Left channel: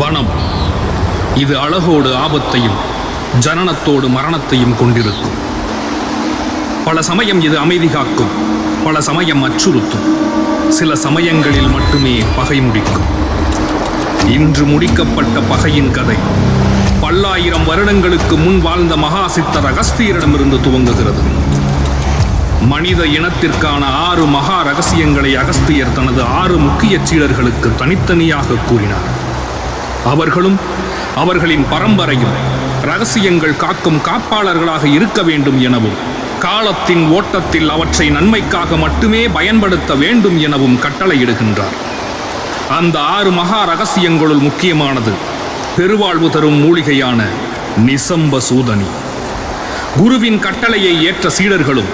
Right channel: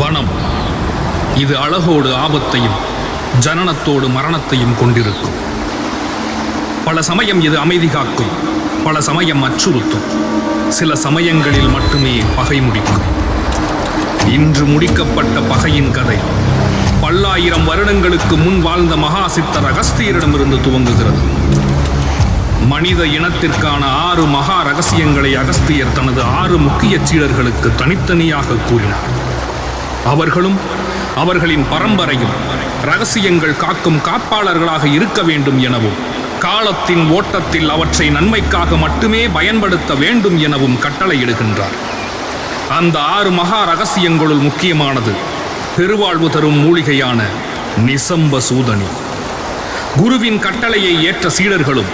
வனம் இது அழகோடு ஆபத்தையும் ஜனனத்தோடு மரணத்தையும் கொண்டிருக்கும். பல சமயம் இது அமைதி காக்கும், பல சமயம் அச்சுறுத்தும், சில சமயங்களில் மட்டுமே பகை முடிக்கும். இன்று முடிக்கப்பட்ட பகையின் கதை பல்லாயிரம் வருடங்களுக்கு முன் வாழ்ந்த மகா சித்தர் அகஸ்தியரிடமிருந்து துவங்குகிறது. மனித இனத்திற்கான 6 மகா ரகசியங்களை அகஸ்தியர் தனது 6 முக்கிய சீடர்களுக்கு தனித்தனியாக கூறினார். அவர்களும் அவர்களின் பரம்பரையும் ரகசியங்கள் காக்கும் காப்பாளர்களாக இருக்க வேண்டும் எனவும், காலத்தின் ஓட்டத்தில் அவற்றை நன்மைக்காக மட்டுமே பயன்படுத்த வேண்டும் எனவும் கட்டளையிடுகின்றார். அந்த 6 மகா ரகசியங்களுள் முக்கியமானது பெருவாழ்வு தரும் மூலிகையான நிசம்ப சூதனி. குருவின் கட்டளையை ஏற்ற சீடர்களும்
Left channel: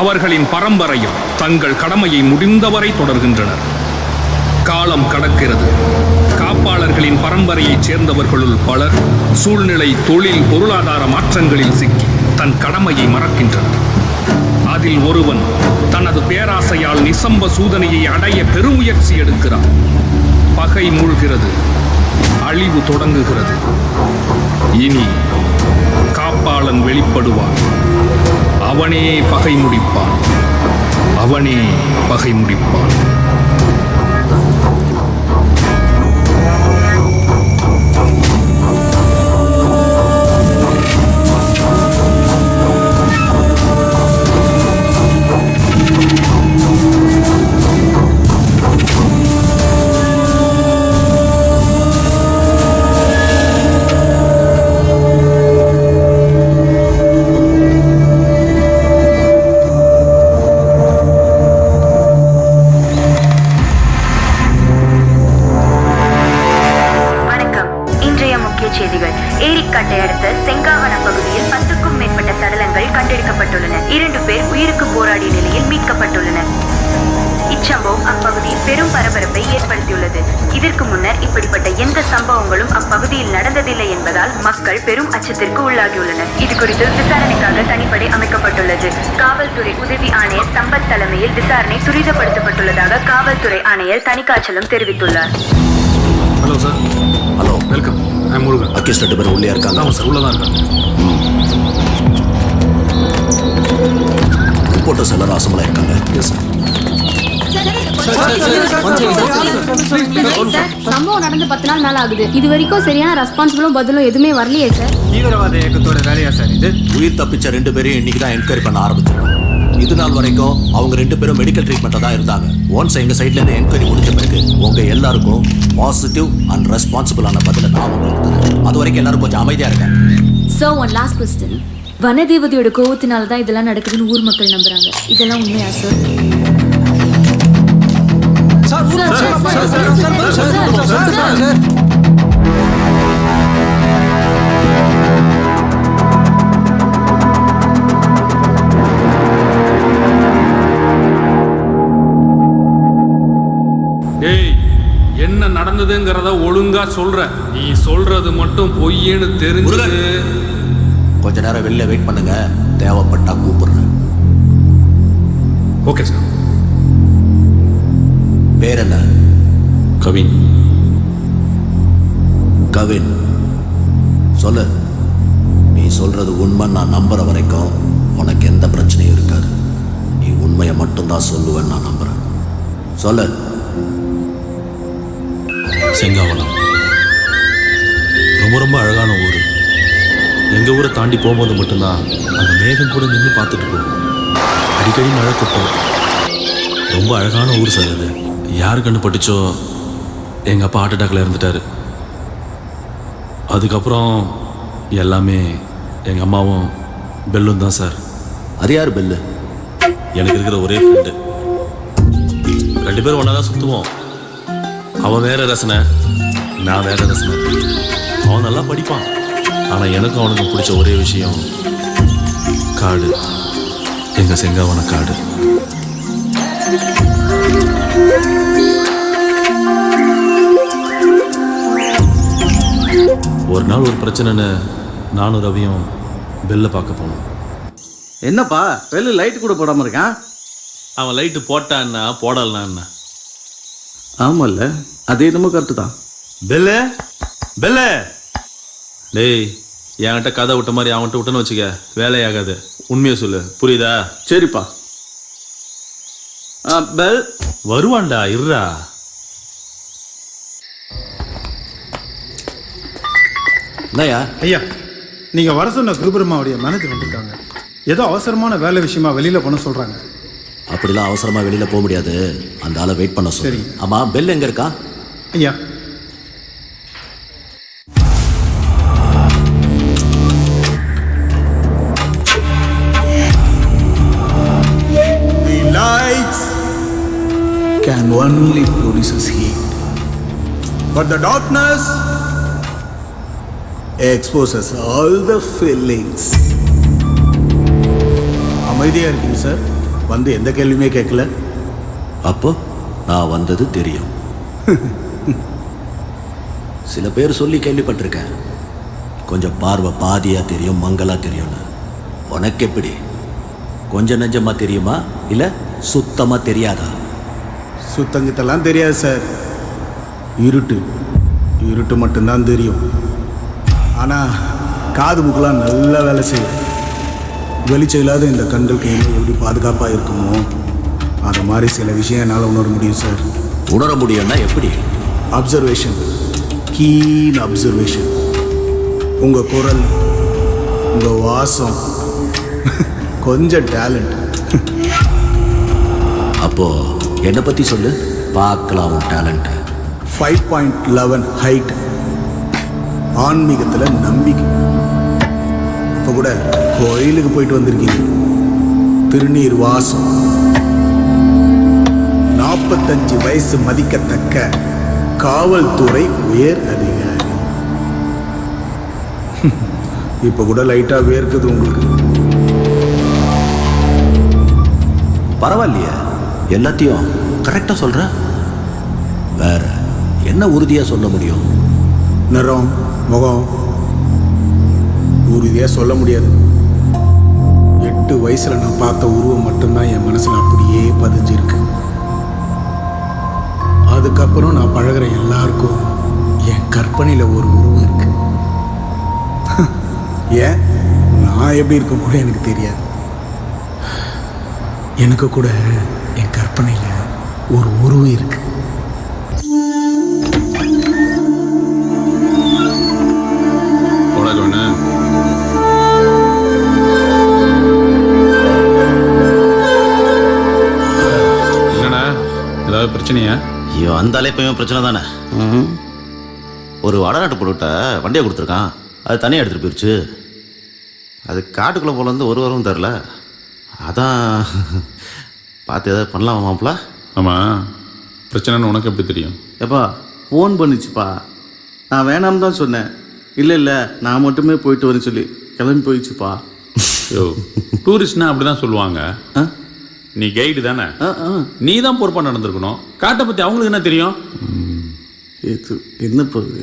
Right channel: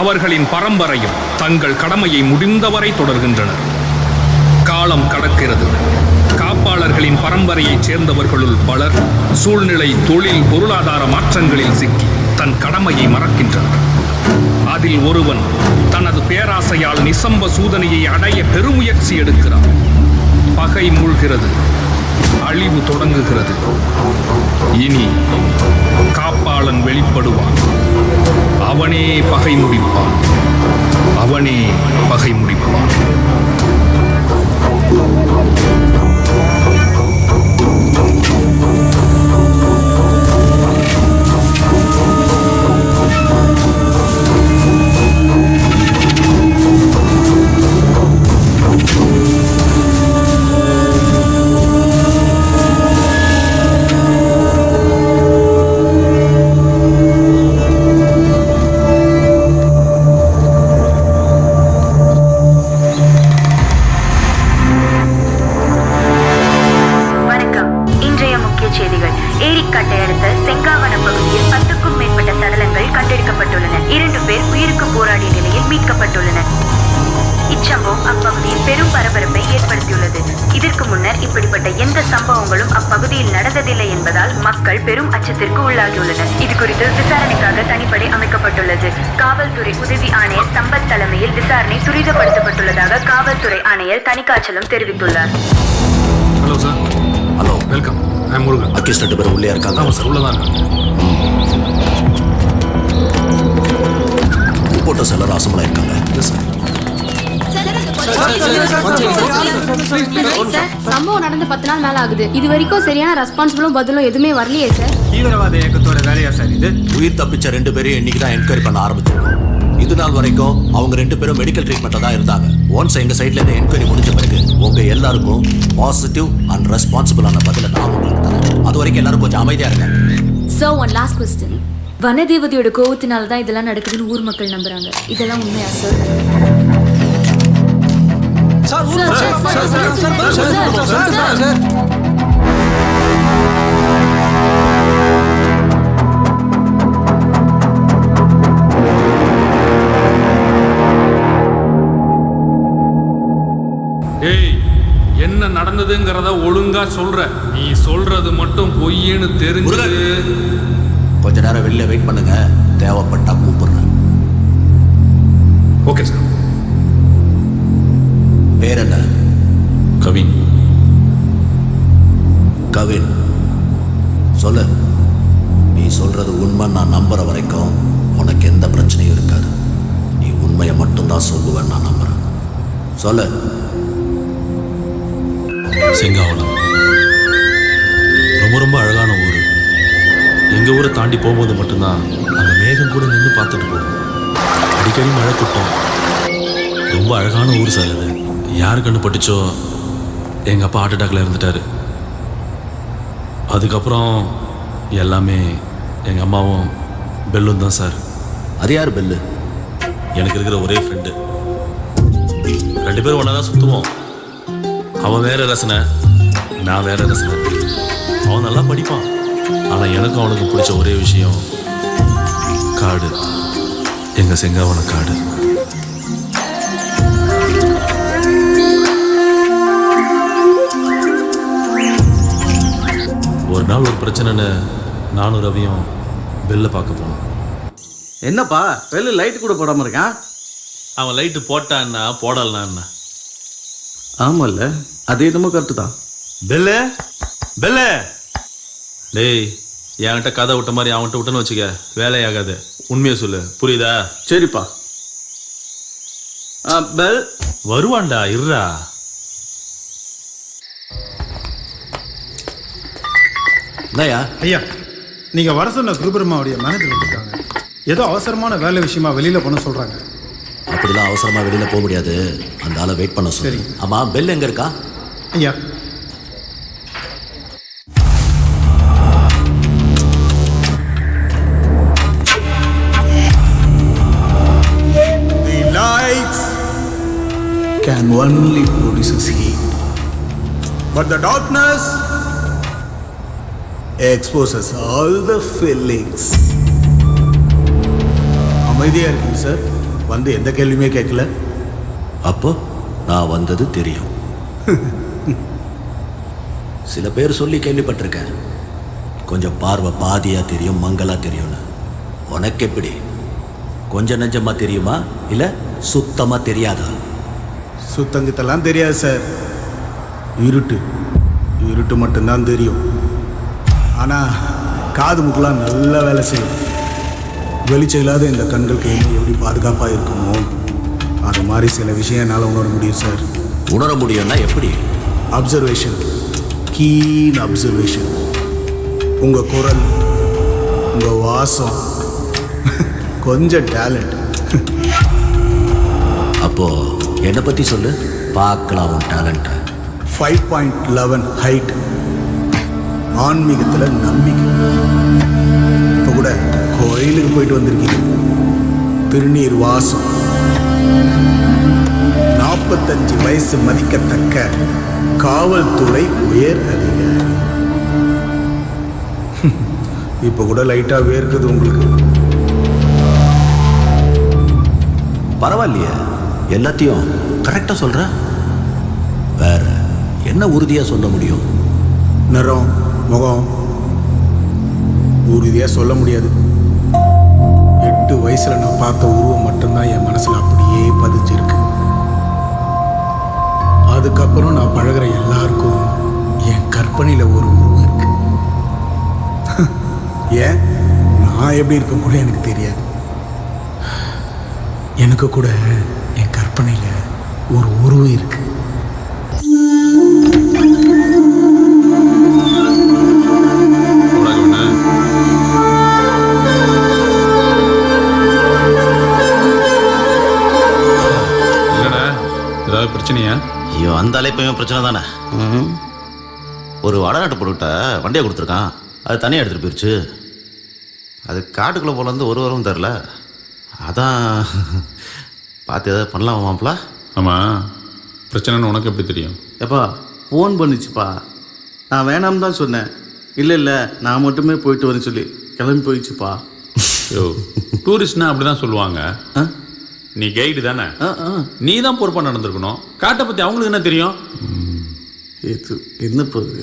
அவர்களின் பரம்பரையும் தங்கள் கடமையை முடிந்தவரை தொடர்கின்றனர். காலம் கடக்கிறது. காப்பாளர்களின் பரம்பரையைச் சேர்ந்தவர்களுள் பலர் சூழ்நிலை, தொழில், பொருளாதார மாற்றங்களில் சிக்கி தன் கடமையை மறக்கின்றனர். அதில் ஒருவன் தனது பேராசையால் நிசம்ப சூதனையை அடைய பெருமுயற்சி எடுக்கிறான். பகை மூழ்கிறது, அழிவு தொடங்குகிறது. இனி காப்பாளன் வெளிப்படுவான். அவனே பகை முடிப்பான். அவனே பகை முடிப்பான். செய்திகள். ஏரிக்காட்டை அடுத்த செங்காவன பகுதியில் 10க்கும் மேற்பட்ட சடலங்கள் கண்டெடுக்கப்பட்டுள்ளன. 2 பேர் உயிருக்கு போராடிய நிலையில் மீட்கப்பட்டுள்ளனர். இச்சம்பவம் அப்பகுதியில் பெரும் பரபரப்பை ஏற்படுத்தியுள்ளது. இதற்கு முன்னர் இப்படிப்பட்ட எந்த சம்பவங்களும் அப்பகுதியில் நடந்ததில்லை என்பதால் மக்கள் பெரும் அச்சத்திற்கு உள்ளாகியுள்ளனர். இது குறித்து விசாரணைக்காக தனிப்படை அமைக்கப்பட்டுள்ளது. காவல்துறை உதவி ஆணையர் சம்பத் தலைமையில் விசாரணை துரிதப்படுத்தப்பட்டுள்ளதாக காவல்துறை ஆணையர் தணிகாச்சலம் தெரிவித்துள்ளார். Hello sir. Hello, welcome. I am Murugan. Accused 2 பேர் உள்ளே இருக்காங்க. ஆமாம் சார், உள்ளதான் இருக்காங்க. ரிப்போர்ட்டர்ஸ் எல்லாரும் அசம்பளா இருக்காங்க. Yes sir. சம்பவம் நடந்து 10 நாள் மேல ஆகுது. இது வரைக்கும் சரியான ரெஸ்பான்சிபிளும் பதிலும் எதுவுமே வரலையே சார். தீவிரவாத இயக்கத்தோட வேலையா சார் இது? உயிர் தப்பிச்ச 2 பேரையும் இன்னைக்கு தான் என்கொயரி பண்ண ஆரம்பிச்சிருக்கோம். இது நாள் வரைக்கும் அவங்க 2 பேரும் மெடிக்கல் ட்ரீட்மெண்ட்ல தான் இருந்தாங்க. ஒன்ஸ் எங்க சைட்ல இருந்து என்கொயரி முடிஞ்ச பிறகு உங்க எல்லாருக்கும் பாசிட்டிவ் அண்ட் ரெஸ்பான்சிபிளான பதில நான் உங்களுக்கு தரேன். அது வரைக்கும் எல்லாரும் கொஞ்சம் அமைதியா இருங்க. So one last question. வனதேவதையோட கோவத்தினால தான் இதெல்லாம் நடக்குதுன்னு ஊர் மக்கள் நம்புறாங்க. இதெல்லாம் உண்மையா சார்? சார் ஏய், என்ன நடந்ததுங்கிறத ஒழுங்கா சொல்ற. நீ சொல்றது மட்டும் பொய்யேன்னு தெரிஞ்சது. கொஞ்ச நேரம் வெளில வெயிட் பண்ணுங்க, தேவைப்பட்டா கூப்பிடுறேன். Okay sir. பேர் என்ன? கவின். கவின், சொல்லு. நீ சொல்றது உண்மை நான் நம்புற வரைக்கும் உனக்கு எந்த பிரச்சனையும் இருக்காது. நீ உண்மையை மட்டும்தான் சொல்லுவேன்னு நான் நம்புறேன். சொல்லு. செங்காவனம் ரொம்ப ரொம்ப அழகான ஊர். எங்கள் ஊரை தாண்டி போகும்போது மட்டும்தான் அந்த மேகம் கூட நின்று பார்த்துட்டு போகும். அடிக்கடி மழை கொட்டும். ரொம்ப அழகான ஊர் சார் அது. யார் கண்ணு பட்டுச்சோ எங்கள் அப்பா ஹார்ட் அட்டாக்ல இருந்துட்டாரு. அதுக்கப்புறம் எல்லாமே எங்கள் அம்மாவும் பெல்லும் தான் சார். அது யார் பெல்லு? எனக்கு இருக்கிற ஒரே ஃப்ரெண்டு. 2 பேரும் ஒன்றா தான் சுற்றுவோம். அவன் வேற ரசனை, நான் வேற ரசனை. அவன் நல்லா படிப்பான். ஆனால் எனக்கும் அவனுக்கும் பிடிச்ச ஒரே விஷயம் காடு. எங்கள் செங்காவன காடு. ஒரு நாள் ஒரு பிரச்சனைன்னு நானும் ரவியும் பெல்லை பார்க்க போனோம். என்னப்பா பெல்லு லைட் கூட போடாம இருக்கான்? அவன் லைட்டு போட்டான்னா போடலன்னா என்ன? ஆமால்ல, அது என்னமோ கரெக்டு தான். பெல்லு பெல்ல டேய் என்கிட்ட கதை விட்ட மாதிரி அவன்கிட்ட விட்டேன்னு வச்சுக்க வேலையாகாது. உண்மையை சொல்லு, புரியுதா? சரிப்பா. பெல் வருவான்டா, இருடா. என்னய்யா? ஐயா, நீங்க வர சொன்ன குருபெருமாவுடைய மேனேஜர் வந்திருக்காங்க. ஏதோ அவசரமான வேலை விஷயமா வெளியில போன சொல்றாங்க. அப்படிலாம் அவசரமா வெளியில போக முடியாது. அந்த ஆளை வெயிட் பண்ண சொல்லு. சரிங்க. ஆமா, பெல் எங்க இருக்கா? ஐயா, The lights can only produce heat, but the darkness exposes all the feelings. அமைதியா இருக்கீங்க சார். வந்து எந்த கேள்வியுமே கேட்கல. அப்போ நான் வந்தது தெரியும். சில பேர் சொல்லி கேள்விப்பட்டிருக்கேன், கொஞ்சம் பார்வை பாதியா தெரியும், மங்களா தெரியும்னு. உனக்கு எப்படி? கொஞ்சம் நெஞ்சமா தெரியுமா இல்ல சுத்தமா தெரியாதா? சுத்தங்கிட்டெல்லாம் தெரியாது சார். இருட்டு இருட்டு மட்டும்தான் தெரியும். ஆனால் காது மூக்கெல்லாம் நல்லா வேலை செய்யும். வெளிச்சம் இல்லாத இந்த கண்களுக்கு என்ன எப்படி பாதுகாப்பாக இருக்குமோ அது மாதிரி சில விஷயம் என்னால் உணர முடியும் சார். உணர முடியும்னா எப்படி? Observation, keen observation. உங்கள் குரல், உங்கள் வாசம், கொஞ்சம் டேலண்ட். அப்போ என்னை பத்தி சொல்லு, பார்க்கலாம் உன் டேலண்ட்டை. 5.11 ஹைட், ஆன்மீகத்தில் நம்பிக்கை. இப்போ கூட கோயிலுக்கு போயிட்டு வந்திருக்கீங்க. திருநீர் வாசம். 45 வயசு மதிக்கத்தக்க காவல்துறை உயர் அதிகாரி. இப்போ கூட லைட்டா வேர்க்குது உங்களுக்கு. பரவாயில்லையே, எல்லாத்தையும் கரெக்டா சொல்ற. வேற என்ன உறுதியா சொல்ல முடியும்? நிறம், முகம் உறுதியாக சொல்ல முடியாது. 8 வயசுல நான் பார்த்த உருவம் மட்டும்தான் என் மனசுல அப்படியே பதிஞ்சிருக்கு. அதுக்கப்புறம் நான் பழகிற எல்லாருக்கும் என் கற்பனையில் ஒரு உருவம் இருக்கு. ஏன் நான் எப்படி இருக்க கூட எனக்கு தெரியாது. எனக்கு கூட என் கற்பனையில் ஒரு உருவம் இருக்கு. என்னடா, ஏதாவது பிரச்சனையா? ஐயோ, அந்த அலைப்பையும் பிரச்சனை தானே. ஒரு வடநாட்டு பொருட்ட வண்டியை கொடுத்துருக்கான், அது தனியாக எடுத்துகிட்டு போயிடுச்சு. அது காட்டுக்குள்ளே போல இருந்து ஒரு வாரம் தரல. அதான் பார்த்து எதாவது பண்ணலாமா மாப்பிள்ள? ஆமாம், பிரச்சனைன்னு உனக்கு எப்படி தெரியும்? எப்பா ஃபோன் பண்ணிச்சுப்பா. நான் வேணாம் தான் சொன்னேன். இல்லை நான் மட்டுமே போயிட்டு வரேன்னு சொல்லி கிளம்பி போயிடுச்சுப்பா. யோ, டூரிஸ்ட்னா அப்படி தான் சொல்லுவாங்க. நீ கைடு தானே, நீ தான் பொறுப்பாக நடந்திருக்கணும். காட்டை பற்றி அவங்களுக்கு என்ன தெரியும்? இது என்ன போகுது?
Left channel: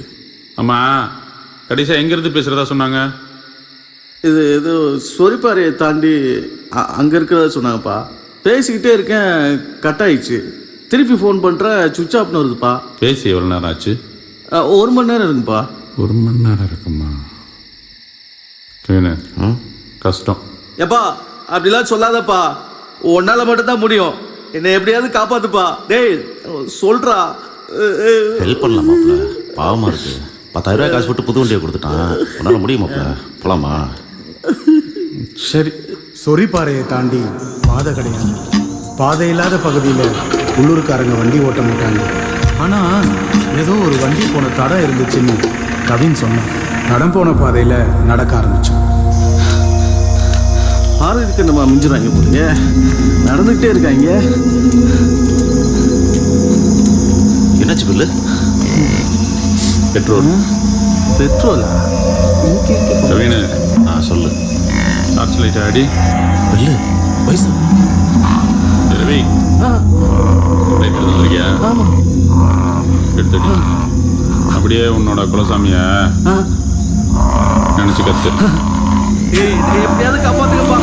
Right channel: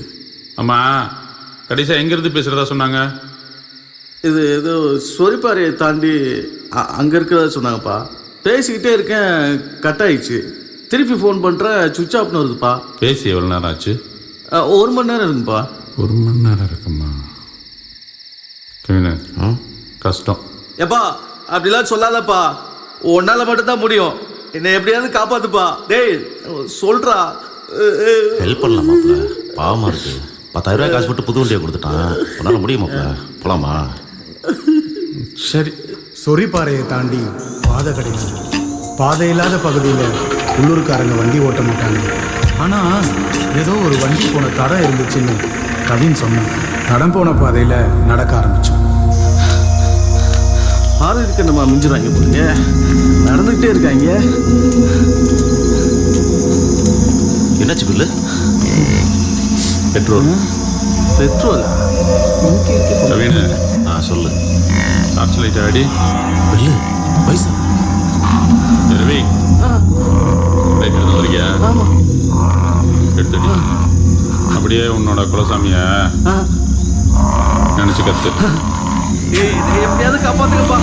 ஆமாம், கடைசியாக எங்கேருந்து பேசுகிறதா சொன்னாங்க? இது ஏதோ சொரிப்பாறையை தாண்டி அங்கே இருக்கிறதா சொன்னாங்கப்பா. பேசிக்கிட்டே இருக்கேன், கட் ஆயிடுச்சு. திருப்பி ஃபோன் பண்ணுறேன், சுவிட்ச் ஆஃப்னு வருதுப்பா. பேசி எவ்வளோ நேரம் ஆச்சு? 1 மணி நேரம் இருக்குப்பா. 1 மணி நேரம் இருக்குமா? கவினு, கஷ்டம். எப்பா அப்படிலாம் சொல்லாதப்பா. உன்னால மட்டும்தான் முடியும். என்னை எப்படியாவது காப்பாத்துப்பா. டேய் சொல்றா. ஹெல்ப் பண்ணலாம் மாப்பிள்ள, பாவமாக இருக்குது. 10,000 ரூபாய் காசு போட்டு புது வண்டியை கொடுத்துட்டான். உன்னால் முடியும் மாப்பிள்ள, போகலாமா? சரி. சொரிப்பாறையை தாண்டி பாதை கிடையாது. பாதை இல்லாத பகுதியில் உள்ளூர்காரங்க வண்டி ஓட்ட மாட்டாங்க. ஆனால் ஏதோ ஒரு வண்டி போன தடம் இருந்துச்சுன்னு கவின் சொன்னான். தடம் போன பாதையில் நடக்க ஆரம்பித்தோம். ஆறுக்கு நம்ம மிஞ்சிடுவாங்க போலயே, நடந்துக்கிட்டே இருக்காங்க. என்னாச்சு பில்லு? பெட்ரோலா? கவினு, சொல்லு. டார்ச் லைட் ஆடி. பில்லு பைசா ரவி, லைட் எடுத்து வந்திருக்கியா? ஆமாம், எடுத்துடி. அப்படியே உன்னோட குலசாமிய நினைச்சு கத்து. எப்படியாவது காப்பாத்துக்கப்பா.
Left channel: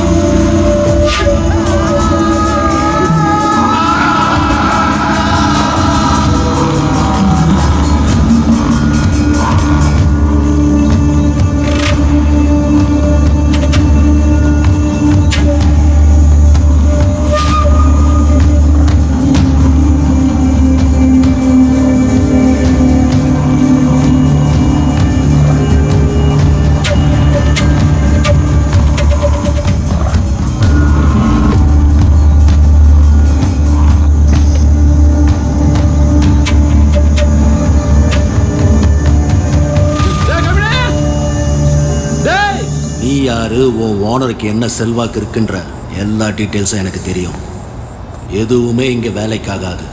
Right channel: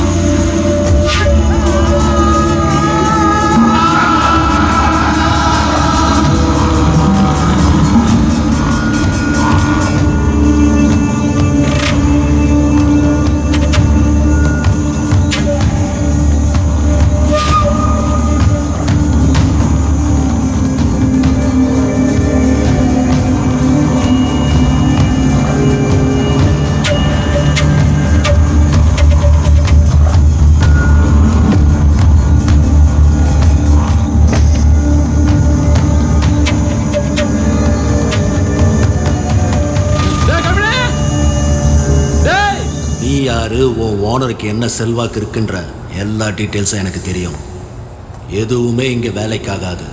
நீ யாரு, உன் ஓனருக்கு என்ன செல்வாக்கு இருக்குன்ற எல்லா டீட்டெயில்ஸும் எனக்கு தெரியும். எதுவுமே இங்க வேலைக்காகாது.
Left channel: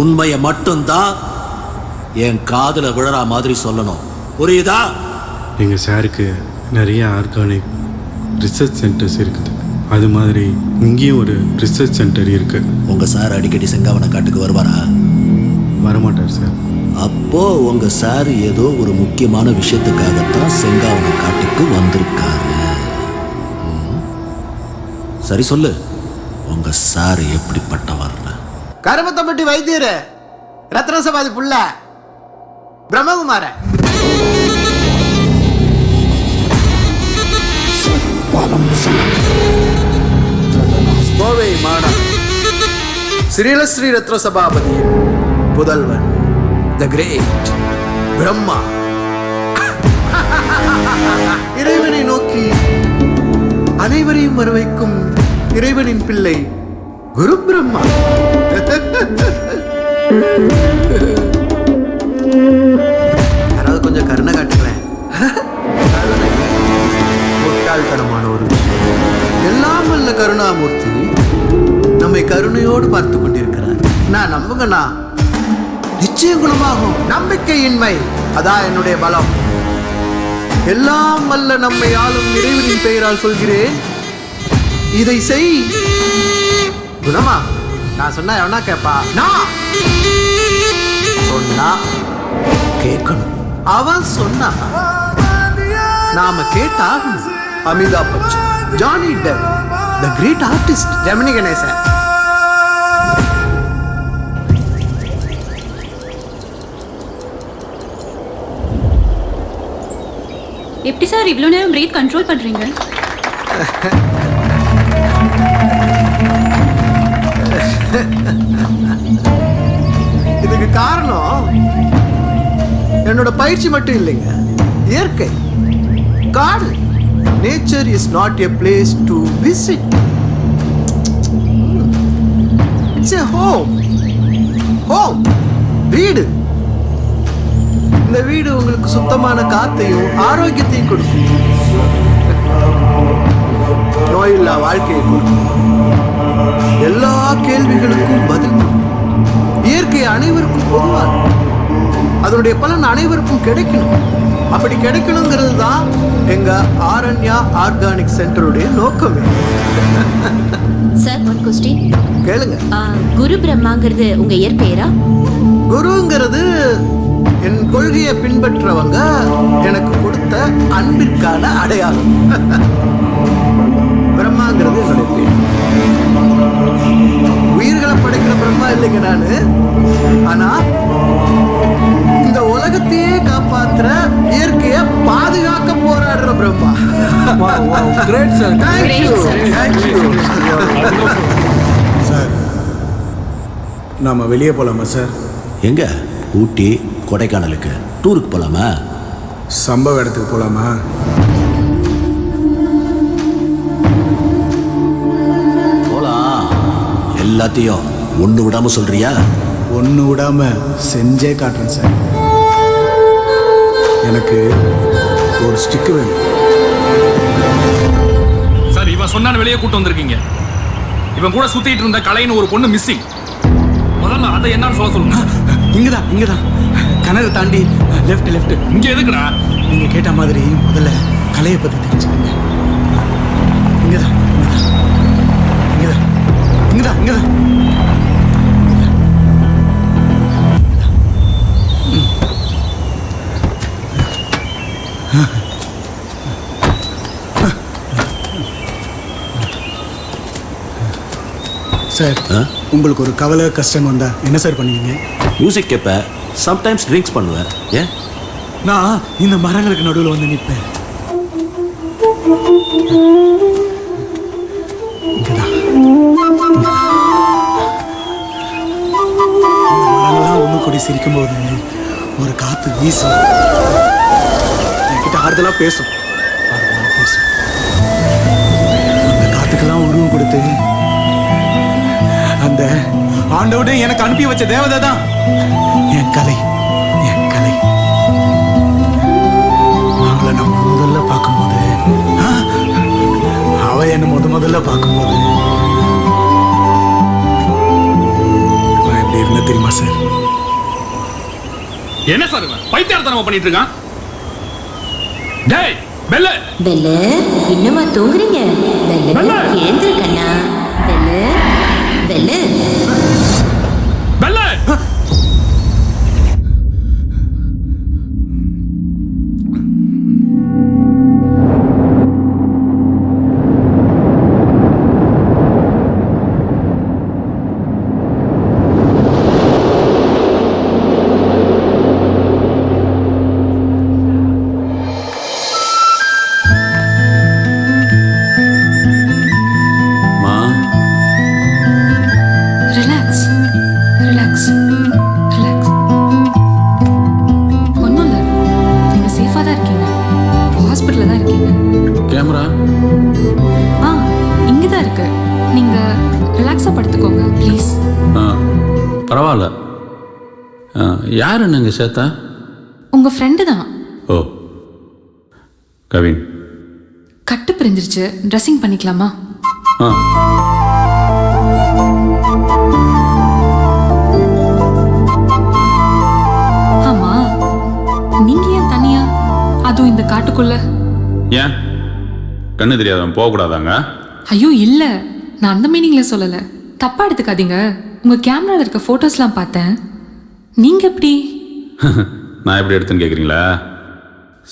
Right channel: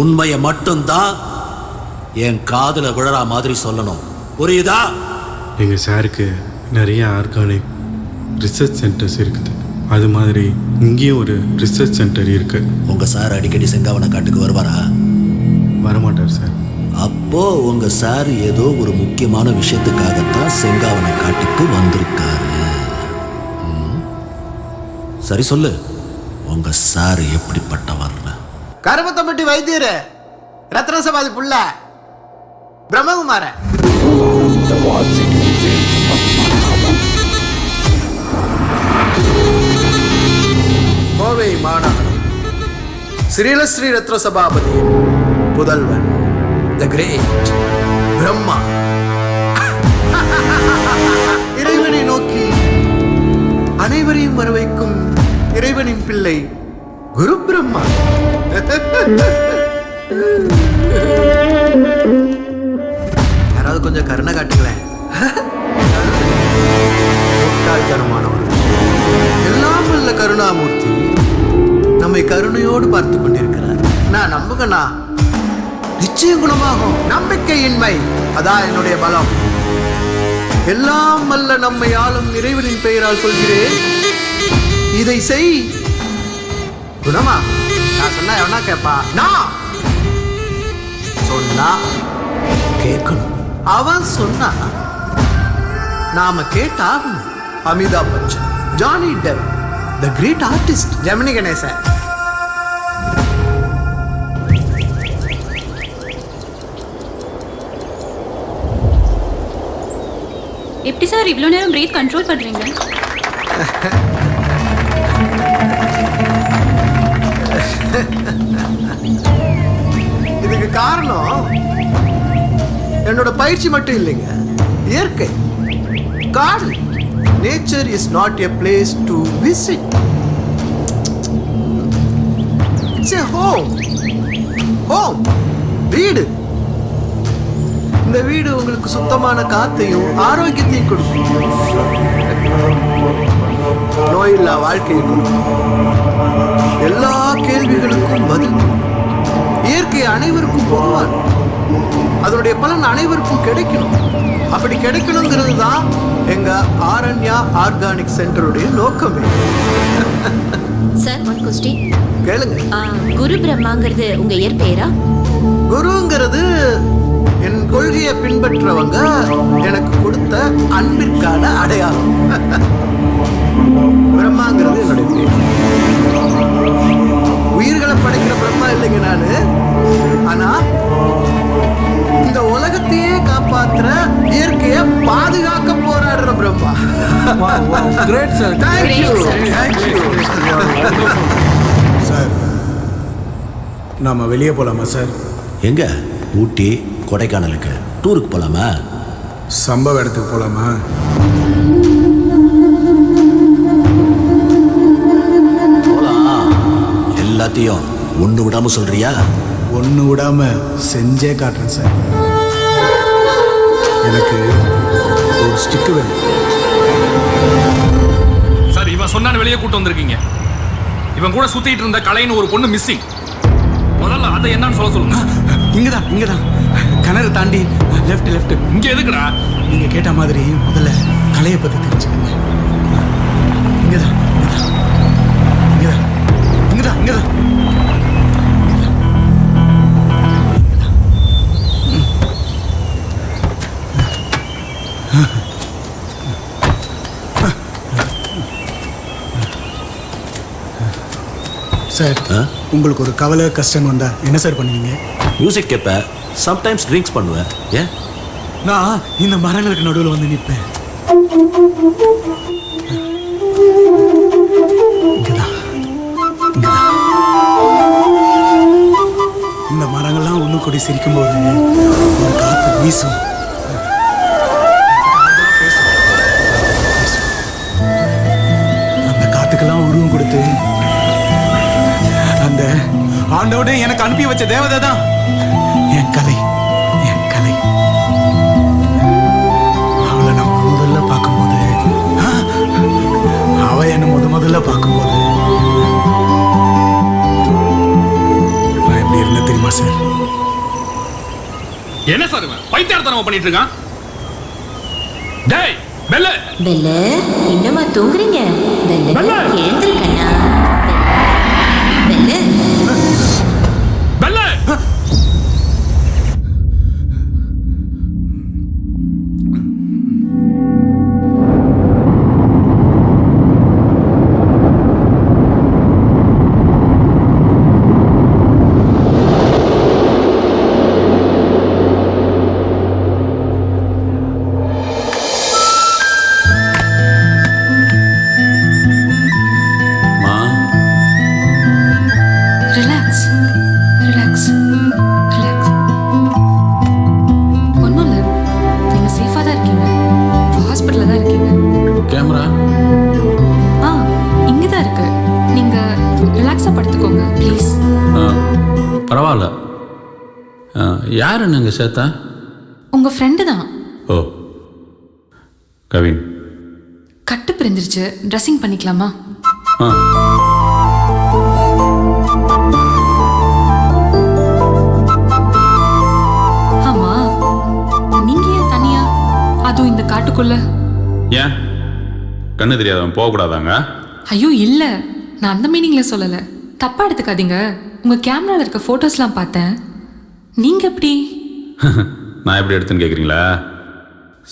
உண்மையை மட்டும்தான் என் காதுல விழற மாதிரி சொல்லணும். புரியுதா? எங்கள் சாருக்கு நிறைய ஆர்கானிக் ரிசர்ச் சென்டர்ஸ் இருக்குது. அது மாதிரி இங்கேயும் ஒரு ரிசர்ச் சென்டர் இருக்குது. உங்க சார் அடிக்கடி செங்காவன காட்டுக்கு வருவாரா? வரமாட்டார் சார். அப்போ உங்க சார் ஏதோ ஒரு முக்கியமான விஷயத்துக்காகத்தான் செங்காவன காட்டுக்கு வந்திருக்காரு. சரி சொல்லு, உங்க சார் எப்படிப்பட்டவர்? கருமத்தம்பட்டி வைத்தியர் ரத்னசபாதி புள்ள பிரம்மகுமார. கோவை மாநகரம் ஸ்ரீலஸ்ரீ ரத்ன சபாபதியின் புதல்வன் த கிரேட் பிரம்மா. இறைவனை நோக்கி அனைவரையும் வரவைக்கும் இறைவனின் பிள்ளை குரு பிரம்மா. யாராவது கொஞ்சம் கருணை காட்டுங்களேன். கருணை முட்டாள்தனமான ஒரு விஷயம். எல்லாம் வல்ல கருணாமூர்த்தி நம்மை கருணையோடு பார்த்து கொண்டிருக்கிறார். நான் நம்புங்கண்ணா, நிச்சயம் குணமாகும். நம்பிக்கையின்மை அதான் என்னுடைய பலம். எல்லாம் வல்ல நம்மை ஆளும் இறைவனின் பெயரால் சொல்கிறேன், இதை செய், குணமாகும். நான் சொன்னா எவனா கேப்பா? நான் சொன்னா கேட்கணும். அவன் சொன்னா நாம கேட்டாகணும். Amitabh Bachchan, Johnny Depp, the great artist Gemini Ganesan. எப்படி சார் இவ்வளோ நேரம் பிரீத் கண்ட்ரோல் பண்ணுறீங்க? இதுக்கு காரணம் என்னோட பயிற்சி மட்டும் இல்லைங்க, இயற்கை, காடு. Nature is not a place to visit, it's a home. Home வீடு. இந்த வீடு உங்களுக்கு சுத்தமான காத்தையும் ஆரோக்கியத்தையும் கொடுக்கும். நோயில்லா வாழ்க்கையை கொடுக்கும். எல்லா கேள்விகளுக்கும் பதில் கொடுக்கும். இயற்கை அனைவருக்கும் பொதுவான, அதனுடைய பலன் அனைவருக்கும் கிடைக்கணும். அப்படி கிடைக்கணுங்கிறது தான் எங்க ஆரண்யா ஆர்கானிக் சென்டருடைய நோக்கமே. சார், ஒன் கொஸ்டின் கேளுங்க. குரு பிரம்மாங்கிறது உங்க இயற்பெயரா? குருங்கிறது என் கொள்கையை பின்பற்றவங்க எனக்கு கொடுத்த அன்பிற்கான அடையாளம். பிரம்மாங்கிறது என்னுடைய பேர். உயிர்களை படைக்கிற பிரம்மா இல்லைங்க நானு. ஆனா இந்த உலகத்தையே காப்பாத்துற, இயற்கையை பாதுகாக்க போராடுற பிரம்மா. Great sir. சார், நாம வெளியே போகலாமா சார்? எங்க? ஊட்டி, கொடைக்கானலுக்கு டூருக்கு போலாமா? சம்பவ இடத்துக்கு போகலாமா? போலாம். எல்லாத்தையும் ஒன்று விடாம சொல்றியா? ஒன்று விடாம செஞ்சே காட்டுறேன் சார். எனக்கு ஒரு ஸ்டிக்கு வேணும் சார். இவன் சொன்னான்னு வெளியே கூட்டு வந்திருக்கீங்க. இவன் கூட சுத்திட்டு இருந்த கலைன்னு ஒரு பொண்ணு மிஸ்ஸிங். முதல்ல அதை என்னன்னு சொல்ல சொல்லுங்க. இங்கதான் கிணறு தாண்டி லெஃப்ட். இங்க எதுக்குடா? நீங்க கேட்ட மாதிரி முதல்ல கலையை பத்தி தெரிஞ்சுக்கங்க. இங்கதான். சார், உங்களுக்கு ஒரு கவலை கஷ்டம் வந்தா என்ன சார் பண்ணுவீங்க? மியூசிக் கேட்பேன், சம்டைம்ஸ் ட்ரிங்க்ஸ் பண்ணுவேன். ஏன்? நான் இந்த மரங்களுக்கு நடுவில் வந்து நிற்பேன். இந்த மரங்கள்லாம் ஒன்று கூடி சிரிக்கும் போது ஒரு காத்து வீசும், என்கிட்ட ஆறுதலா பேசும். அந்த காத்துக்கெல்லாம் உருவம் கொடுத்து அந்த ஆண்டவனே எனக்கு அனுப்பி வச்ச தேவதை தான் என் கலை. அவளை நம்ம முதல்ல பார்க்கும்போது முதல்ல பார்க்கும்போது நான் எப்படி இருந்தேன் தெரியுமா சார்? என்ன சார் இவன் பைத்தியார்த்தனமா பண்ணிட்டு இருக்கான்? டேய் பெல்லு பெல்லு இன்னுமா தூங்குறீங்க? பெல்லு எழுந்திரு கண்ணா. பெல்லு பெல்லு பெல்லு மா ரிலாக்ஸ் ரிலாக்ஸ் ரிலாக்ஸ். ஒன்றும் இல்லை, நீங்கள் சேஃபாக தான் இருக்கீங்க. ஹாஸ்பிட்டலில் தான் இருக்கீங்க. கேமரா ஆ இங்கே தான் இருக்கு. நீங்கள் ரிலாக்ஸாக படுத்துக்கோங்க ப்ளீஸ். பரவாயில்ல. யார் என்னங்க சேத்தா? உங்கள் ஃப்ரெண்டு தான். ஓ கவின். கட்டு பிரிஞ்சிருச்சு, ட்ரெஸ்ஸிங் பண்ணிக்கலாமா? ஆ ஆமா, நீங்க ஏன் தனியா, அதுவும் இந்த காட்டுக்குள்ள? ஏன் கண்ணு தெரியாதவன் போகக்கூடாதாங்க? ஐயோ இல்ல, நான் அந்த மீனிங்ல சொல்லல, தப்பா எடுத்துக்காதீங்க. உங்க கேமரால இருக்க போட்டோஸ்லாம் பார்த்தேன். நீங்க எப்படி? நான் எப்படி எடுத்துன்னு கேட்குறீங்களா?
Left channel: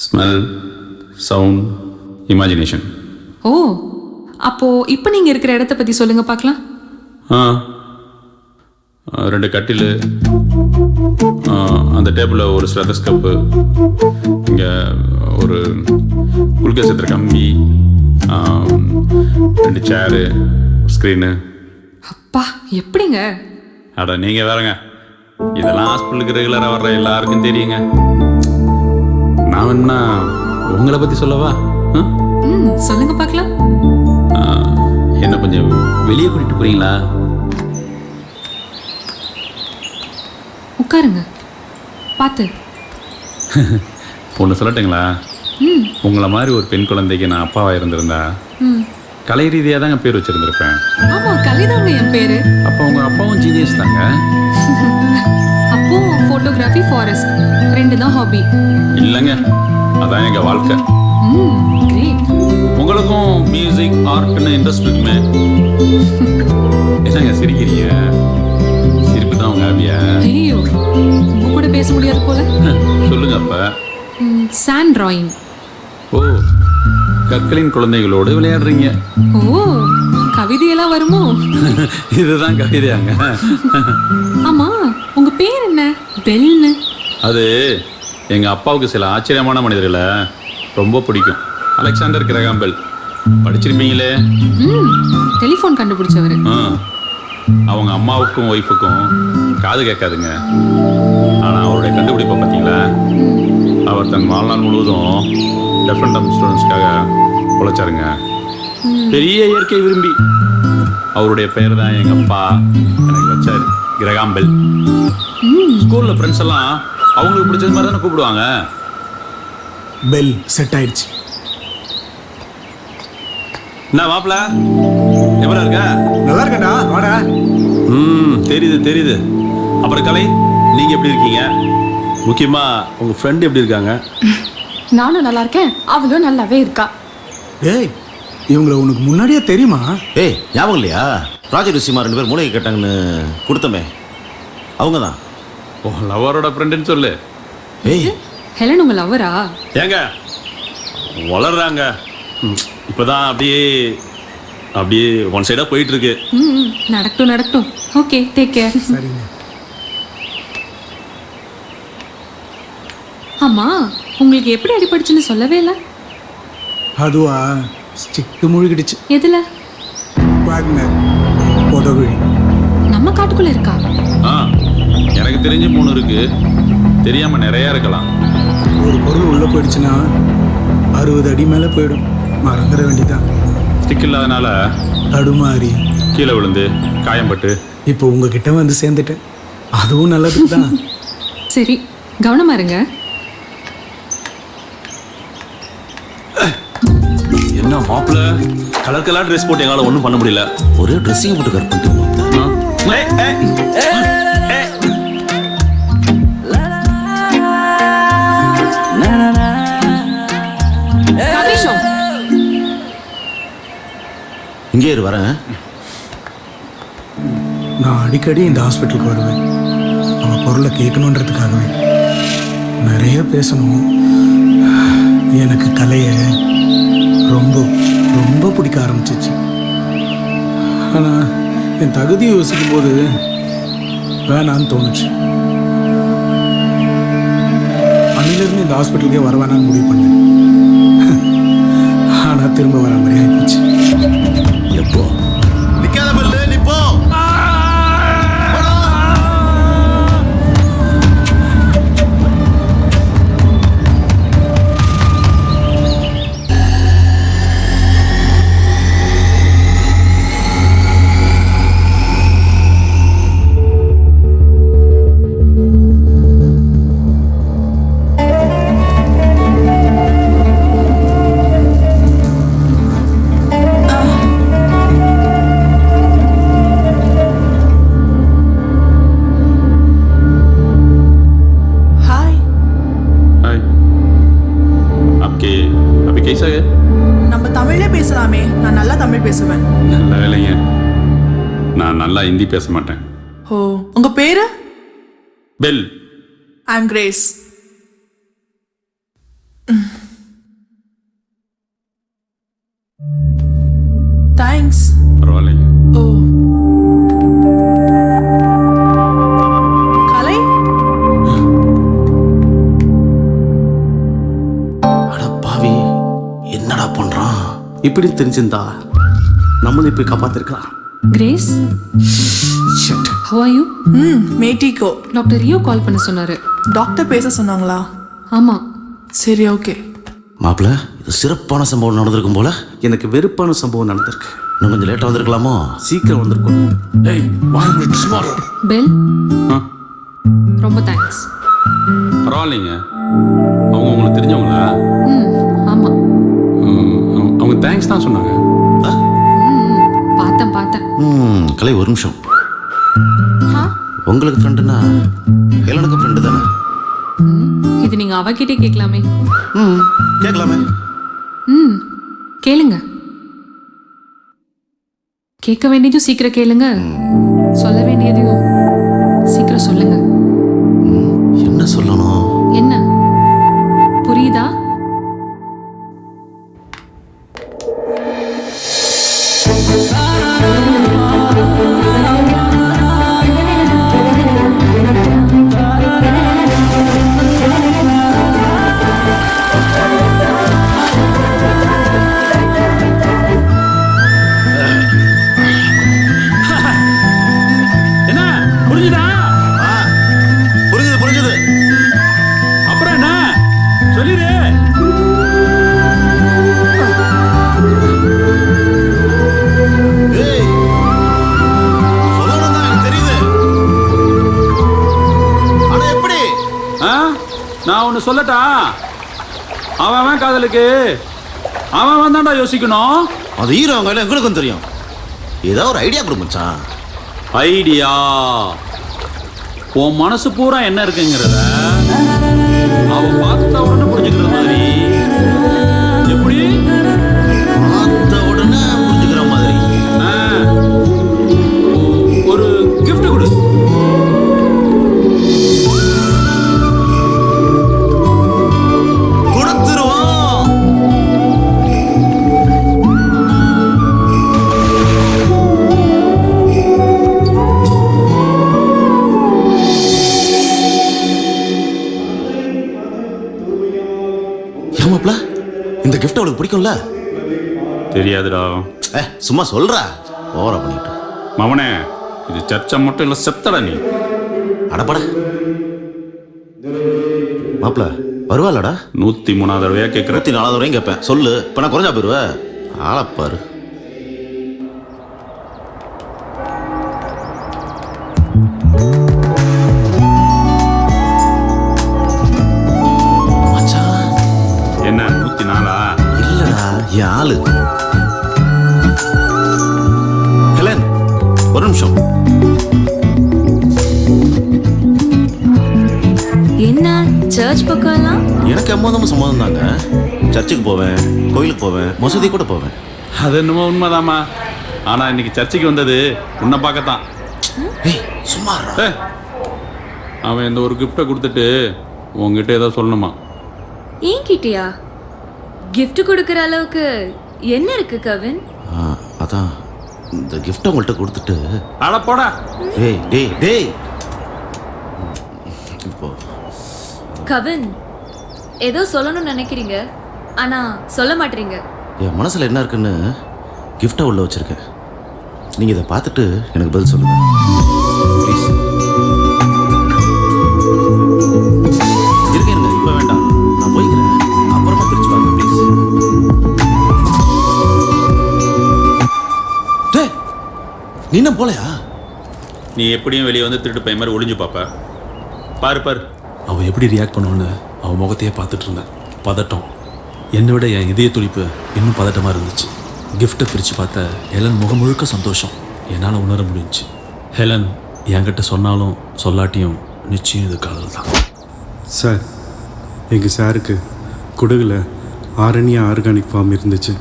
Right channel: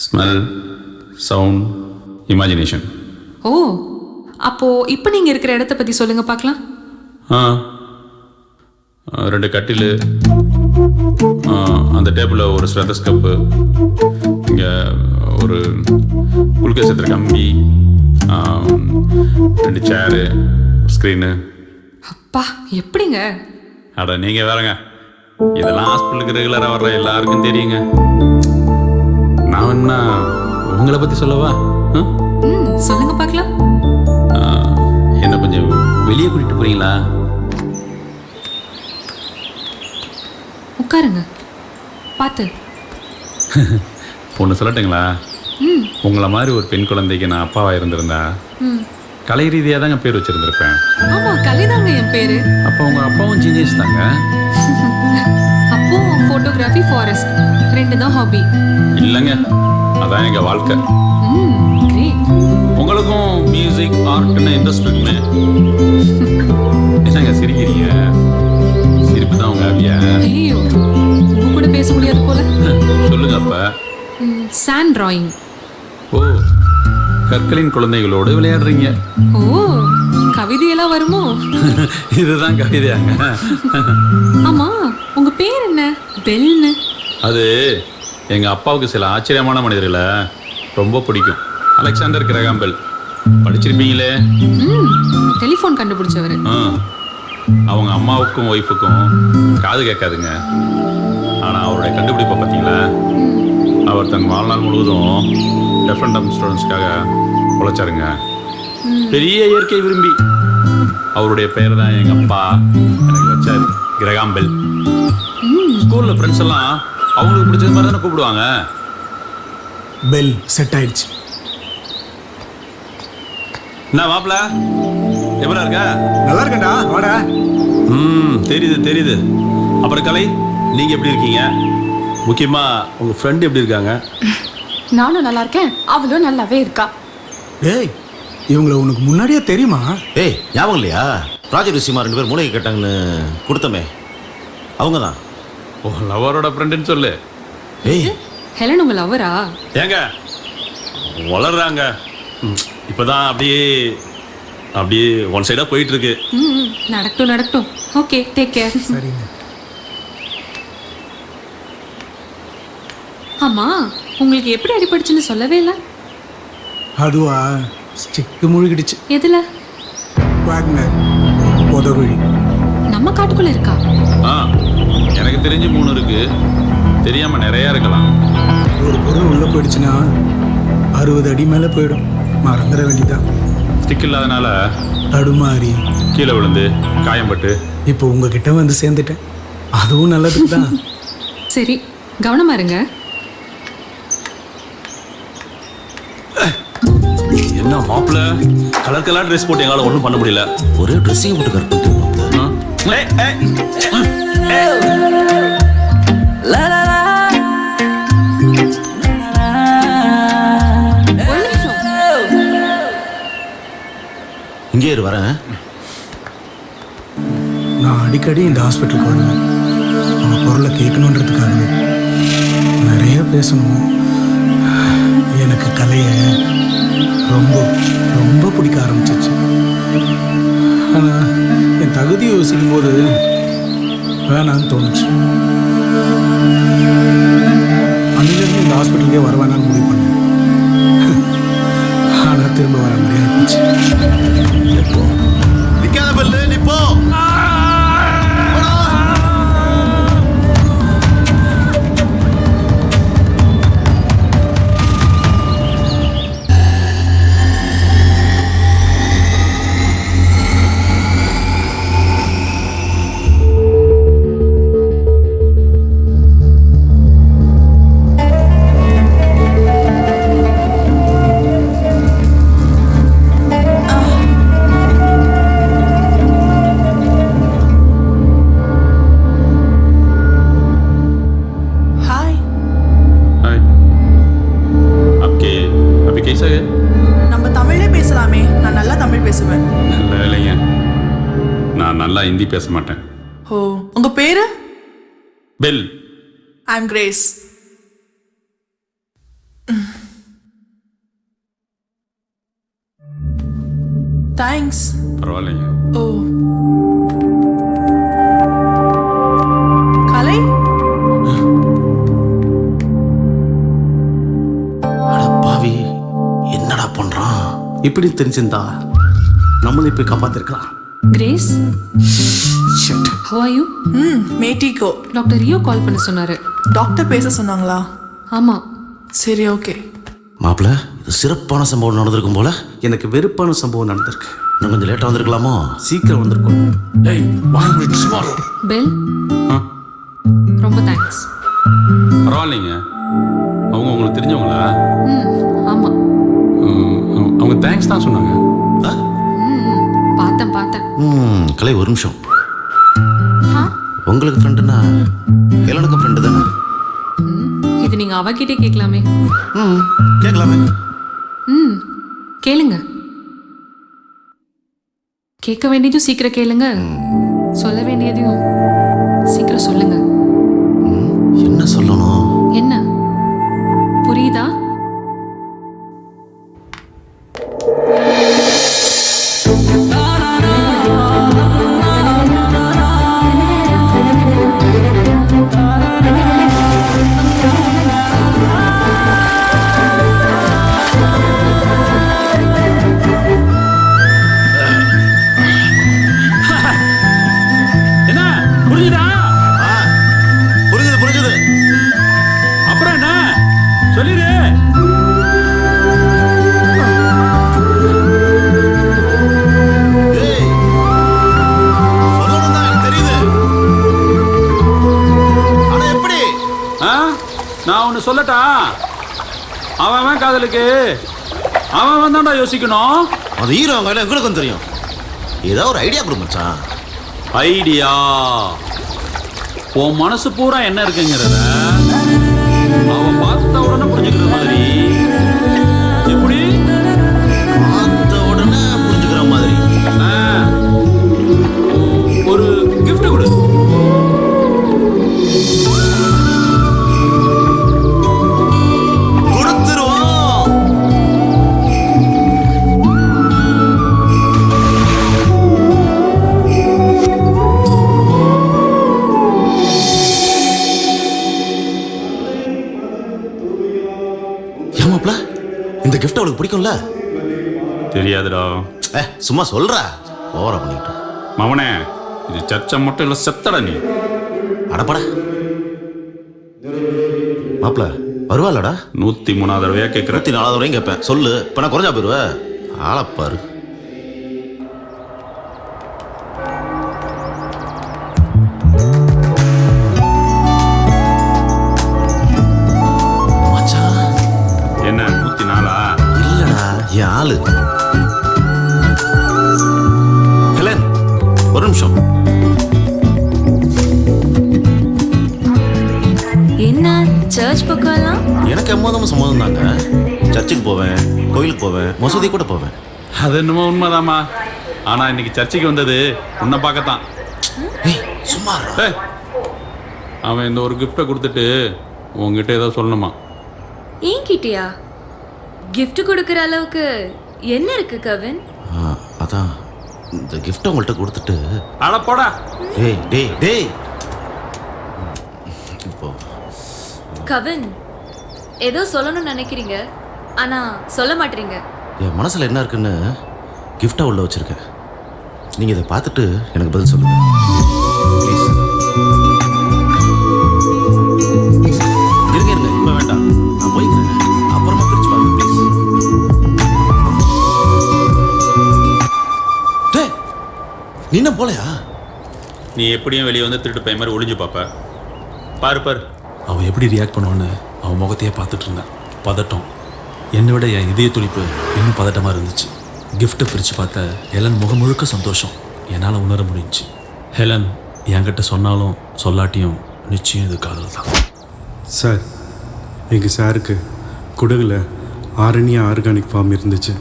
Smell, sound, imagination. ஓ, அப்போ இப்போ நீங்க இருக்கிற இடத்த பத்தி சொல்லுங்க பார்க்கலாம். ஆ 2 கட்டில், அந்த டேபிளில் ஒரு ஸ்டெத்தஸ்கோப்பு, இங்கே ஒரு குளுக்கோஸ் ஏற்றுற கம்பி, 2 சேரு, ஸ்க்ரீனு. அப்பா எப்படிங்க? அட நீங்கள் வேறங்க, இதெல்லாம் ஹாஸ்பிட்டலுக்கு ரெகுலராக வர்ற எல்லாருக்கும் தெரியுங்க. நான் வேணும்னா உங்களை பற்றி சொல்லவா? சொல்லுங்க பார்க்கலாம். என்ன கொஞ்சம் வெளியே கூட்டிகிட்டு போகிறீங்களா? உட்காருங்க, பார்த்து. ஒன்று சொல்லட்டுங்களா? உங்களை மாதிரி ஒரு பெண் குழந்தைக்கு நான் அப்பாவாக இருந்திருந்தா கலை ரீதியாக தாங்க பேர் வச்சுருந்துருப்பேன். ஆமா, கலைதாங்க என் பேரு. அப்போ உங்கள் அப்பாவும் ஜீனியஸ் தாங்க. அப்போ ஃபோட்டோகிராஃபி, ஃபாரஸ்ட் 2 தான் ஹாபி. இல்லைங்க, அதான் எங்கள் வாழ்க்கை. கிரேட். உங்களுக்கும் மியூசிக், ஆர்ட்னு இன்ட்ரெஸ்ட் இருக்குமே. என்னங்க சிரிக்கிறீங்க? சிரிப்பு தான் உங்கள் ஹாபியா? ஐயோ, உங்க கூட பேச முடியாது போல. சொல்லுங்க அப்ப. Sand drawing. ஓ, கற்களின் குழந்தைகளோடு விளையாடுறீங்க. ஓ, கவிதையெல்லாம் வருமோ? இதுதான் கவிதையாங்க? ஆமா, உங்க பேர் என்ன? பெல்னு. அது எங்க அப்பாவுக்கு சில ஆச்சரியமான மனிதர்களை ரொம்ப பிடிக்கும். அலெக்சாண்டர் கிரகாம் பெல் படிச்சிருப்பீங்களே. டெலிஃபோன் கண்டுபிடிச்சவர். அவங்க அம்மாவுக்கும் ஒய்ஃபுக்கும் காது கேட்காதுங்க. ஆனால் அவருடைய கண்டுபிடிப்பை பார்த்தீங்களா? அவர் தன் வாழ்நாள் முழுவதும் டெஃப் அண்ட் டம்ப் ஸ்டூடெண்ட்ஸ்க்காக உழைச்சாருங்க. பெரிய இயற்கை விரும்பி. அவருடைய பெயர் தான் எங்கள் அப்பா எனக்கு வச்சாரு, கிரகாம் பெல். ஸ்கூலில் ஃப்ரெண்ட்ஸ் எல்லாம் அவங்களுக்கு பிடிச்சது மாதிரி தானே கூப்பிடுவாங்க. பெல் செட் ஆயிடுச்சு. என்ன மாப்பிள்ள, எப்படா இருக்க? நல்லா இருக்கேன்டா, வாடா. தெரியுது தெரியுது. அப்புறம் கலை, நீங்கள் எப்படி இருக்கீங்க? முக்கியமாக உங்கள் ஃப்ரெண்டு எப்படி இருக்காங்க? நானும் நல்லா இருக்கேன், அவளும் நல்லாவே இருக்கா. டேய், இவங்கள உனக்கு முன்னாடியே தெரியுமா? ஏய், ஞாபகம் இல்லையா? ப்ராஜெக்ட் விஷயமா 2 பேர் மூளைக்கு கேட்டாங்கன்னு கொடுத்தமே, அவங்க தான். ஓ, லவரோட ஃப்ரெண்டுன்னு சொல்லு. ஏய், ஹெலன் உங்க லவரா? ஏங்க வளர்றாங்க. இப்போதான் அப்படியே ஒன் சைடாக போயிட்டு இருக்கு. நடக்கட்டும் நடக்கட்டும். Okay, take care. சரிங்க. ஆமா, உங்களுக்கு எப்படி அடிபட்டுச்சுன்னு சொல்லவே இல்லை. அதுவா, ஸ்டிக்கு முழுகிடுச்சு. எதுல? வாக்னர் பொதகுழி. நம்ம காட்டுக்குள்ள இருக்கா? எனக்கு தெரிஞ்சு 3 இருக்கு, தெரியாம நிறைய இருக்கலாம். ஒரு பொருள் உள்ள போயிடுச்சுன்னா 60 அடி மேல போயிடும். மறந்துட வேண்டியதான். ஸ்டிக் இல்லாதனால தடுமாறி கீழே விழுந்து காயம்பட்டு இப்போ உங்ககிட்ட வந்து சேர்ந்துட்டேன். அதுவும் நல்லதுக்கு தான். சரி, கவனமா இருங்க. என்ன மாப்பிள்ள கலர் கலர் ட்ரெஸ் போட்டு எங்களால் ஒன்றும் பண்ண முடியல. ஒரே ட்ரெஸ்ஸிங் போட்டு கட் பண்ணிட்டு மாப்ள. இங்கே இரு வரேன். நான் அடிக்கடி இந்த ஹாஸ்பிட்டலுக்கு வருவேன். அவள் குரலை கேட்கணுன்றதுக்காகவே. நிறைய பேசணும். எனக்கு கலையை ரொம்ப ரொம்ப பிடிக்க ஆரம்பிச்சிச்சு. ஆனால் என் தகுதியை யோசிக்கும் போது வேணான்னு தோணுச்சு. அன்னிலிருந்து இந்த ஹாஸ்பிட்டலுக்கே வர வேணான்னு முடிவு பண்ணேன். ஆனால் திரும்ப வர மாதிரி ஆகிப்போச்சு. எப்போ நிக்காத பல்லு நிப்போ. நம்ம தமிழ்லே பேசலாமே. நான் நல்லா தமிழ் பேசுவேன். நல்ல வேலைங்க. நான் நல்லா ஹிந்தி பேச மாட்டேன். ஓ, உங்க பேரு? பெல். ஐ அம் கிரேஸ். தேங்க்ஸ். பரவாயில்லைங்க. ஓ, கலை பாவி என்னடா பண்றான்? இப்படி தெரிஞ்சிருந்தா நம்மளும் போய் காப்பாத்திருக்கலாம். Grace, how are you? மேட்டிக்கோ. டாக்டர் ரியோ கால் பண்ண சொன்னாரு. டாக்டர் பேச சொன்னாங்களா? ஆமா. சரி, ஓகே. மாப்பிள, இது சிறப்பான சம்பவம் நடந்திருக்கும் போல. எனக்கு வெறுப்பான சம்பவம் நடந்திருக்கு. இன்னும் கொஞ்சம் லேட்டா வந்திருக்கலாமோ? சீக்கிரம் வந்திருக்கணும். பெல், ரொம்ப தேங்க்ஸ். பரவாயில்லைங்க. அவங்க உங்களுக்கு தெரிஞ்சவங்களா? ஆமா. அவங்க தேங்க்ஸ் தான் சொன்னாங்க. பார்த்தேன். கலை, ஒரு நிமிஷம். உங்களுக்கு ஃப்ரெண்டுனா ஹெலனுக்கு ஃப்ரெண்டு தானே? இது நீங்க அவகிட்டே கேட்கலாமே. கேட்கலாமே. கேளுங்க. கேட்க வேண்டியதும் சீக்கிரம் கேளுங்க. சொல்ல வேண்டியதையும் சீக்கிரம் சொல்லுங்க. என்ன சொல்லணும்? என்ன புரியுதா? என்ன புரிஞ்சுதா? புரிஞ்சுது. அப்புறம் என்ன சொல்லிடு. சொல்லணும் தான் எனக்கு தெரியுது. ஆனா எப்படி? நான் ஒன்று சொல்லட்டா? அவன் காதலுக்கு அவன் தான்டா யோசிக்கணும். அது ஹீரோ அவங்க எங்களுக்கும் தெரியும். ஏதோ ஒரு ஐடியா கொடு மச்சான். ஐடியா? உன் மனசு பூரா என்ன இருக்குங்கிறத அவ பார்த்த உடனே புரிஞ்சுக்கிறது மாதிரி. எப்படி? பார்த்த உடனே புரிஞ்சுக்கிற மாதிரி. ஒரு கிஃப்ட் கொடு. கொடுத்துருவோம். ஏமாப்ல, இந்த கிஃப்ட் அவளுக்கு பிடிக்கும்ல? தெரியாதுடா. சும்மா சொல்றா. ஓவரா பண்ணிட்டு. மவனே, இது சர்ச்சை மட்டும் இல்ல, செத்தடா நீ. அடப்பட மாப்ள, வருவாளடா? 103வது தடவையா கேட்குற? 104வது தடவையும் கேட்பேன். சொல்லு. இப்ப நான் குறைஞ்சா போயிருவ. ஆளப்பாரு. என்ன 104? இல்லடா, என் ஆளு. ஒரு நிமிஷம். என்ன சர்ச் பக்கம் எல்லாம்? எனக்கு எம்மதமும் சம்மதம் தாங்க. சர்ச்சுக்கு போவேன், கோயிலுக்கு போவேன், மசூதி கூட போவேன். அது என்னமோ உண்மைதாம்மா. ஆனா இன்னைக்கு சர்ச்சுக்கு வந்தது உன்னை பார்க்கத்தான். சும்மா அவன் இந்த ஒரு கிஃப்டை கொடுத்துட்டு உங்ககிட்ட ஏதோ சொல்லணுமா? என்கிட்டயா? கிஃப்ட் கொடுக்குற அளவுக்கு என்ன இருக்கு கவின்? அதான் இந்த கிஃப்ட் உங்கள்கிட்ட கொடுத்துட்டு. அட போடா. டேய் டேய் டேய். இப்போ கவின் ஏதோ சொல்லணும்னு நினைக்கிறீங்க, ஆனா சொல்ல மாட்டீங்க. என் மனசுல என்ன இருக்குன்னு கிஃப்டா உள்ள வச்சிருக்கேன். நீங்க இதை பார்த்துட்டு எனக்கு பதில் சொல்லுங்க ப்ளீஸ். இருங்க இருங்க, இப்போ வேண்டாம், நான் போய்க்கிறேன். அப்புறமா பிரிச்சு பாருங்க ப்ளீஸ். டேய், நீ என்ன போலையா? நீ எப்படியும் வெளியே வந்து திருட்டு பையன் மாதிரி ஒளிஞ்சு பாப்ப. பாரு பாரு. அவள் எப்படி ரியாக்ட் பண்ணுவான்னு அவன் முகத்தையே பார்த்துட்டு இருந்தேன். பதட்டம். என்னை விட என் இதய துடிப்பு இன்னும் பதட்டமாக இருந்துச்சு. கிஃப்ட்டை பிரித்து பார்த்த ஹெலன் முகம் முழுக்க சந்தோஷம் என்னால் உணர முடிஞ்சுச்சு. ஹெலன் என்கிட்ட சொன்னாலும் சொல்லாட்டியும் நிச்சயம் இது காதல் தான். சார், எங்கள் சாருக்கு குடகுல ஆரணியா ஆர்கானிக் ஃபார்ம் இருந்துச்சு,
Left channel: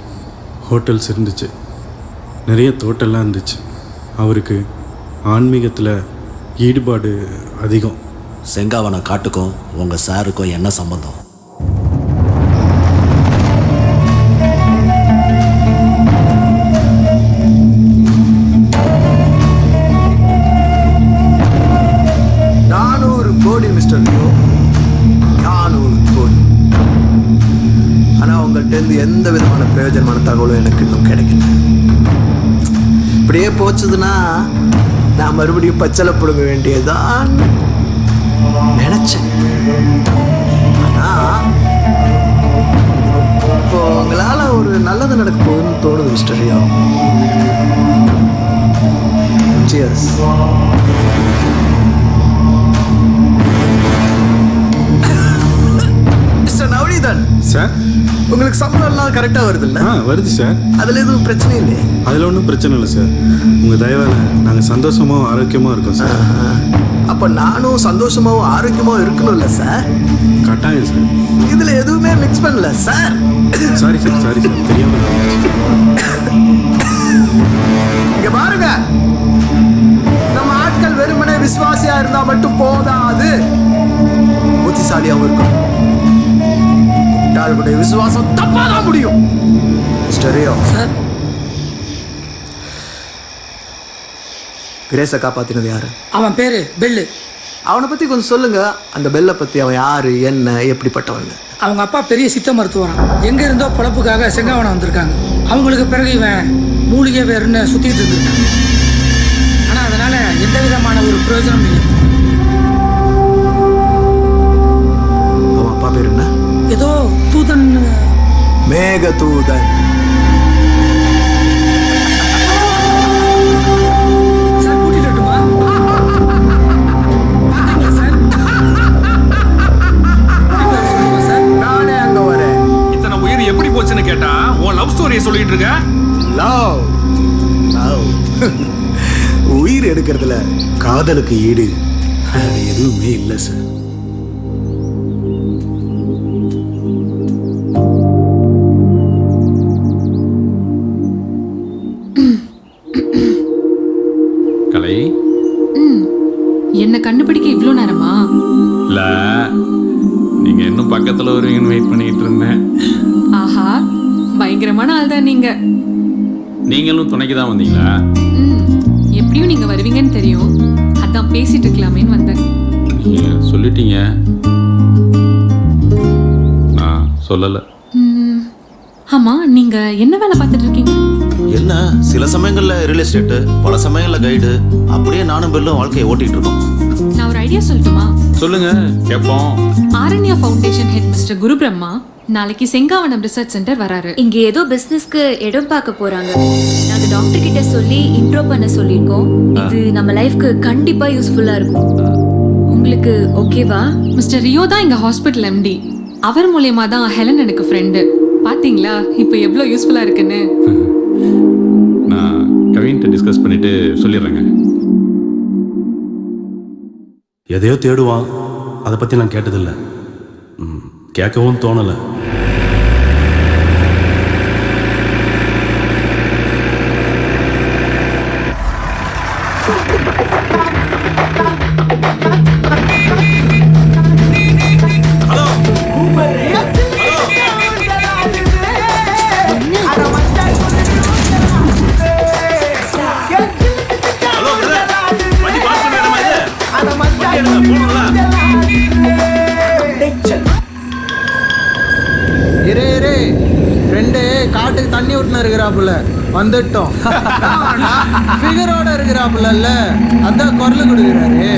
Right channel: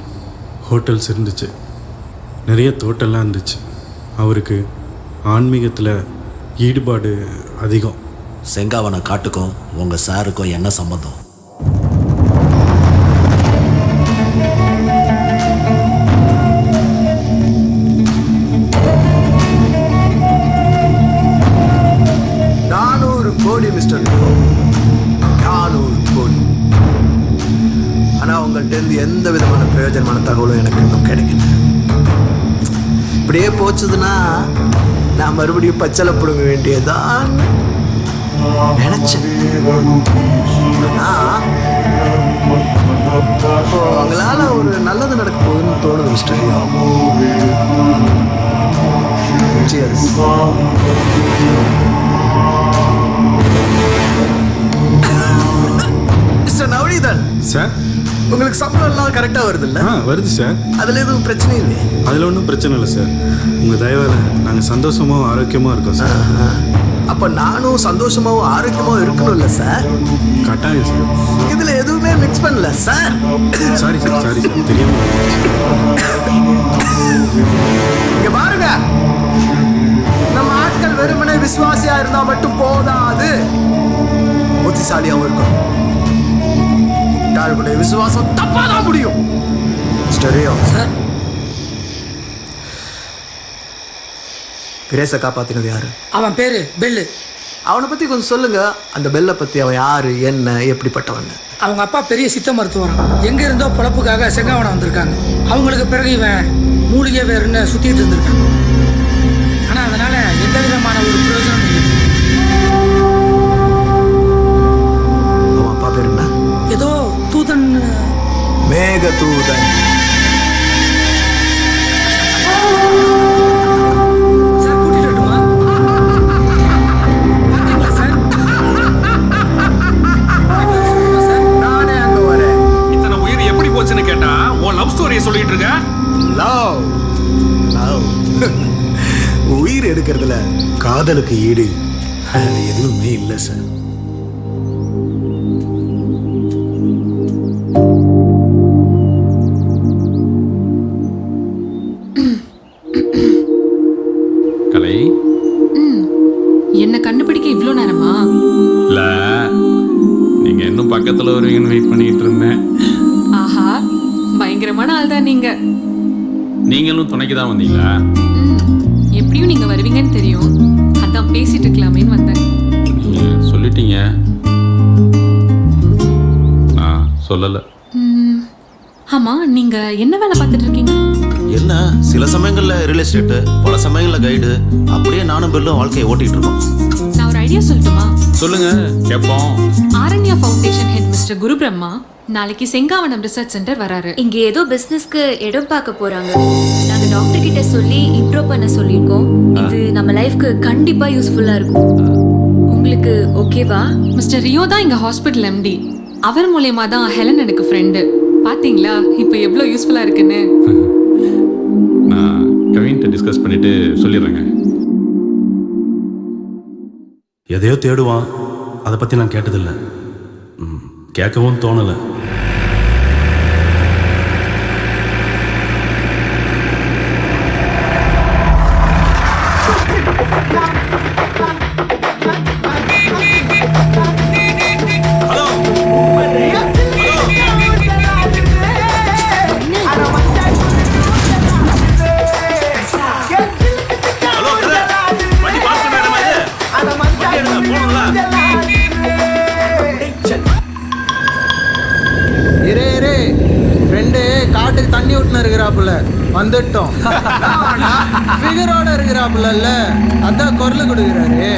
ஹோட்டல்ஸ் இருந்துச்சு, நிறைய தோட்டம்லாம் இருந்துச்சு. அவருக்கு ஆன்மீகத்தில் ஈடுபாடு அதிகம். செங்காவன காட்டுக்கும் உங்கள் சாருக்கும் என்ன சம்பந்தம்? கோடி மிஸ்டர் லியோ, 400 கோடி. ஆனால் உங்கள்கிட்ட எந்த விதமான பிரயோஜனமான தகவலும் எனக்கு இன்னும் கிடைக்கல. இப்படியே போச்சுதுன்னா நான் மறுபடியும் பச்சளை பிடுங்க வேண்டியதான் நினைச்சேன். ஆனால் இப்போ உங்களால் ஒரு நல்லது நடக்க போகுதுன்னு தோணுது mister Leo. Cheers. Mister Navaneethan sir, உங்களுக்கு சம்பளம் எல்லாம் கரெக்டாக வருது இல்லை? வருது சார். அதில் எதுவும் பிரச்சனை இல்லையே? அதில் ஒன்றும் பிரச்சனை இல்லை சார். உங்கள் தயவால் நாங்கள் சந்தோஷமாகவும் ஆரோக்கியமாக இருக்கோம் சார். அப்போ நானும் சந்தோஷமாகவும் ஆரோக்கியமாகவும் இருக்கணும்ல சார்? கட்டாயம் சார். இதில் எதுவுமே மிக்ஸ் பண்ணல sir. Sorry sir, sorry sir, தெரியாமல் நடந்துச்சு. இங்க பாருங்க, நம்ம ஆட்கள் வெறுமனே விசுவாசியா இருந்தா மட்டும் போதாது, புத்திசாலியாகவும் இருக்கும். முட்டாளுடைய விசுவாசம் தப்பாதான் முடியும். மிஸ்டர் ரியோ சார், கிரேஸை காப்பாத்தினது யாரு? அவன் பேரு பெல்லு. அவனை பத்தி கொஞ்சம் சொல்லுங்க. அந்த பெல்லை பத்தி அவன் யாரு, என்ன, எப்படிப்பட்டவன்? அவங்க அப்பா பெரிய சித்த மருத்துவரான். எங்க இருந்தோ பொழப்புக்காக செங்காவனம் வந்திருக்காங்க. அவங்களுக்கு பிறகு இவன் மூலிகை வேறுன்னு சுத்திட்டு இருந்திருக்கான். ஆனா அதனால எந்த விதமான ஒரு பிரயோஜனம் இல்லை. அவன் அப்பா பேர் என்ன? ஏதோ தூதன். மேக தூதன். சார் கூட்டிட்டு வரட்டுமா? சார் நானே அங்க வரேன். இத்தனை உயிர் எப்படி போச்சுன்னு கேட்டா உன் லவ் ஸ்டோரியை சொல்லிட்டு இருக்க. லவ் லவ் உயிர் எடுக்கிறதுல காதலுக்கு ஈடு அது எதுவுமே இல்லை சார். கலை, என்ன கண்டுபிடிக்க இவ்வளோ நேரமா? இல்லை, நீங்கள் இன்னும் பக்கத்தில் வருவீங்கன்னு வெயிட் பண்ணிக்கிட்டு இருந்தேன். ஆஹா, பயங்கரமான ஆள் தான் நீங்க. நீங்களும் துணைக்கு தான் வந்தீங்களா? எப்படியும் நீங்க வருவீங்கன்னு தெரியும், அதான் பேசிட்டு இருக்கலாமேன்னு வந்தேன். நீங்கள் சொல்லிட்டீங்க, நான் சொல்லலை. ஆமா, நீங்க என்ன வேலை பார்த்துட்டு இருக்கீங்க? என்ன, சில சமயங்கள்ல ரியல் எஸ்டேட்டு, பல சமயங்கள்ல கைடு, அப்படியே நானும் பெல்லும் வாழ்க்கையை ஓட்டிட்டு இருக்கோம். நான் ஒரு ஐடியா சொல்லட்டுமா? சொல்லுங்க, கேட்போம். ஆரண்யா ஃபவுண்டேஷன் ஹெட் மிஸ்டர் குரு பிரம்மா நாளைக்கு செங்காவனம் ரிசர்ச் சென்டர் வராரு. இங்க ஏதோ பிசினஸ்க்கு இடம் பார்க்க போறாங்க. நாங்க டாக்டர் கிட்ட சொல்லி இன்ட்ரோ பண்ண சொல்லியிருக்கோம். இது நம்ம லைஃப்க்கு கண்டிப்பா யூஸ்ஃபுல்லா இருக்கும். உங்களுக்கு ஓகேவா? மிஸ்டர் ரியோ தான் எங்க ஹாஸ்பிட்டல் எம்டி. அவர் மூலயமா தான் ஹெலன் எனக்கு ஃப்ரெண்டு. பாத்தீங்களா இப்போ எவ்வளோ யூஸ்ஃபுல்லா இருக்குன்னு? நான் கவின்கிட்ட டிஸ்கஸ் பண்ணிவிட்டு சொல்லிடுறேங்க. எதையோ தேடுவான், அதை பற்றி நான் கேட்டதில்லை, கேட்கவும் தோணலை. இரே ஃப்ரெண்டு காட்டுக்கு தண்ணி விட்டுன்னு இருக்கிறாப்புல வந்துட்டோம். ஃபிகரோட இருக்கிறாப்புல, அதான் குரல் கொடுக்குறாரு.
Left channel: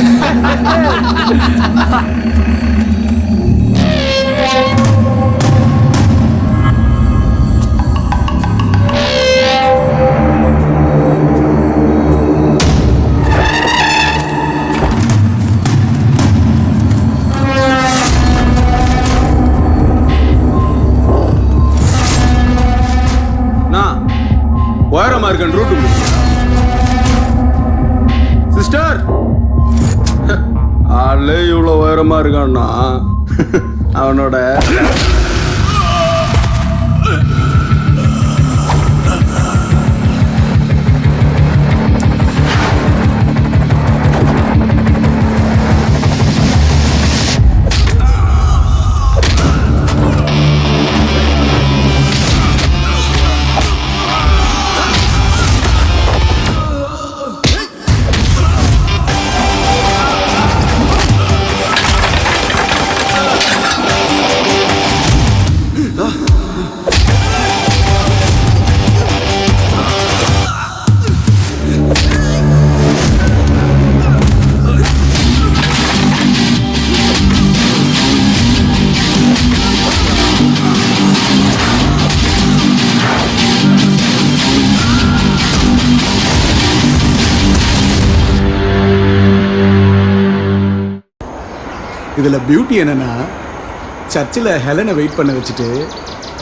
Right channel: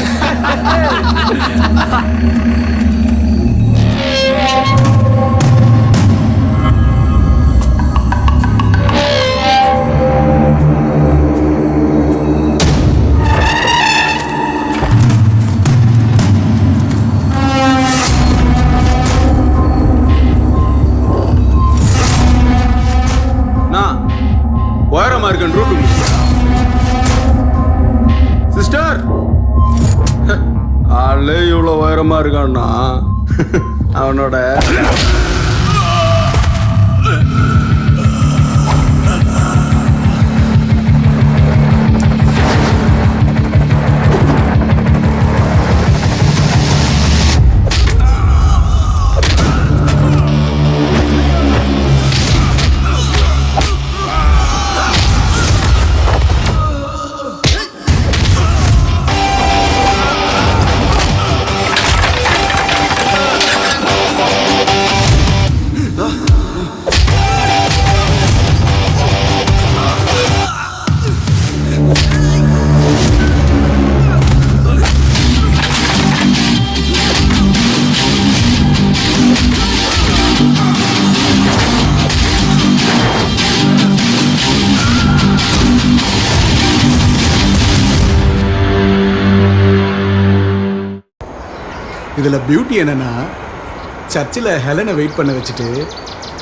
உயரமா இருக்கன் ரூட்டு கொடுக்குறியா சிஸ்டர்? ஆளே இவ்வளோ உயரமா இருக்கான்னா அவனோட இதில் பியூட்டி என்னன்னா, சர்ச்சில் ஹெலனை வெயிட் பண்ண வச்சுட்டு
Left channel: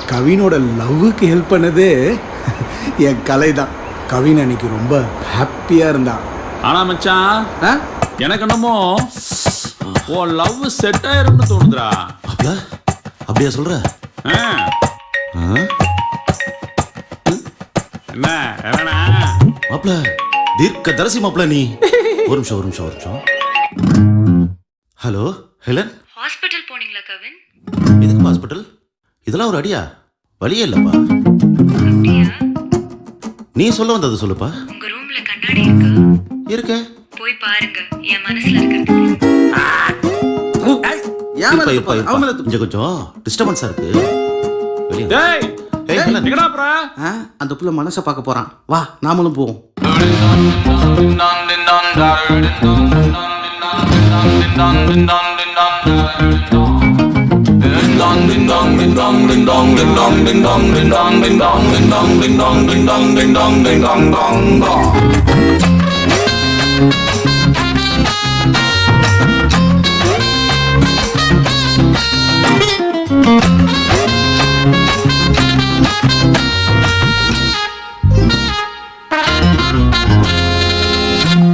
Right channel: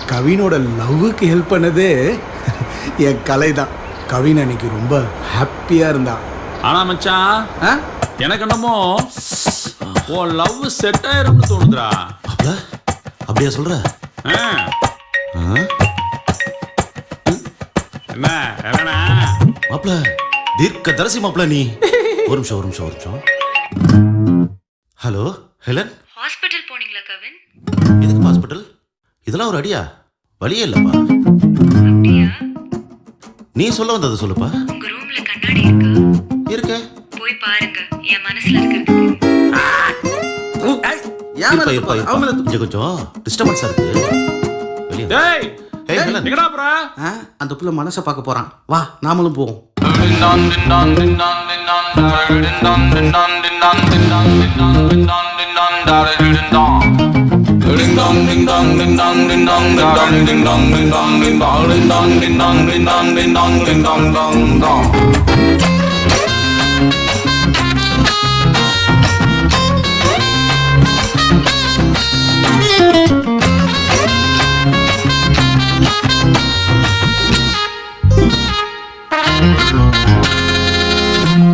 கவினோட லவ்வுக்கு ஹெல்ப் பண்ணது என் கலை தான். கவின் அன்னைக்கு ரொம்ப ஹாப்பியாக இருந்தான். ஆனால் மச்சான், எனக்கு என்னமோ உன் லவ் செட் ஆயிரும்னு தோணுதுடா. மாப்ள அப்படியா சொல்ற? என்ன ஹெலனா? மாப்ள தீர்க்க தரிசி மாப்ள நீ. ஒரு நிமிஷம். ஹலோ ஹெலன், ஹாஸ்பிட்டல் போனீங்களா கவின்? எதுக்கு ஹாஸ்பிட்டல்? இதெல்லாம் ஒரு அடியா? வழியே இல்லப்பா. அப்படியா? நீ சொல்ல வந்தது சொல்லுப்பா. உங்க ரூம்ல கண்ணாடி இருக்கா? இருக்க. போய் பாருங்க, என் மனசுல இருக்கிறது தெரியும். கொஞ்சம் டிஸ்டர்பன்ஸா இருக்கு. வெளியே எங்கடா போற? அந்த புள்ள மனசை பார்க்க போறான். வா நாமளும் போவோம்.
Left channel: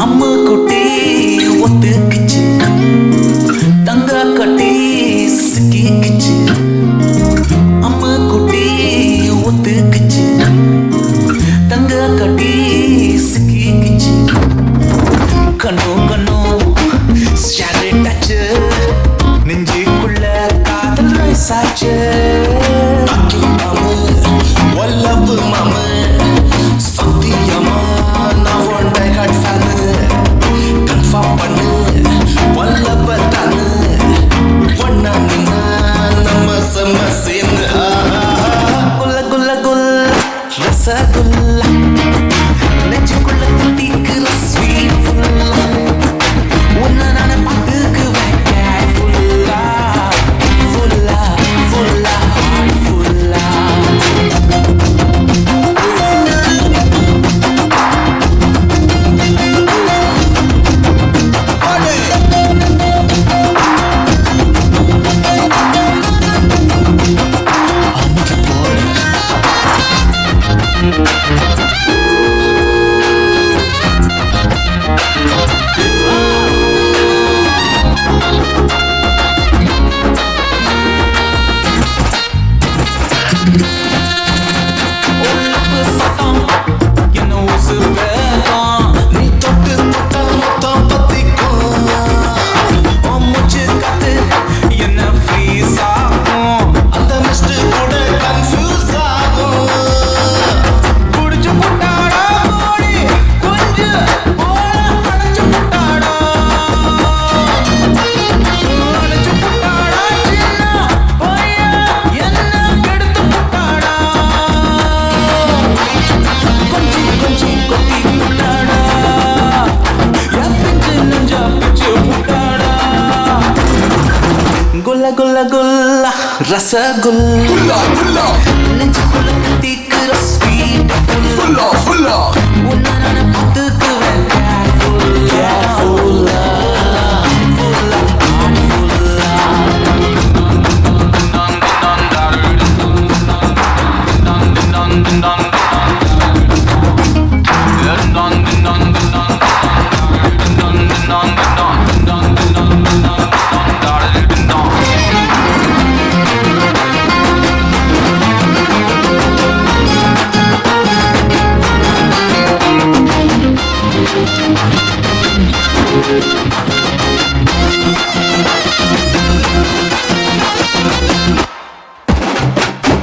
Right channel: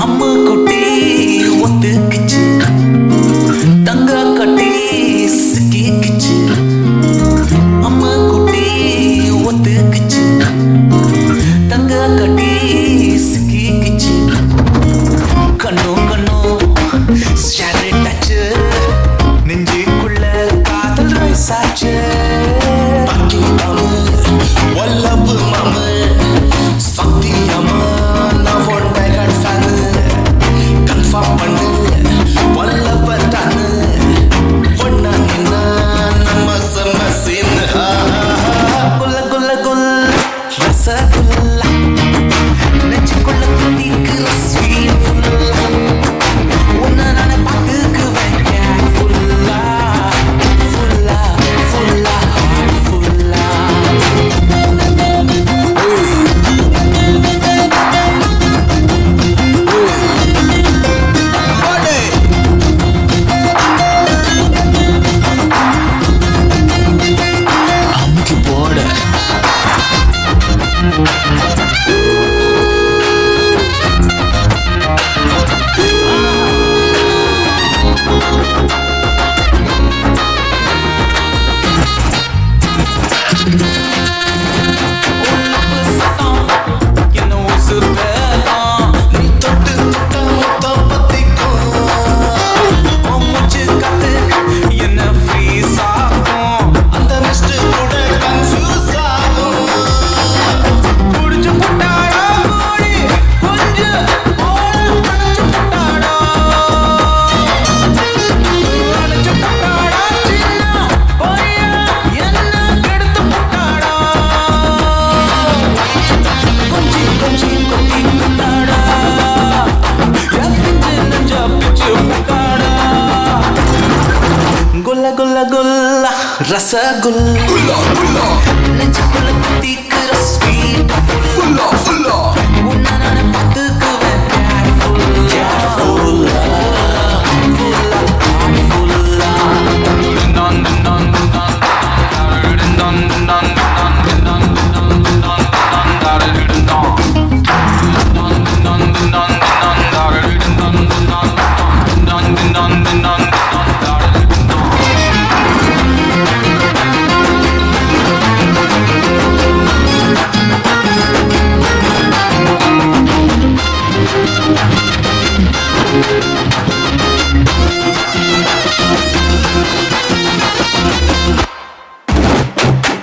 அம்மு குட்டி ஒத்துக்குச்சு, தங்க கட்டி சிக்கிக்குச்சு. அம்மு குட்டி ஒத்துக்குச்சு, தங்க கட்டி சிக்கிக்குச்சு. கண்ணும் ஷேரிட்டாச்சு, நெஞ்சுக்குள்ள காதல் ரைசாச்சு. வல்லவு மாமு சத்தியமா நான் one die hard fan. Confirm பண்ணு வல்லவர் தானு. ஒன்னா நின்னா நம்ம செம்ம சீன். குல்ல குல்ல குல்ல ரசகுல்லா, நெஞ்சுக்குள்ள தித்திக்கிற ஸ்வீட் ஃபுல்லா. உன்னை நானே பார்த்துக்குவேன் கேர்ஃபுல்லா, ஃபுல்லா ஃபுல்லா ஹார்ட் ஃபுல்லா. அமுக்கி போட ஃபாரஸ்ட் கூட கன்ஃபியூஸ் ஆகும். புடிச்சு புட்டாடா கோழி கொஞ்சம் போல அணைச்சு புட்டாடா, அணைச்சு புட்டாடா சின்ன பையன் என்ன கெடுத்து புட்டாடா, கொஞ்சி கொஞ்சி கொட்டி புட்டாடா, என் பிஞ்சு நெஞ்சா பிச்சு புட்டாடா. குல்ல குல்ல குல்ல ரசகுல்லா நெஞ்சுக்குள்ள தித்திக்குற ஸ்வீட் ஃபுல்லா உன்னை நான் பார்த்துக்குவேன் கேர்ஃபுல்லா, ஃபுல்லா ஃபுல்லா ஹார்ட் ஃபுல்லா.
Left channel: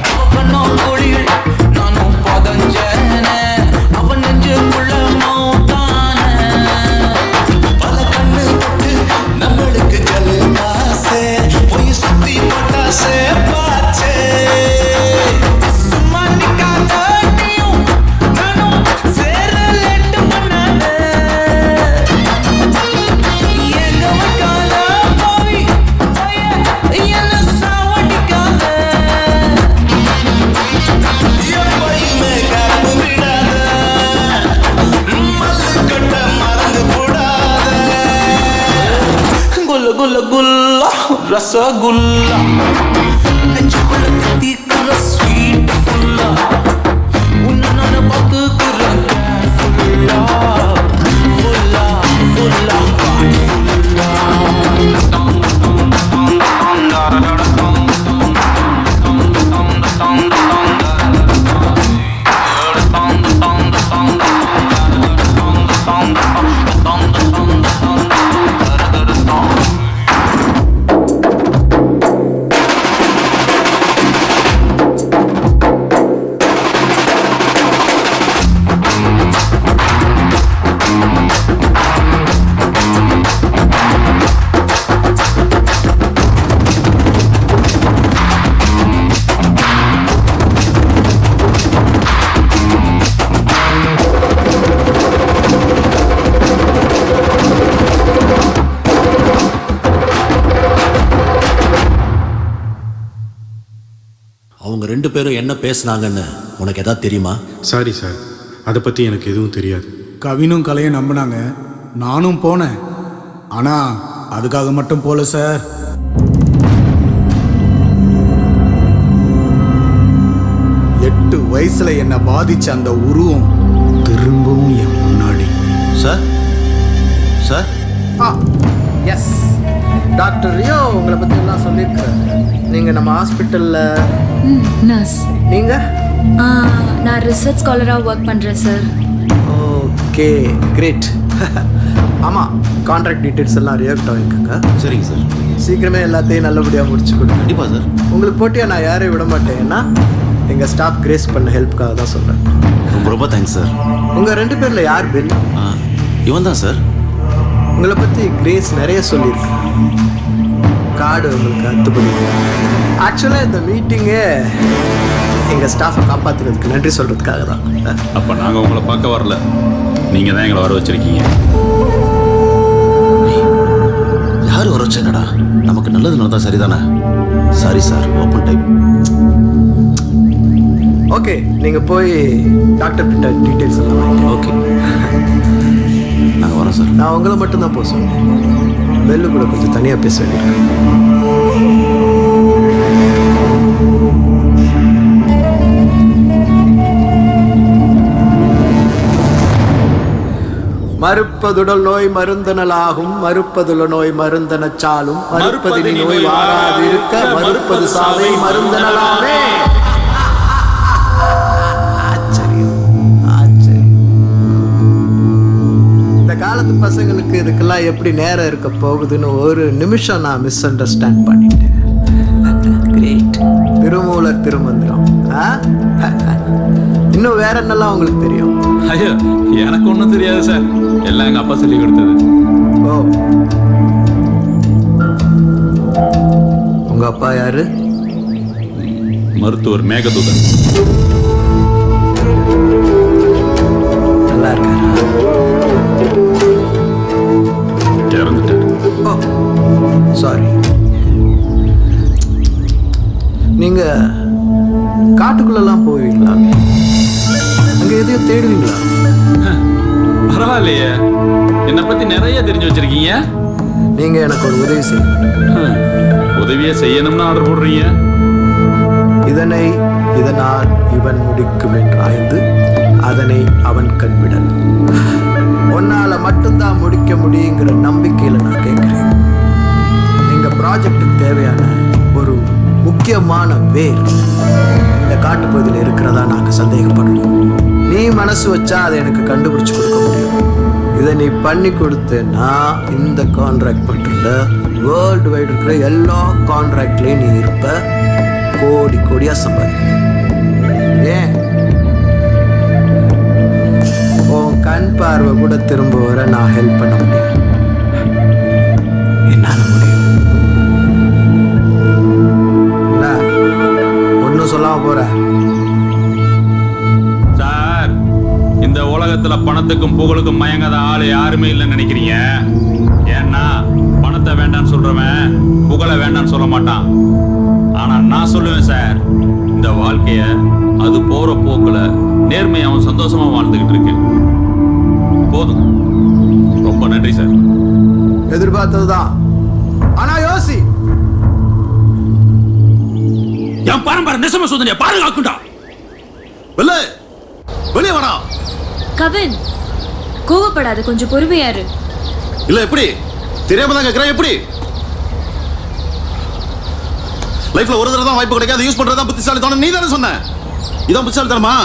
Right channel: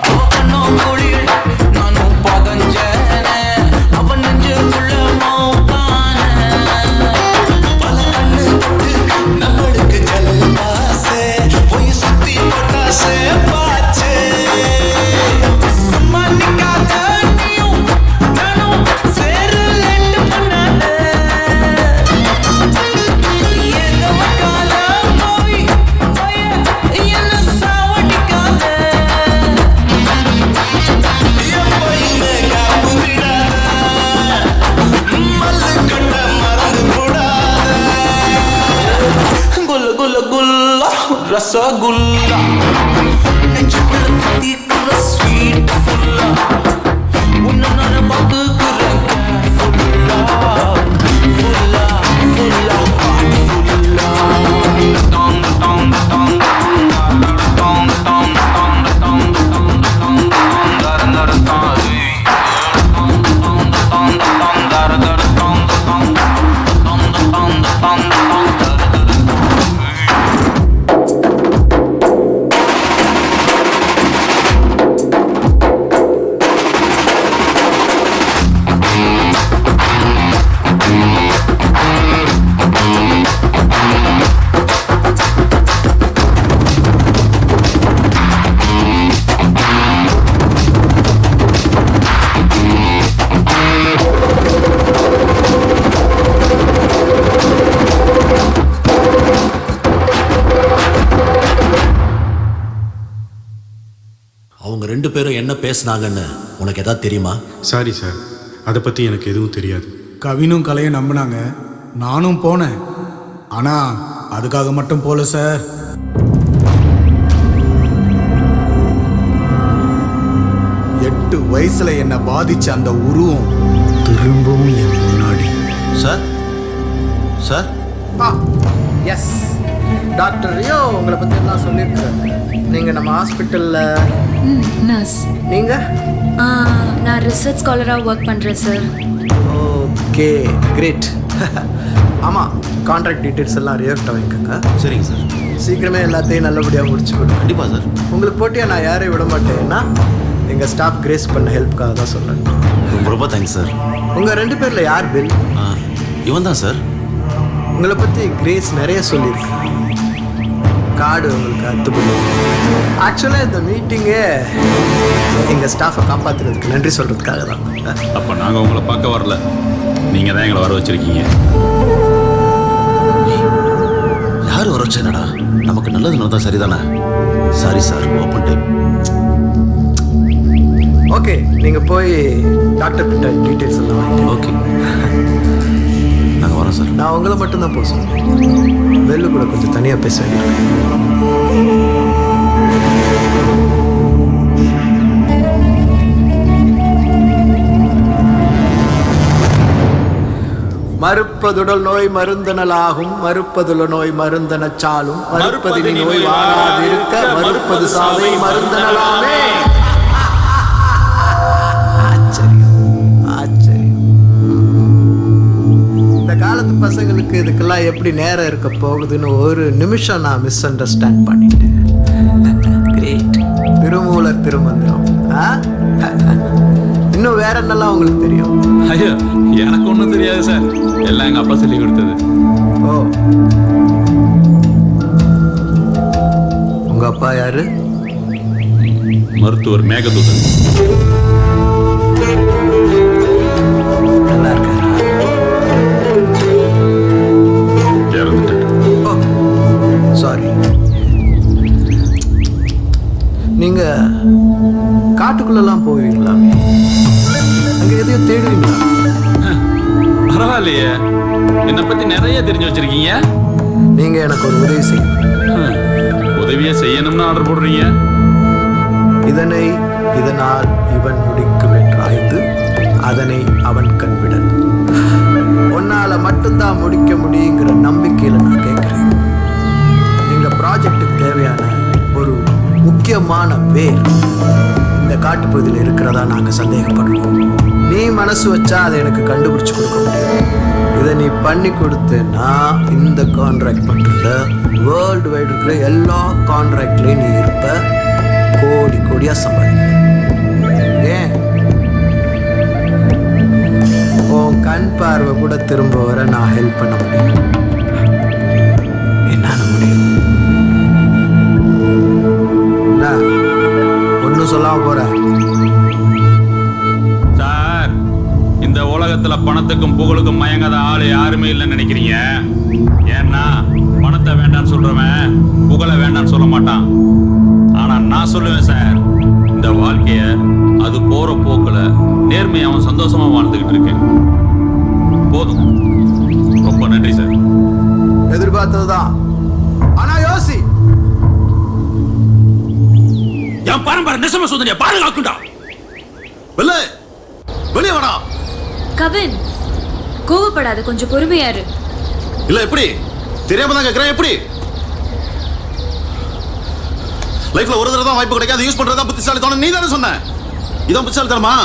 அவ கண்ணோம் குழியில் நானும் பதஞ்சன, அவன் நெஞ்சுக்குள்ள மௌத்தான. பல கண்ணு பட்டு நம்மளுக்கு ஜல் பாசே, போய் சுத்தி போட்டாசே பாச்சே. சும்மா நிக்காத நீயும் நானும் சேர லேட்டு பண்ணாத, எங்க வைக்காத பாவி பய என்ன சாவடிக்காத. எப்பயுமே காப்பு விடாத, மல்லு கட்ட மறந்து போடாத. குல்ல குல்ல குல்லா ரசகுல்லா நெஞ்சுக்குள்ள தித்திக்குற ஸ்வீட் ஃபுல்லா உன்னை நான் பார்த்துக்குறேன் கேர்ஃபுல்லா, ஃபுல்லா ஃபுல்லா ஹார்ட் ஃபுல்லா. அவங்க 2 பேரும் என்ன பேசுனாங்கன்னு உனக்கு எதாவது தெரியுமா? சாரி சார், அதை பற்றி எனக்கு எதுவும் தெரியாது. கவினும் கலையும் நம்பினாங்க, நானும் போனேன். ஆனால் அதுக்காக மட்டும் போல சார். எட்டு வயசுல என்னை பாதிச்ச அந்த உருவம் திரும்பவும் என் முன்னாடி. Sir sir yes, doctor Rio உங்களை பற்றி எல்லாம் சொல்லியிருக்கிறாரு. நீங்கள் நம்ம ஹாஸ்பிட்டலில் நர்ஸ். நீங்கள்? நான் ரிசர்ச் ஸ்காலராக ஒர்க் பண்ணுறேன் சார். Okay great. ஆமாம், கான்ட்ராக்ட் டீட்டெயில்ஸ் எல்லாம் ரியாக்ட் வாங்கிக்கோங்க. சரிங்க சார். சீக்கிரமே எல்லாத்தையும் நல்லபடியாக முடிச்சு கொடுங்க. கண்டிப்பாக சார். உங்களுக்கு போட்டியாக நான் யாரையும் விட மாட்டேன். ஏன்னா எங்கள் ஸ்டாஃப் கிரேஸ் பண்ண ஹெல்ப்புக்காக தான் சொல்கிறேன். ரொம்ப ரொம்ப தேங்க்ஸ் சார். உங்கள் 2 பேரில் யார் பில்? இவன் தான் சார். உங்களை பற்றி கிரேஸ் நிறைய சொல்லியிருக்கு. கார்டு உங்களுக்கு அத்துப்படி. ஆக்சுவலாக இந்த மீட்டிங்கே எங்கள் ஸ்டாஃபை காப்பாற்றுறதுக்கு நன்றி சொல்கிறதுக்காக தான். அப்போ நாங்கள் உங்களை பார்க்க வரல, நீங்கள் தான் எங்களை வர வச்சிருக்கீங்க. யார் வர வச்சேனடா? நமக்கு நல்லது நடந்தா சரிதானே? Sorry sir, open type. Okay, நீங்கள் போய் டாக்டர் கிட்ட டீட்டெயில்ஸ் எல்லாம் வாங்கிக்க. ஓகே, நாங்கள் வரோம் சார். நான் உங்களை மட்டும்தான் போக சொன்னேன். பெல்லு கூட கொஞ்சம் தனியாக பேச வேண்டியிருக்கு. மறுப்பதுடல் நோய் மருந்தனலாகும், மறுப்பதுல நோய் மருந்தனச்சாலும், மறுப்பதினி நோய் வாராதிருக்க, மறுப்பது சாவை மருந்தனலாமே. ஆச்சரியம் ஆச்சரியம். இந்த காலத்து பசங்களுக்கு இதுக்கெல்லாம் எப்படி நேரம் இருக்க போகுதுன்னு ஒரு நிமிஷம் நான் மிஸ் அண்டர்ஸ்டாண்ட் பண்ணிட்டேன். கிரேட். திருமூலர் ஒரு திருமந்திரம். இன்னும் வேற என்னெல்லாம் உங்களுக்கு தெரியும்? ஐயோ எனக்கு ஒன்றும் தெரியாது சார், எல்லாம் எங்கள் அப்பா சொல்லி கொடுத்தது. ஓ, உங்க அப்பா யாரு? மருத்துவர் மேகதூதன். நல்லா இருக்காரா? இறந்துட்டார். ஓ சாரி. நீங்க காட்டுக்குள்ளெல்லாம் போவீங்களாமே, அங்க எதையோ தேடுவீங்களா? பரவாயில்லையே, என்னை பத்தி நிறைய தெரிஞ்சு வச்சிருக்கீங்க. நீங்க எனக்கு ஒரு உதவி செய்யணும். உதவியை செய்யணும்னு ஆர்டர் போடுறீங்க. இதனால் இவன் முடிக்கும் என்றாய்ந்து அதனை அவன் கண்விடல். உன்னால மட்டும்தான் முடிக்க முடியுங்கிற நம்பிக்கையில நான் கேட்கிறேன். எங்க ப்ராஜெக்டுக்கு தேவையான ஒரு முக்கியமான வேர் இந்த காட்டுப்பகுதியில் இருக்கிறதா நாங்க சந்தேகப்படுறோம். நீ மனசு வச்சா அதை எனக்கு கண்டுபிடிச்சு கொடுக்க முடியும். இதை நீ பண்ணி கொடுத்தேன்னா இந்த கான்ட்ராக்ட் மட்டும் இல்லை, வேர்ல்டு வைடு இருக்கிற எல்லா கான்ட்ராக்ட்லேயும் நீ இருப்ப, கோடி கோடியாக சம்பாதி. ஏன் உன் கண் பார்வை கூட திரும்ப வர நான் ஹெல்ப் பண்ண முடியும். என்னால் முடியும். என்ன ஒன்றும் சொல்லாம போற? சார், இந்த உலகத்துல பணத்துக்கும் புகழுக்கும் மயங்காத ஆளு யாருமே இல்லைன்னு நினைக்கிறீங்க. ஏன்னா பணத்தை வேண்டான்னு சொல்றவன் புகழை வேண்டான்னு சொல்ல மாட்டான். ஆனா நான் சொல்லுவேன் சார், இந்த வாழ்க்கைய அது போற போக்குல நேர்மையை அவன் சந்தோஷமா வாழ்ந்துகிட்டு இருக்கேன். போதும், ரொம்ப நன்றி சார். எதிர்பார்த்ததுதான். ஆனா யோசி, என் பரம்பரை நெசம சோதனையை பாதுகாக்குண்டா. வெளியே வாடா. கவின், கோவப்படாத, கொஞ்சம் பொறுமையாரு. இல்ல எப்படி தெரியாம தான் கேட்கிறேன். எப்படி லைஃப்ல ஒரு தடவை தான் வாய்ப்பு கிடைக்காது, யூஸ் பண்றதா புத்திசாலித்தனம். நீ தானே சொன்ன இதான் புத்திசாலித்தனமா?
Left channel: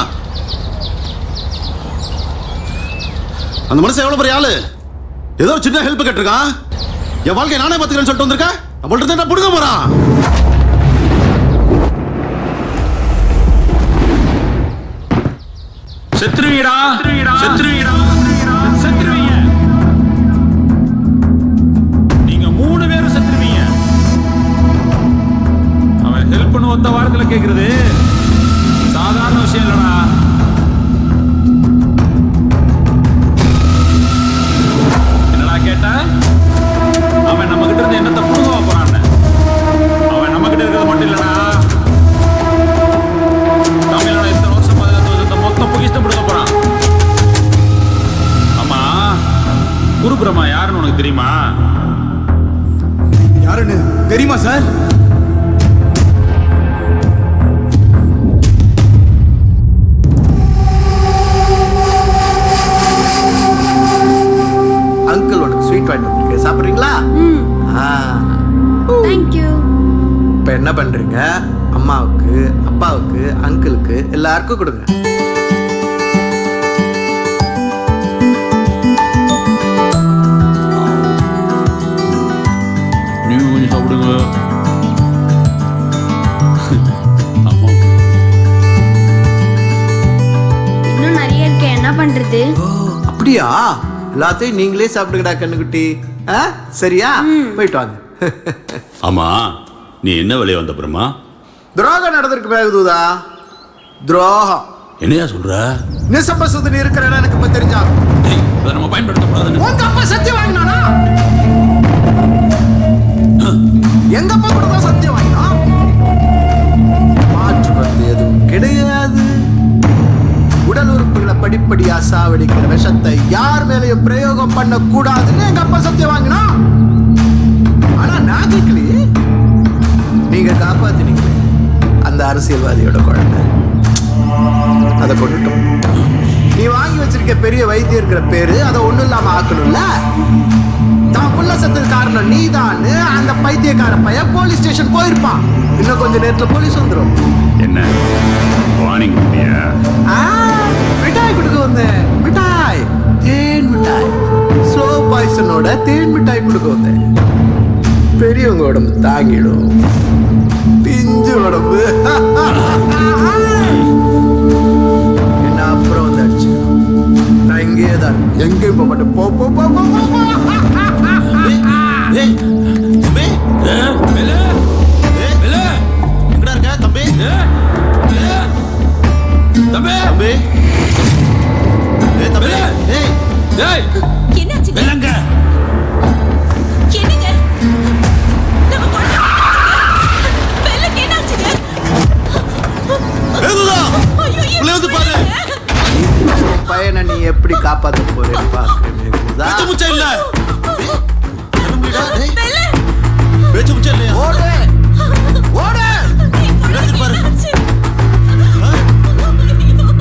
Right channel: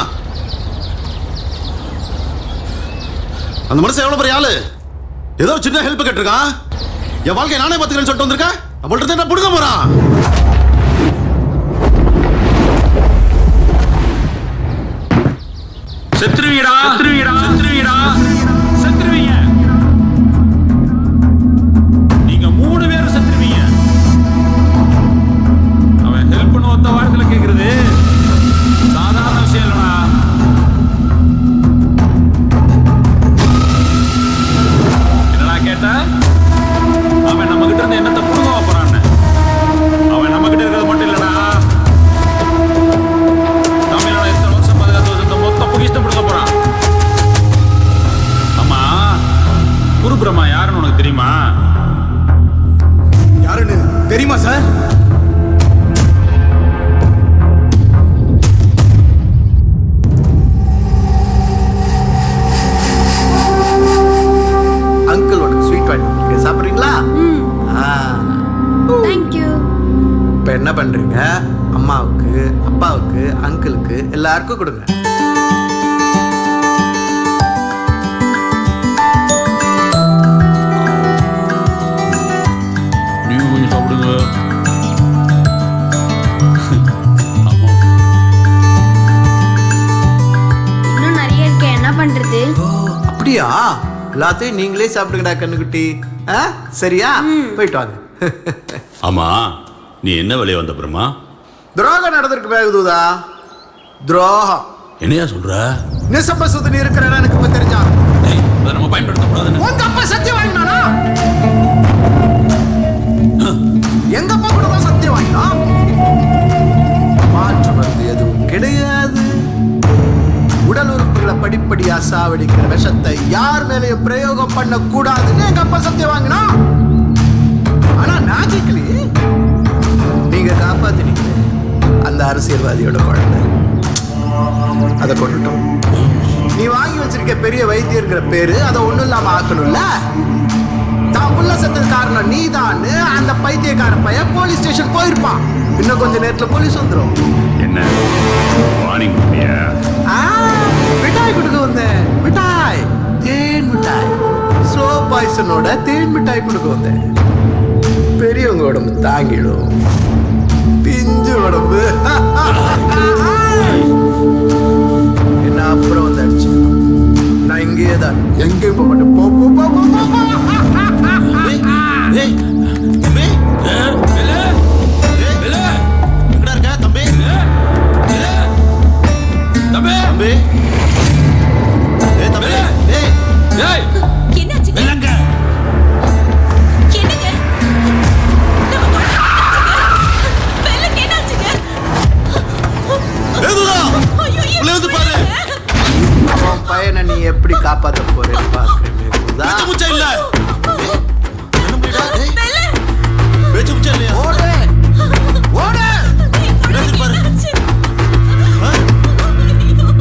அந்த மனுஷன் எவ்வளவு பெரிய ஆளு, ஏதோ சின்ன ஹெல்ப் கேட்டிருக்கான். என் வாழ்க்கையை நானே பார்த்துக்கிறேன்னு சொல்லிட்டு வந்திருக்கேன். நம்மள்ட்ட தான் புடுங்க போறான். செத்துருவீடா, செத்துருவீடா, செத்துருவீங்க. நீங்க 3 பேரும் செத்துருவீங்க. அவன் ஹெல்ப் பண்ண ஒத்த வாரத்துல கேக்குறது சாதாரண விஷயம் இல்லடா. என்னடா கேட்ட? அவன் நம்ம கிட்ட இருந்து என்னத்தை புடுங்க போறான்னு. அவன் நம்ம கிட்ட இருக்கிறது மட்டும் இல்லடா, தமிழ்நாடு இத்தனை வருஷம் பாதுகாத்து மொத்த பொக்கிஷ்டம் பிடுங்க போறான். ஆமா, குருபிரமா யாருன்னு உனக்கு தெரியுமா? யாருன்னு தெரியுமா சார்? அங்கிள் உனக்கு ஸ்வீட் வாங்கிட்டு வந்திருக்கேன், சாப்பிட்றீங்களா? தேங்க்யூ. இப்போ என்ன பண்றீங்க? அம்மாவுக்கு, அப்பாவுக்கு, அங்கிளுக்கு எல்லாருக்கும் கொடுங்க. நீங்க கொஞ்சம் சாப்பிடுங்க. இன்னும் நிறைய இருக்கு, என்ன பண்றது? அப்படியா? எல்லாத்தையும் நீங்களே சாப்பிடுங்கடா கண்ணுக்குட்டி. சரியா? போயிட்டு வாங்க. ஆமா, நீ என்ன வேலையை வந்த பிரமா? துரோகம் நடந்திருக்கு மேகதூதா. துரோகம். என்னையா சொல்ற? நிசம்பசுதன் இருக்கிற இடம் எனக்கு இப்ப தெரிஞ்சாங்க. அதை நம்ம பயன்படுத்தக்கூடாதுன்னு உங்க அப்பா சத்தியம் வாங்கினானா? எங்க அப்பா கூட தான் சத்தியம் வாங்கினா. மாற்று மருந்து எதுவும் கிடையாது. உடல் உறுப்புகளை படிப்படியா சாவடிக்கிற விஷத்தை யார் மேலையும் பிரயோகம் பண்ண கூடாதுன்னு எங்க அப்பா சத்தியம் வாங்கினா. ஆனா நான் கேட்கலையே. நீங்க காப்பாத்தினீங்களே அந்த அரசியல்வாதியோட குழந்தை, அதை கொண்டுட்டோம். நீ வாங்கி வச்சிருக்க பெரிய வைத்தியர்கிற பேரு அதை ஒண்ணும் இல்லாம ஆக்கணும்ல. தான் புள்ள செத்தது காரணம் நீதான்னு அந்த பைத்தியக்கார பையன் போலீஸ் ஸ்டேஷன் போயிருப்பான். இன்னும் கொஞ்ச நேரத்துல போலீஸ் வந்துடும். என்ன வார்னிங் கொடுப்பியா? மிட்டாய் கொடுக்க வந்தேன். மிட்டாய், தேன் மிட்டாய், ஸ்லோ பாய்சனோட தேன் மிட்டாய் கொடுக்க வந்தேன். பெரியவங்க உடம்பு தாங்கிடும், பிஞ்சு உடம்பு அப்புறம் வந்து அடிச்சுக்கலாம். நான் இங்கேயே தான், எங்கேயும் போக மாட்டேன். போ போ போ போ போ போ. ஏய் தம்பி, வெள்ளு வெள்ளு எங்கடா இருக்க தம்பி? வெள்ளு தம்பி தம்பி, ஏய் தம்பி, ஏய் டேய் என்னாச்சு? வெள்ளங்க என்னங்க? வெள்ளக்கு என்னாச்சுங்க? ஏதுடா உள்ள வந்து பாரு. உன் பையனை நீ எப்படி காப்பாத்த போறேன்னு பாக்குறேன் மேகுதா. பேச்சு முச்சா இல்ல தம்பி, கண்ண முடிடா. டேய் பேச்சு முச்சா இல்லையா? ஓடு ஓடு. என்னாச்சு பாரு.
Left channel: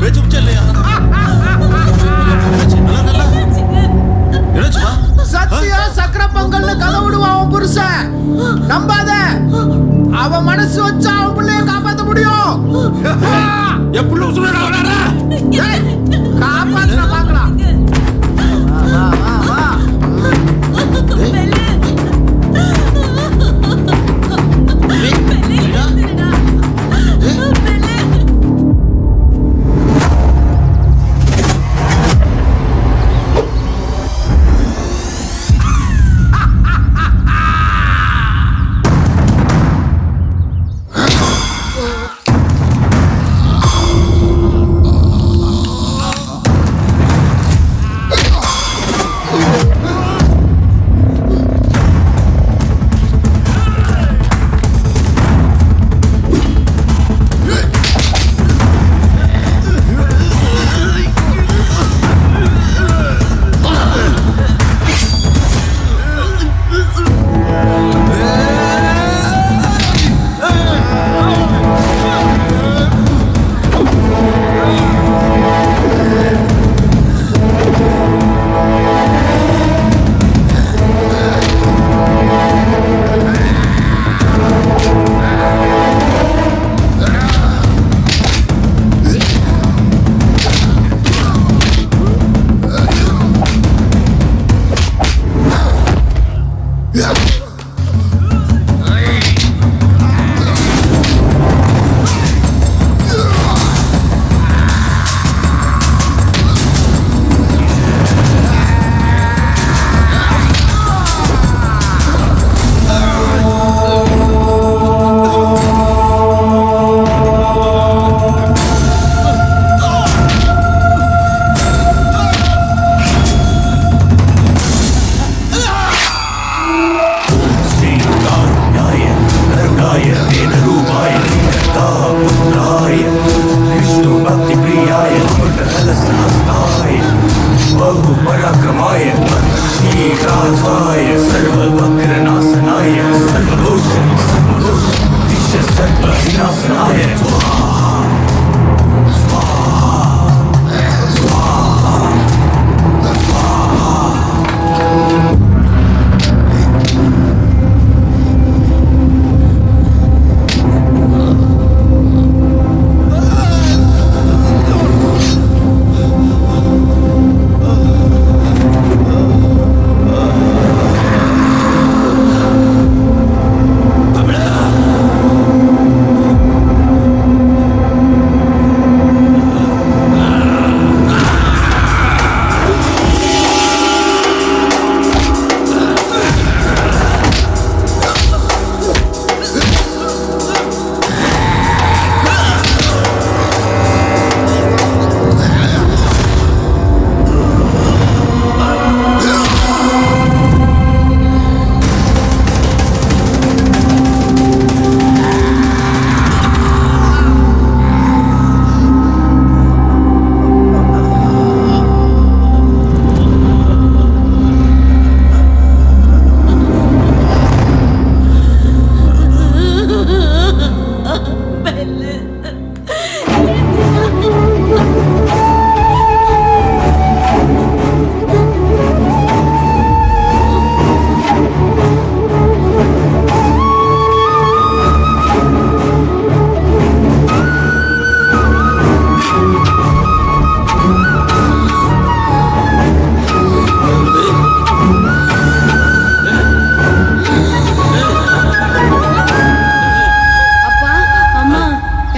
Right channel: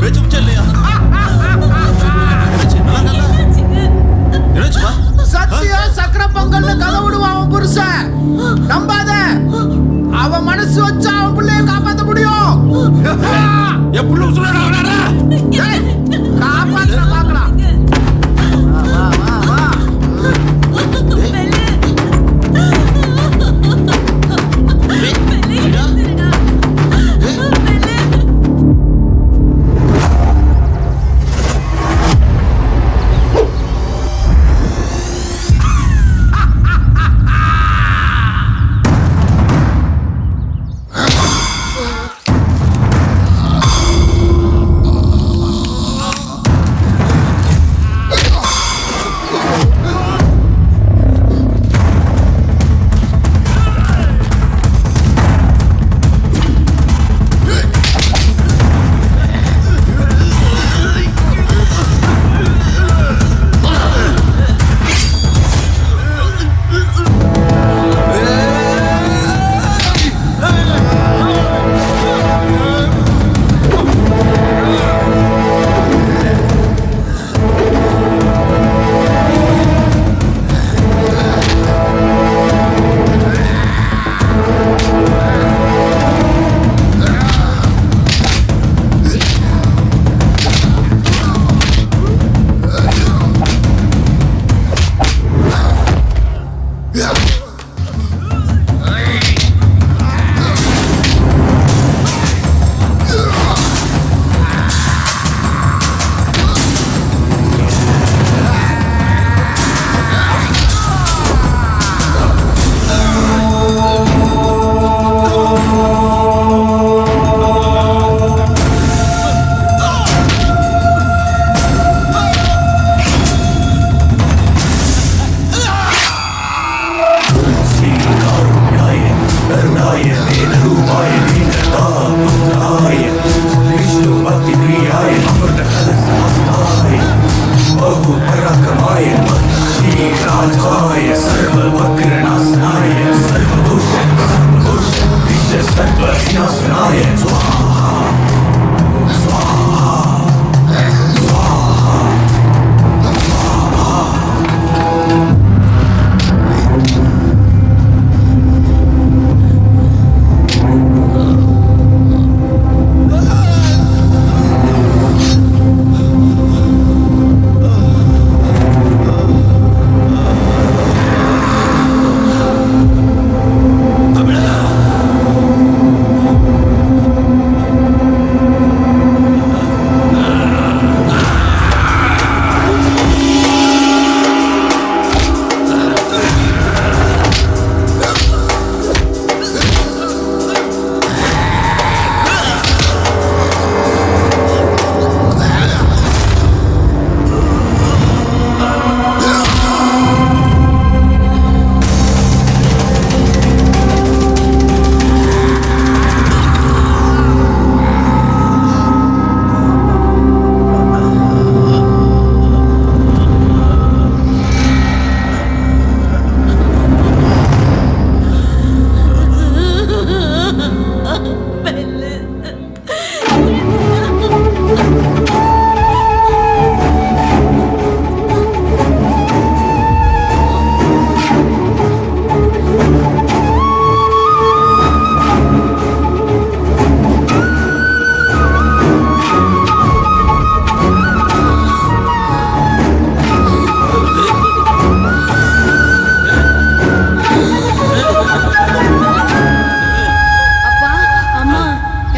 பேச்சு முச்சா இல்லையா? என்னாச்சு? நல்லா இருக்கல? என்னாச்சுப்பா? சத்தியா சக்கர பொங்கல்னு கதை விடுவான் அவன் புருஷன். நம்பாத, அவன் மனசு வச்சா அவன் பிள்ளைய காப்பாத்த முடியும். எப்படி சொல்றடா? காப்பாத்த பார்க்கலாம். வா வா வா வா. டேய் தம்பி, விடா. டேய்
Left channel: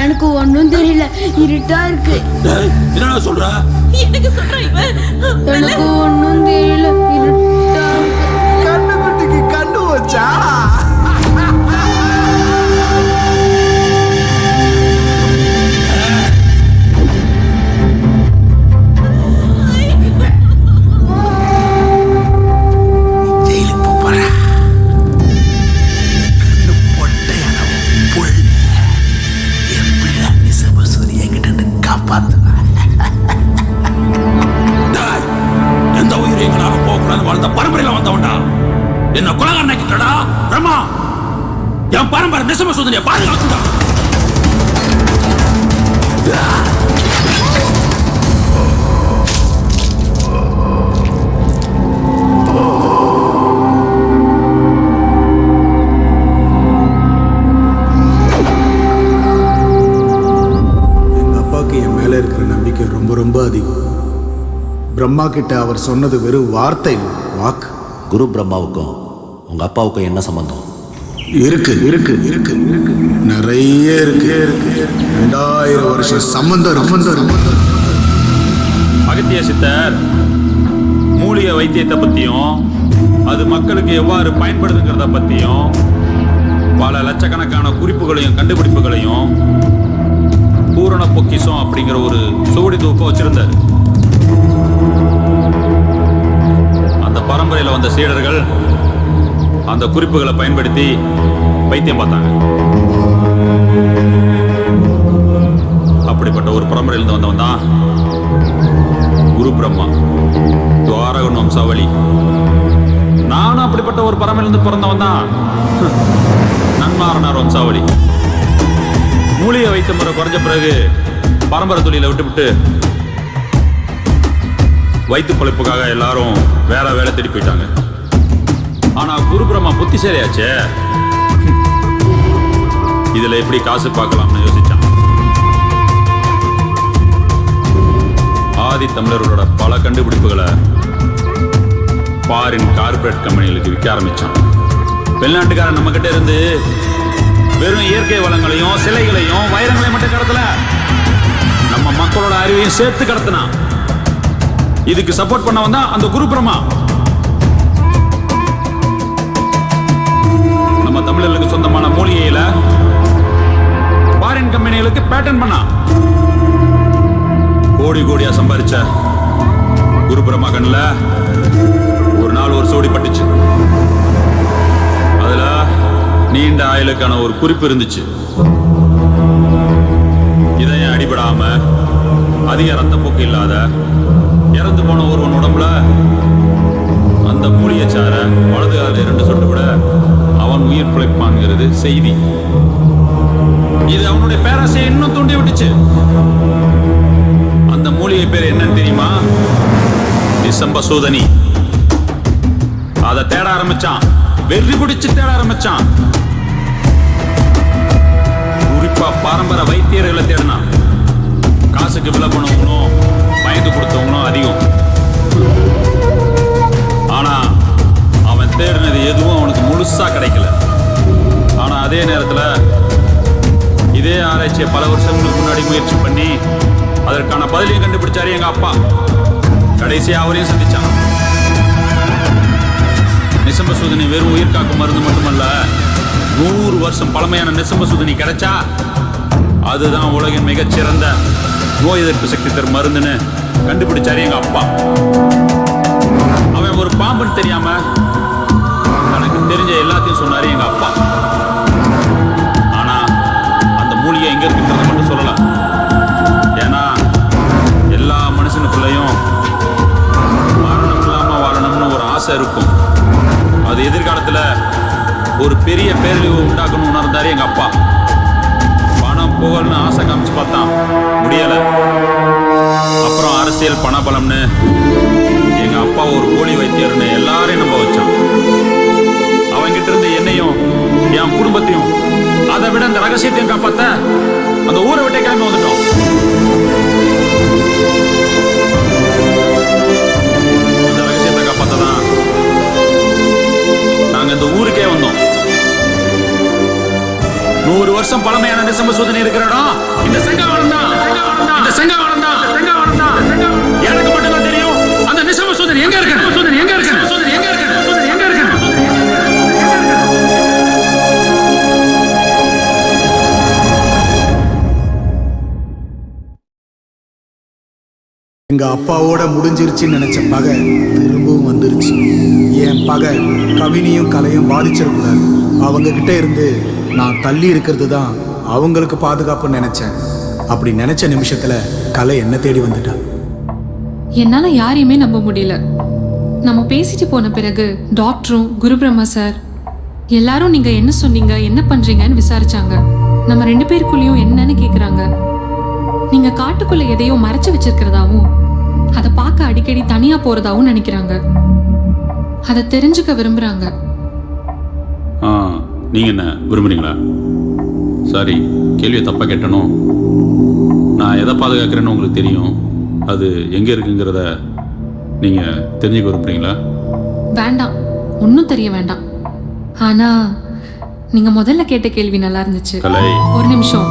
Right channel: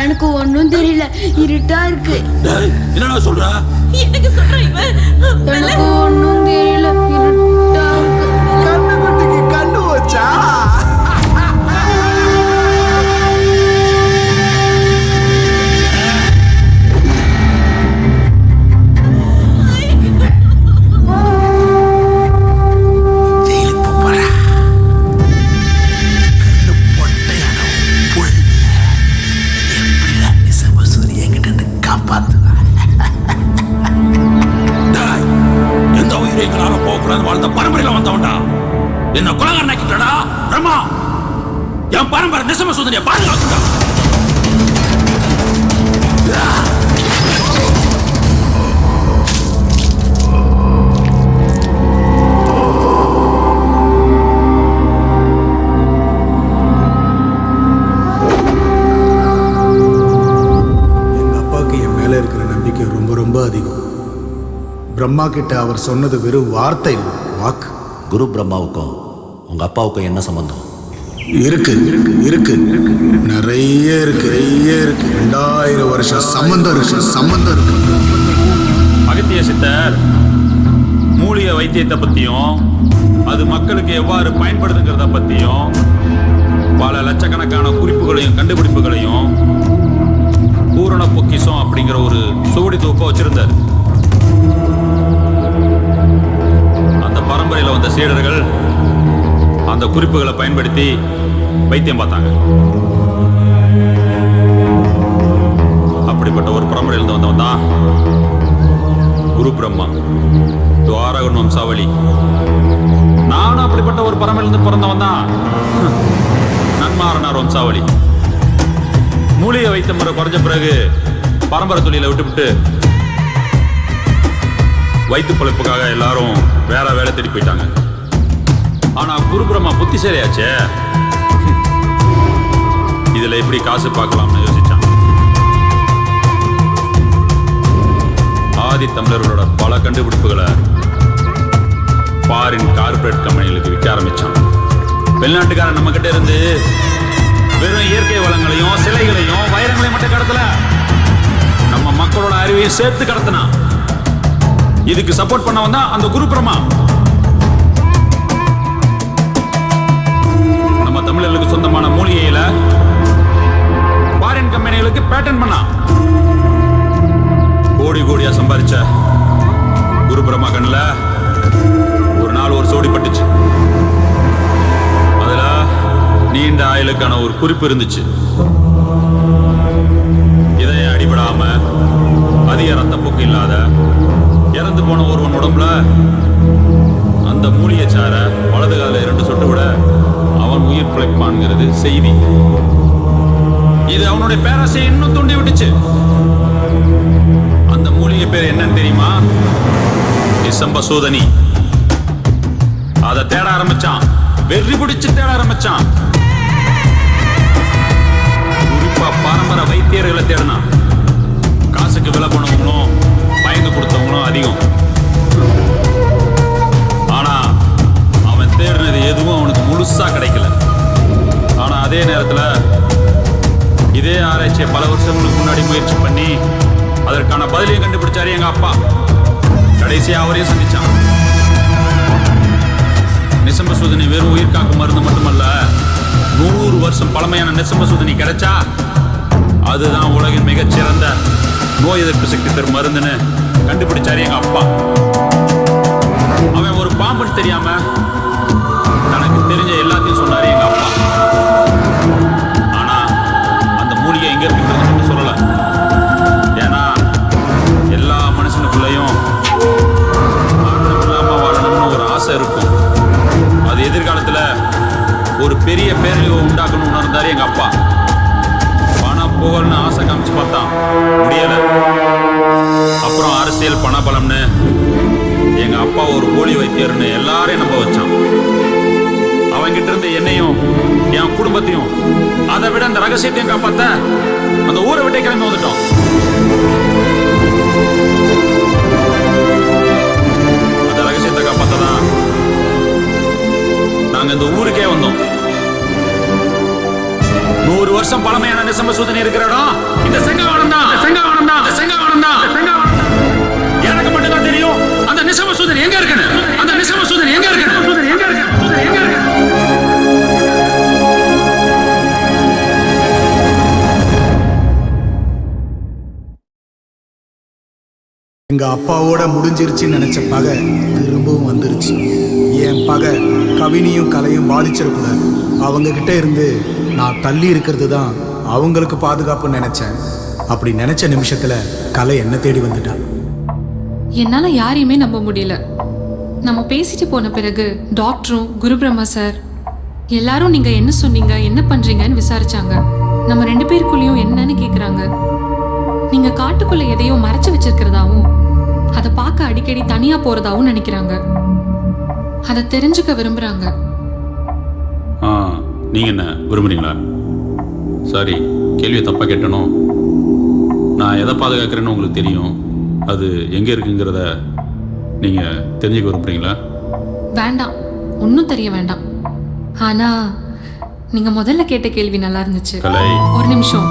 எனக்கு ஒன்றும் தெரியல, இருட்டா இருக்கு. என்ன சொல்ற? எனக்கு சொல்றேன் இவன். எனக்கு ஒன்றும் தெரியல, இருட்டா இருக்கு. கண்ணுக்குட்டிக்கு கண்ணு வச்சா எந்த உயிரும் எங்களால போகக்கூடாது வாழ்ந்த பரம்பரையில வந்தவன்டா. என்ன குலகாரனாக்கிட்டடா பிரம்மா. என் பரம்பரை நிசம சூதனையை பாதுகாக்குடா. எங்க அப்பாவுக்கு என் மேல இருக்கிற நம்பிக்கை ரொம்ப ரொம்ப அதிகம். பிரம்மா கிட்ட அவர் சொன்னது வெறும் வார்த்தை இல்லை, வாக்கு. குரு பிரம்மாவுக்கும் உங்க அப்பாவுக்கும் என்ன சம்பந்தம்? இருக்கு இருக்கு இருக்கு இருக்கு நிறைய இருக்கு 2000 வருஷம் சம்பந்தம் இருக்கு. அகத்திய சித்தர் மூலிகை வைத்தியத்தை பத்தியும் அது மக்களுக்கு எவ்வாறு பயன்படுதுங்கிறத பத்தியும் பல லட்சக்கணக்கான குறிப்புகளையும் கண்டுபிடிப்புகளையும் பூரண பொக்கிஷம் அப்படிங்கிற ஒரு சுவடி தொகுப்பை வச்சிருந்தார். அந்த பரம்பரையில் வந்த சீடர்கள் அந்த குறிப்புகளை பயன்படுத்தி வைத்தியம் பார்த்தாங்க. அப்படிப்பட்ட ஒரு பரம்பரையிலிருந்து வந்தவன் தான் குரு பிரம்மா, துவாரகன் வம்சாவளி. நானும் அப்படிப்பட்ட ஒரு பரம்பரையிலிருந்து பிறந்தவன் தான் நன்மாரனார் வம்சாவளி. மூலிகை வைத்த முறை குறைஞ்ச பிறகு பரம்பரை தொழிலை விட்டுவிட்டு வயிற்று பிழைப்புக்காக எல்லாரும் வேற வேலை தேடி போயிட்டாங்க. ஆனா குரு பிரம்மா புத்திசாலியாச்சே, இதுல எப்படி காசு பார்க்கலாம்னு யோசிச்சான். ஆதி தமிழர்களோட பல கண்டுபிடிப்புகளை ஃபாரின் கார்பரேட் கம்பெனிகளுக்கு விற்க ஆரம்பிச்சான். வெளிநாட்டுக்காரன் நம்ம கிட்ட இருந்து வெறும் இயற்கை வளங்களையும் சிலைகளையும் வைரங்களையும் மட்டும் கடத்தல, நம்ம மக்களோட அறிவையும் சேர்த்து கடத்தினான். இதுக்கு சப்போர்ட் பண்ண வந்தா அந்த குரு பிரம்மா. நம்ம தமிழர்களுக்கு சொந்தமான மூலிகையில ஃபாரின் கம்பெனிகளுக்கு பேட்டன் பண்ணா. கோடி கோடியா சம்பாதிச்ச குரு பிரம்மா கண்ணுல ஒரு நாள் ஒரு சோடி பட்டுச்சு. அதுல நீண்ட ஆயுளுக்கான ஒரு குறிப்பு இருந்துச்சு. இதயம் அடிபடாம அதிக ரத்தப்போக்கு இல்லாத இறந்து போன ஒருவன் உடம்புல அந்த மூலிகை சார வலது கால 2 சொட்டு விட அவன் உயிர் பிழைப்பான்ங்கிறது செய்தி. இது அவனுடைய பேராசையை இன்னும் தூண்டி விட்டுச்சு. அந்த மூலிகை பேர் என்னன்னு தெரியுமா? நிசம்ப சூதனி. அதை தேட ஆரம்பிச்சான், வெறி பிடிச்சு தேட ஆரம்பிச்சான். குறிப்பா பாரம்பரிய வைத்தியர்களை தேடினான். காசுக்கு விலை போனவங்களும் பயந்து கொடுத்தவங்களும் அதிகம். ஆனா அவன் தேடினது எதுவும் அவனுக்கு முழுசா கிடைக்கல. ஆனா அதே நேரத்துல இதே ஆராய்ச்சியை பல வருஷங்களுக்கு முன்னாடி முயற்சி பண்ணி அதற்கான பதிலையும் கண்டுபிடிச்சாரு எங்க அப்பா. கடைசியா அவரையும் சந்திச்சான். நிசம்ப சூதனி வெறும் உயிர் காக்கும் மருந்து மட்டுமல்ல, 100 வருஷம் பழமையான நிசம்ப சூதனி கிடைச்சா அதுதான் உலகின் மிகச்சிறந்த நோய் எதிர்ப்பு சக்தி தரும் மருந்துன்னு கண்டுபிடிச்சாரு எங்க அப்பா. அவன் ஒரு பாம்புன்னு தெரியாம தனக்கு தெரிஞ்ச எல்லாத்தையும் சொன்னாரு எங்க அப்பா. ஆனா அந்த மூலிகை எங்க இருக்குன்றத மட்டும் சொல்லல. ஏன்னா எல்லா மனுஷனுக்குள்ளயும் மரணம் இல்லாம வாழணும்னு ஒரு ஆசை இருக்கும். அது எதிர்காலத்துல ஒரு பெரிய பேரழிவு உண்டாக்கணும் உணர்ந்தாரு எங்க அப்பா. பணம் புகழ்னு ஆசை காமிச்சு பார்த்தான், முடியல. அப்புறம் அரசியல் பணபலம்னு எங்க அப்பா ஒரு போலி வைத்தியர்னு எல்லாரையும் நம்ப வச்சான். அவங்கிட்ட இருந்து என்னையும் என் குடும்பத்தையும் அதை விட அந்த ரகசியத்தையும் காப்பாத்த அந்த ஊரை விட்டே கிளம்பி வந்துட்டோம். அந்த ரகசியத்தை காப்பாத்ததான் நாங்க இந்த ஊருக்கே வந்தோம். 100 வருஷம் பழமையான நிசம்பசூதன் இருக்கிற இடம் இந்த செங்காவனம் தான். செங்காவனம் தான். எனக்கு மட்டும்தான் தெரியும் அந்த நிசம்பசூதன் எங்க இருக்கு. எங்க அப்பாவோட முடிஞ்சிருச்சுன்னு நினைச்ச பகை திரும்பவும் வந்துருச்சு. என் பகை கவினியும் கலையும் பாதிச்சிடக்கூடாது. அவங்க கிட்ட இருந்து நான் தள்ளி இருக்கிறது தான் அவங்களுக்கு பாதுகாப்புன்னு நினைச்சேன். அப்படி நினைச்ச நிமிஷத்துல கலை என்ன தேடி வந்துட்டா. என்னால யாரையுமே நம்ப முடியல. நம்ம பேசிட்டு போன பிறகு டாக்டரும் குருபிரம்மா சார் எல்லாரும் நீங்க என்ன சொன்னீங்க, என்ன பண்றீங்கன்னு விசாரிச்சாங்க. நம்ம 2 பேருக்குள்ளேயும் என்னன்னு கேக்குறாங்க. நீங்க காட்டுக்குள்ள எதையோ மறைச்சு வச்சிருக்கிறதாவும் அதை பார்க்க அடிக்கடி தனியா போறதாவும் நினைக்கிறாங்க. அதை தெரிஞ்சுக்க விரும்புறாங்க. நீங்க என்ன விரும்புறீங்களா? சாரி, கேள்வியை தப்பா கேட்டனோ. நான் எதை பாதுகாக்கிறேன்னு உங்களுக்கு தெரியும். அது எங்க இருக்குங்கிறத நீங்க தெரிஞ்சுக்க விரும்புறீங்களா? வேண்டாம், ஒன்றும் தெரிய வேண்டாம். ஆனா நீங்க முதல்ல கேட்ட கேள்வி நல்லா இருந்துச்சு. ஒரு நிமிஷம்,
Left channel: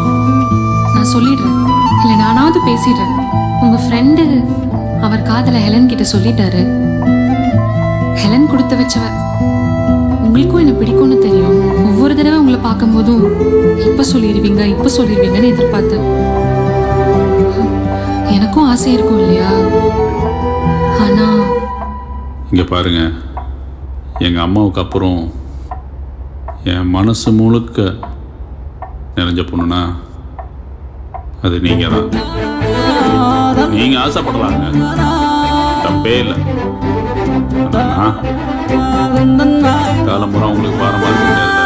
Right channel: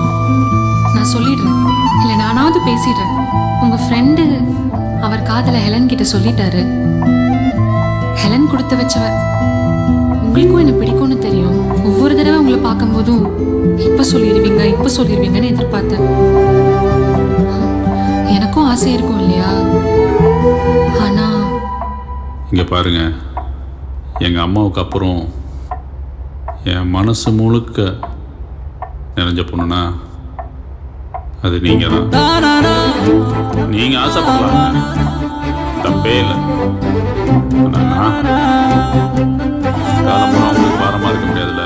நான் சொல்லிடுறேன். இல்லை நானாவது பேசிடுறேன். உங்க ஃப்ரெண்டு அவர் காதல ஹெலன் கிட்ட சொல்லிட்டாரு. ஹெலன் கொடுத்து வச்சவ. உங்களுக்கும் என்ன பிடிக்கும்னு தெரியும். ஒவ்வொரு தடவை உங்களை பார்க்கும்போதும் இப்ப சொல்லிடுவீங்கன்னு எதிர்பார்த்தேன். எனக்கும் ஆசை இருக்கும் இல்லையா? ஆனா இங்க பாருங்க, எங்க அம்மாவுக்கு அப்புறம் என் மனசு முழுக்க நிறைஞ்ச பொண்ணுனா அது நீங்க தான். நீங்க ஆசைப்படலாங்க, தப்பே இல்லை. ஆனா காலம்புறா உங்களுக்கு பாரமா இருக்க முடியாதுல்ல.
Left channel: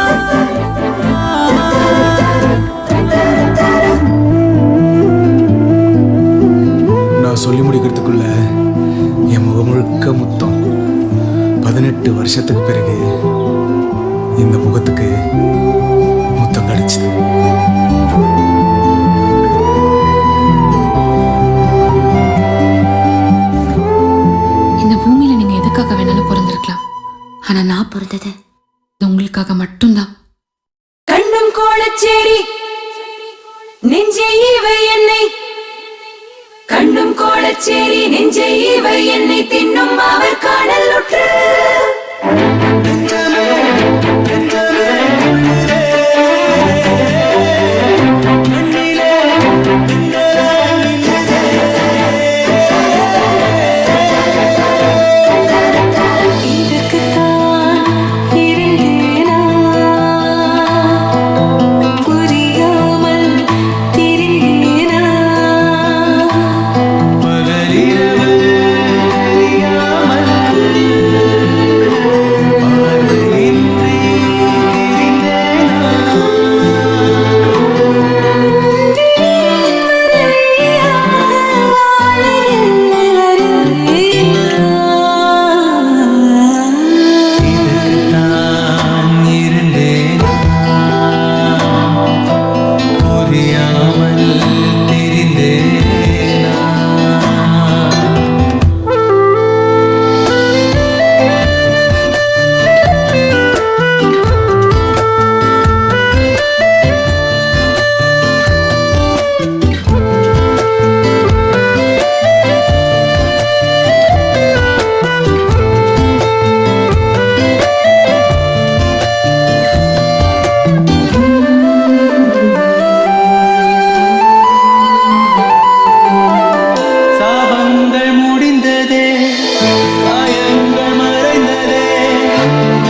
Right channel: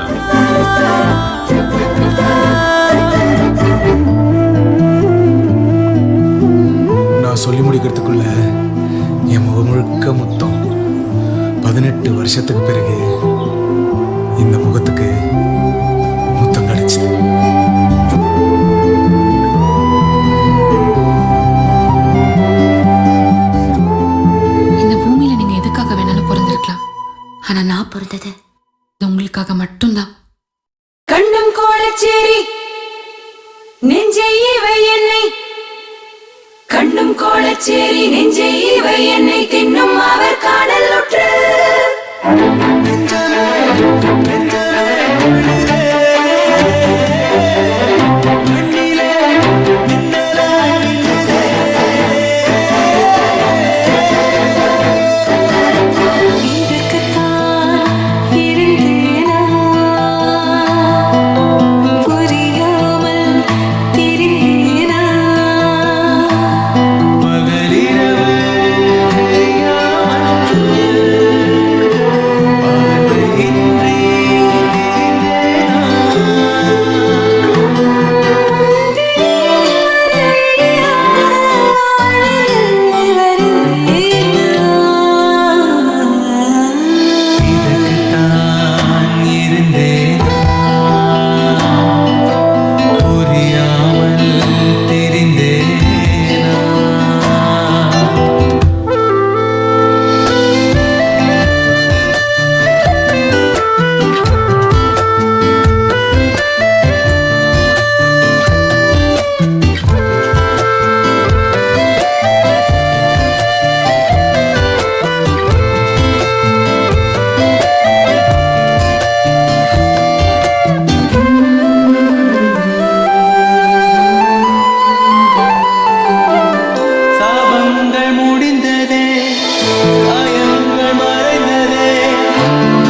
நான் சொல்லி முடிக்கிறதுக்குள்ள என் முகம் முழுக்க முத்தம். 18 வருஷத்துக்கு பிறகு இந்த முகத்துக்கு முத்தம் கிடைச்சது. இந்த பூமியில நீங்க எதுக்காக வேணாலும் பிறந்திருக்கலாம். ஆனா நான் பிறந்தது உங்களுக்காக மட்டும்தான். கண்ணும் கோலச்சேரி நெஞ்சே இவை என்னை, கண்ணும் கோலச்சேரி நெஞ்சே இவை என்னை தின்னும் அவர் காணல் உற்று. நெஞ்சமே நெஞ்சமே துள்ளுதே, கண்ணிலே மின்னலாய் மின்னுதே. இதற்குத்தான் இருந்தேனா, புரியாமல் திரிந்தேனா. பகலிரவு தெரியாமல் பார்வையின்றி திரிந்தேனா. இதற்குத்தான் இருந்தேனா, புரியாமல் திரிந்தேனா. சாபங்கள் முடிந்ததே, காயங்கள் மறைந்ததே.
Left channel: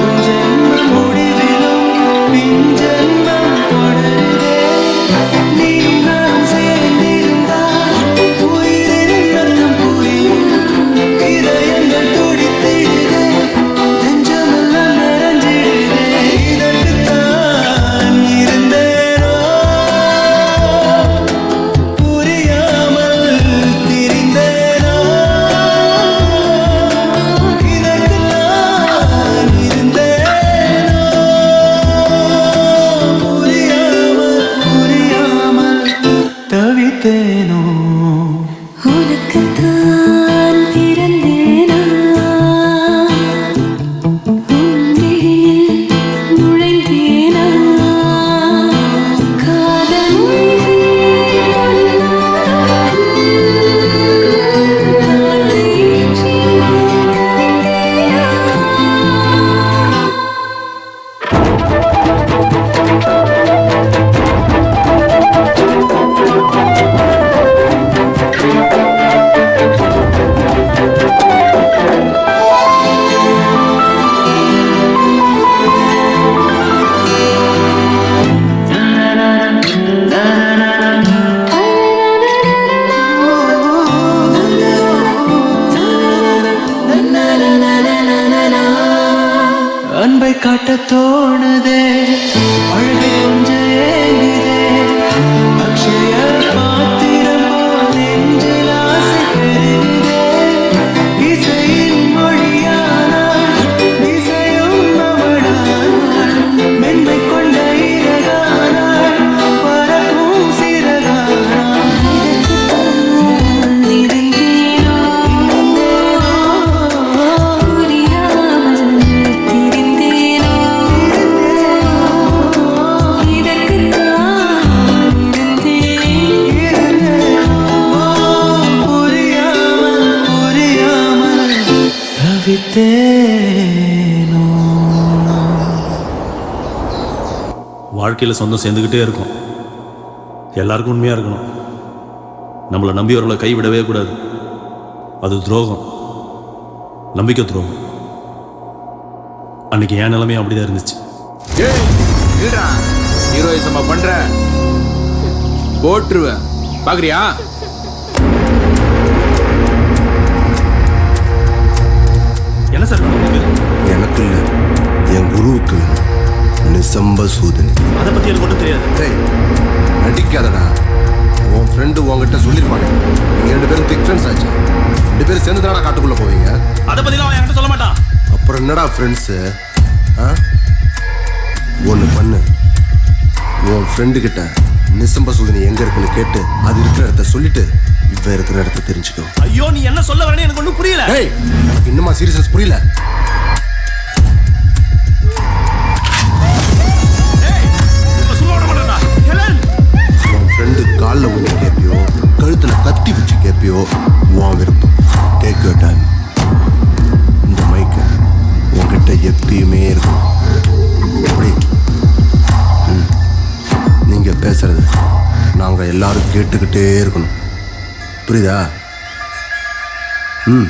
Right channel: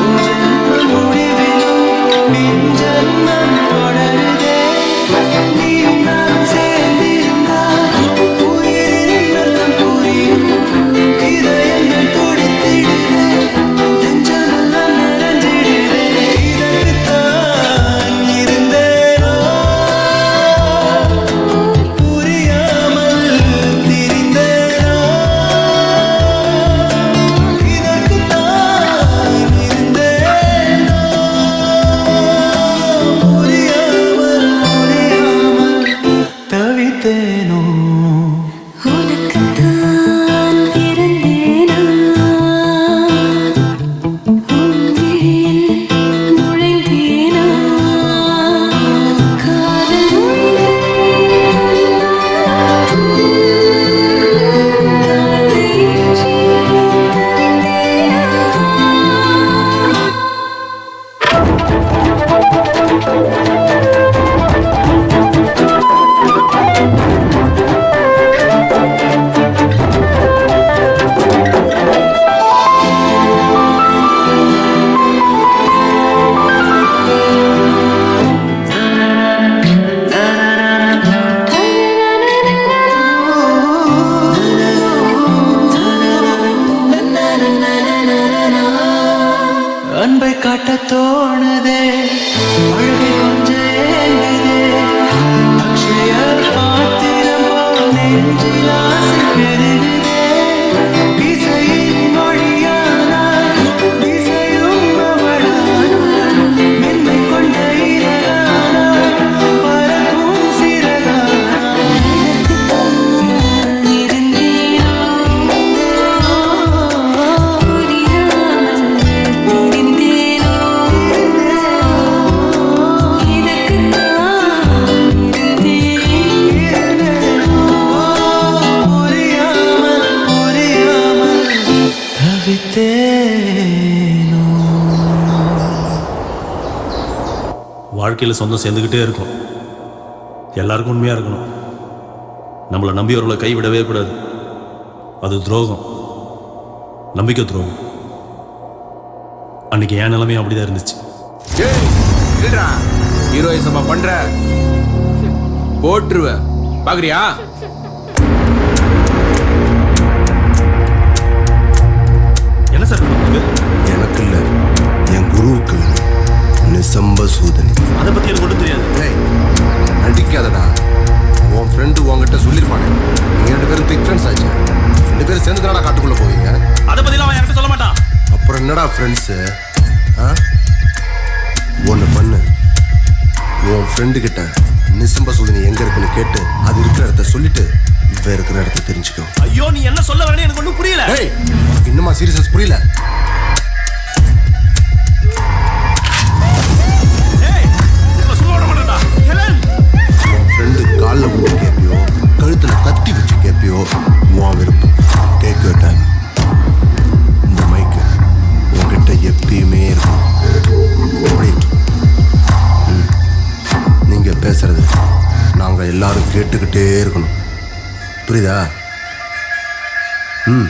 உன் ஜென்மம் முடிவிலும் பின் ஜென்மம் தொடருதே. நீயும் நானும் சேர்ந்திருந்தால் உயிரின் அர்த்தம் புரியும். இதயங்கள் துடித்திடுதே, நெஞ்சமெல்லாம் நிறைஞ்சிடுதே. இதற்குத்தான் இருந்தேனோ, புரியாமல் திரிந்தேனோ. இதற்குத்தான் இருந்தேனோ, புரியாமல் தவித்தேனோ. உனக்குத்தான் பிறந்தேனா, உன் விழியில் நுழைந்தேனா. தானா இதற்குத்தான் இருந்தேனோ புரியாமல் திரிந்தேனோ இதற்குத்தான் இருந்தேனோ புரியாமல் புரியாமல் தவித்தேனோ. வாழ்க்கையில் சொந்தம் சேர்ந்துக்கிட்டே இருக்கும். எல்லாருக்கும் உண்மையாக இருக்கணும். நம்மளை நம்பியவர்களை கைவிடவே கூடாது. அது துரோகம், நம்பிக்கை துரோகம். அன்னைக்கு என் நிலைமையும் அப்படிதான் இருந்துச்சு. ஏய் இல்லடா, ஹீரோயிசமா பண்ற போட்டுருவேன். பாக்குறியா? என்ன சார் வேணும் உங்களுக்கு? எனக்கு இல்லை, என் குருவுக்கு வேணும். நிசம்ப சூதனி. அதை பற்றி எனக்கு ஒன்றும் தெரியாது. ஏய் நடிக்காதடா. உன் ஃப்ரெண்டு உங்ககிட்ட சொல்லியிருப்பானே, நீங்கள் 2 பேரும் திக் ஃப்ரெண்ட்ஸ் ஆச்சு. 2 பேரும் சேர்ந்து தானடா காட்டுக்குள்ளே போவீங்க. அதை பற்றிலாம் அவன் என்கிட்ட சொல்ல மாட்டான். அப்புறம் என்னடா ஃப்ரெண்ட்ஸு? ஒன்று பண்ணு, உன் ஃப்ரெண்டுக்கிட்ட நிசம்ப சூதனி எங்கே இருக்குன்னு கேட்டு அது இருக்கிற இடத்த சொல்லிட்டு இவன் இருக்கிற இடத்த தெரிஞ்சுக்கோ. ஐயோ, நீ என்ன சொல்ல வரேன்னு எனக்கு ஒன்றும் புரியல. ஏய், உனக்கு இன்னுமா சீரியஸ்னஸ் புரியல? உன் ஃப்ரெண்டு காலில் விழுந்து கேட்பியோ கழுத்தில் கத்தி வச்சு கேட்பியோ உன் விருப்பம். Take your time. இந்த மைக்கு உங்ககிட்ட எப்பயுமே இருக்கும். அப்படி நீங்கள் பேசுறது நாங்கள் எல்லாரும் கேட்டுக்கிட்டே இருக்கணும். புரியுதா? ம்.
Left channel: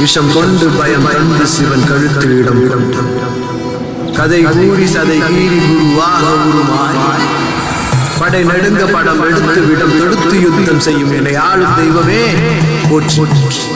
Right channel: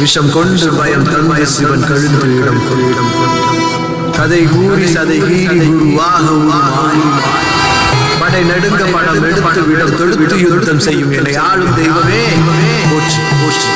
விஷம் கொண்டு பயம் தந்து சிவன் கழுத்து இடம் கொண்டும் கதை கூறி சதை கீறி குருவாக உருமாறி படை நடுங்க படம் எடுத்து விடம் தொடுத்து யுத்தம் செய்யும் என்னை ஆளும் தெய்வமே போற்றி போற்றி.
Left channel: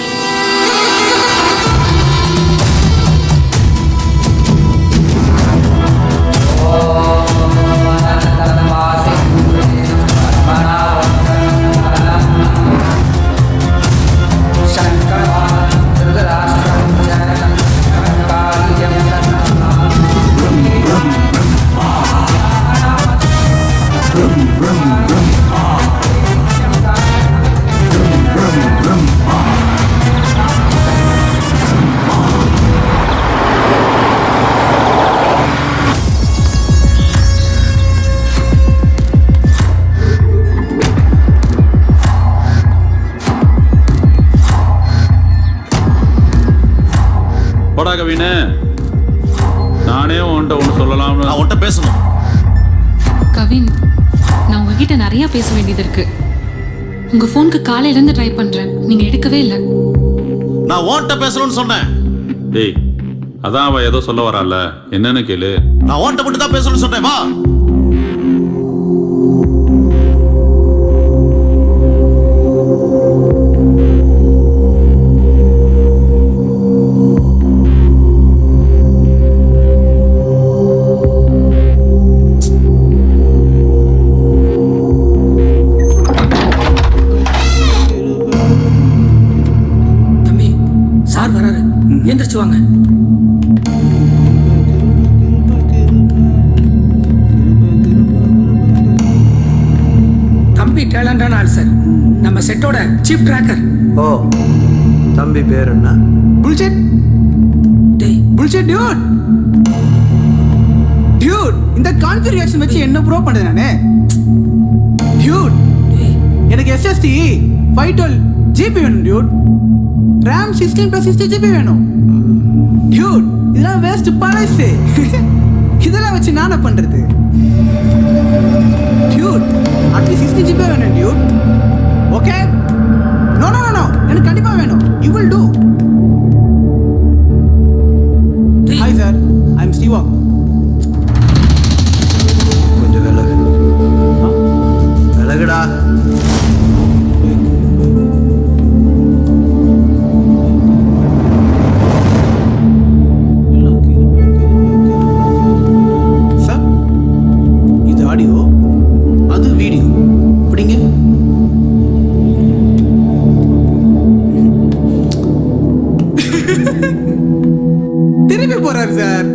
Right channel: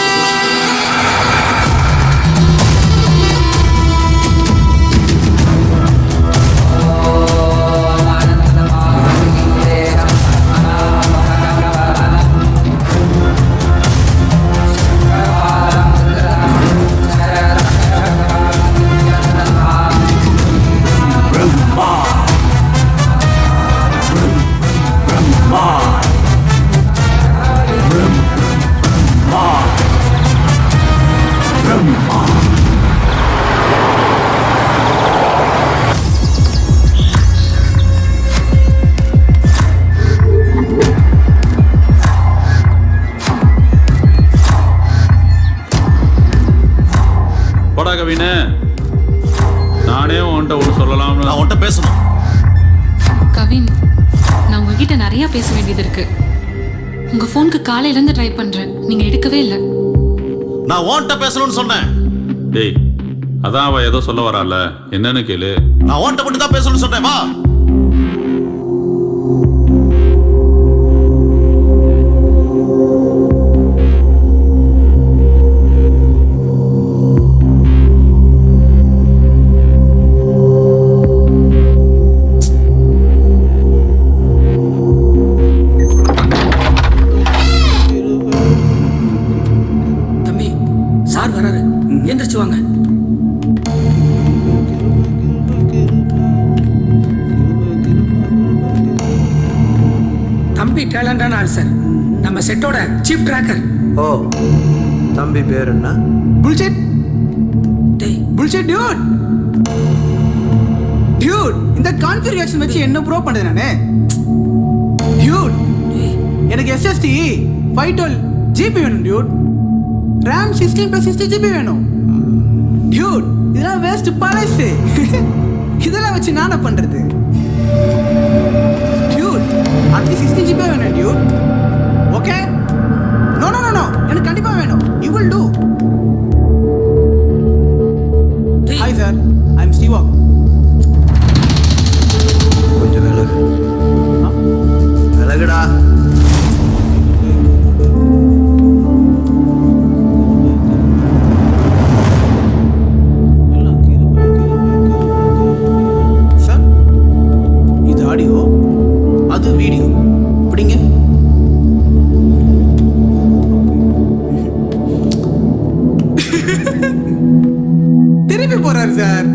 கவினு, நானே உன்கிட்ட ஒன்று சொல்லலாம்னு. நான் உன்கிட்ட பேசணும். கவின், நான் உங்ககிட்ட நிறைய பேச வேண்டியது இருக்கு. உங்க போனுக்கு காலையில இருந்து ட்ரை பண்றேன், நீங்க எடுக்கவே இல்லை. நான் உன்கிட்ட பேசணும்னு சொன்னேன். டேய், அதான் அவ ஏதோ சொல்ல வரால, என்னன்னு கேளு. நான் உன்கிட்ட மட்டும் தான் பேசணும்னு சொன்னேன். வா. சார் வராரு, எந்திரிச்சு வாங்க. தம்பி டேலண்டான ஆள் சார், நம்ம செட்டோட சீஃப் ட்ராக்கர். ஓ, தம்பி பேர் என்ன? புல்ஷெட். டேய் புல்ஷெட் டியூட். டியூட், இந்த கான்ஃபிகரேஷன் வச்சு என்ன ப்ரோ பண்றது நானே? டியூட், எனக்கு SSD 512 GB வேணும் டியூட். RAM 16+60 GB வேணும் டியூட். இதெல்லாம் வேஸ்ட் பழசு. இதெல்லாம் வச்சு நானே பண்றது. அட்லீஸ்ட் 16 ஜிபி வேணும் dude. Okay? No no no no, எனக்கு கண்டிப்பா வேணும். You will do. Hi sir, I am ஸ்டீவாக். கொஞ்சம் விலகு. விலகுடா. சார், இது ஆடியோ, அது வீடியோ. இப்படிங்க. திருப்பி போறாரு சார்.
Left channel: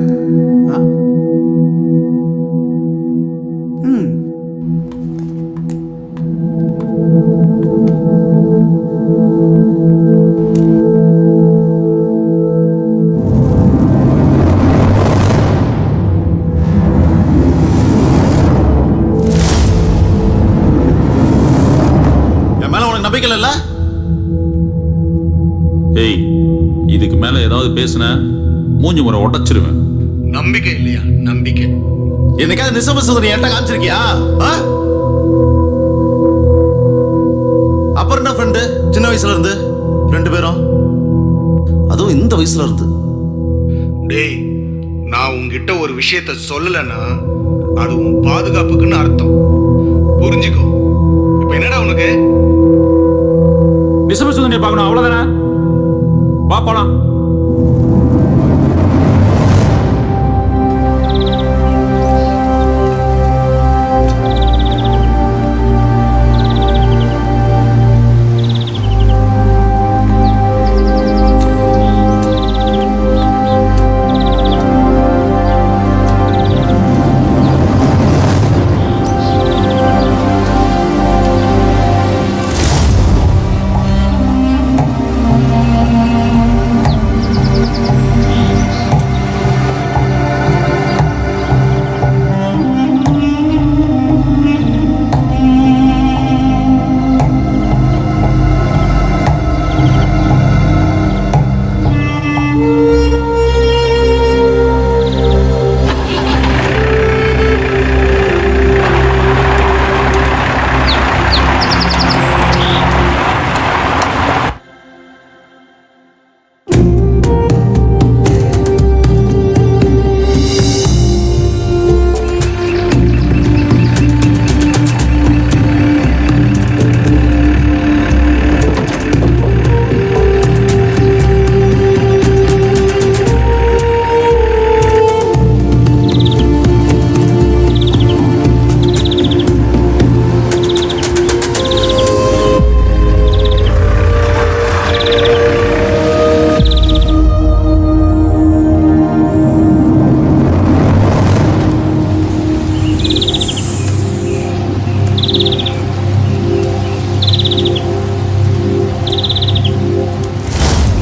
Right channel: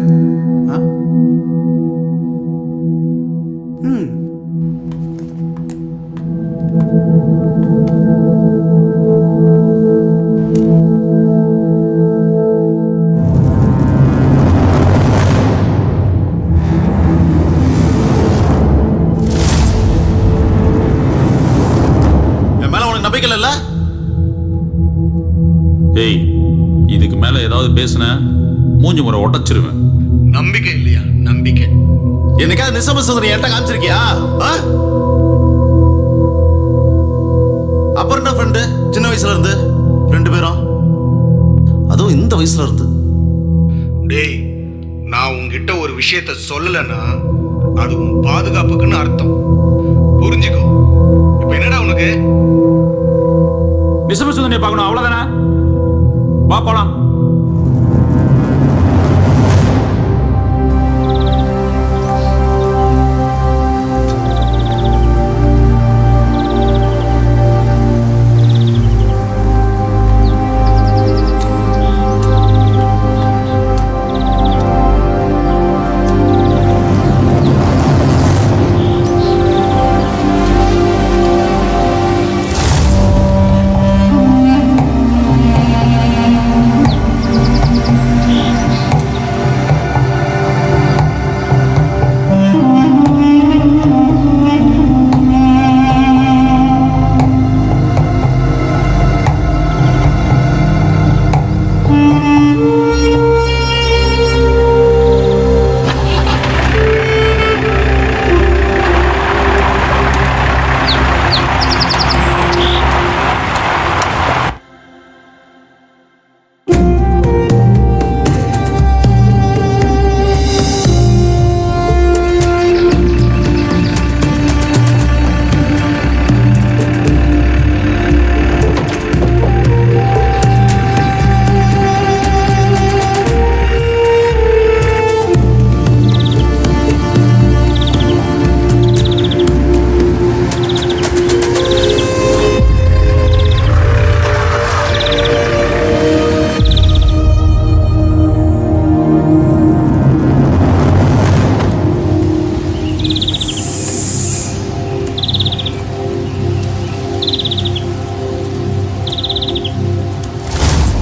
என் மேல உனக்கு நம்பிக்கை இல்ல? ஏய், இதுக்கு மேல ஏதாவது பேசுன மூஞ்சி முறை உடைச்சிருவேன். நம்பிக்கை இல்லையா? நம்பிக்கை. என்னைக்காவது நிசமசுந்தரி என்கிட்ட காமிச்சிருக்கியா? அப்புறம் என்ன ஃப்ரெண்டு? சின்ன வயசுல இருந்து 2 பேரும், அதுவும் இந்த வயசுல இருந்து. டேய், நான் உன்கிட்ட ஒரு விஷயத்த சொல்லலைன்னா அது உன் பாதுகாப்புக்குன்னு அர்த்தம். புரிஞ்சுக்கோ. இப்ப என்னடா உனக்கு? நிசமசுந்தரியை பார்க்கணும், அவ்வளவுதானே? வா போலாம்.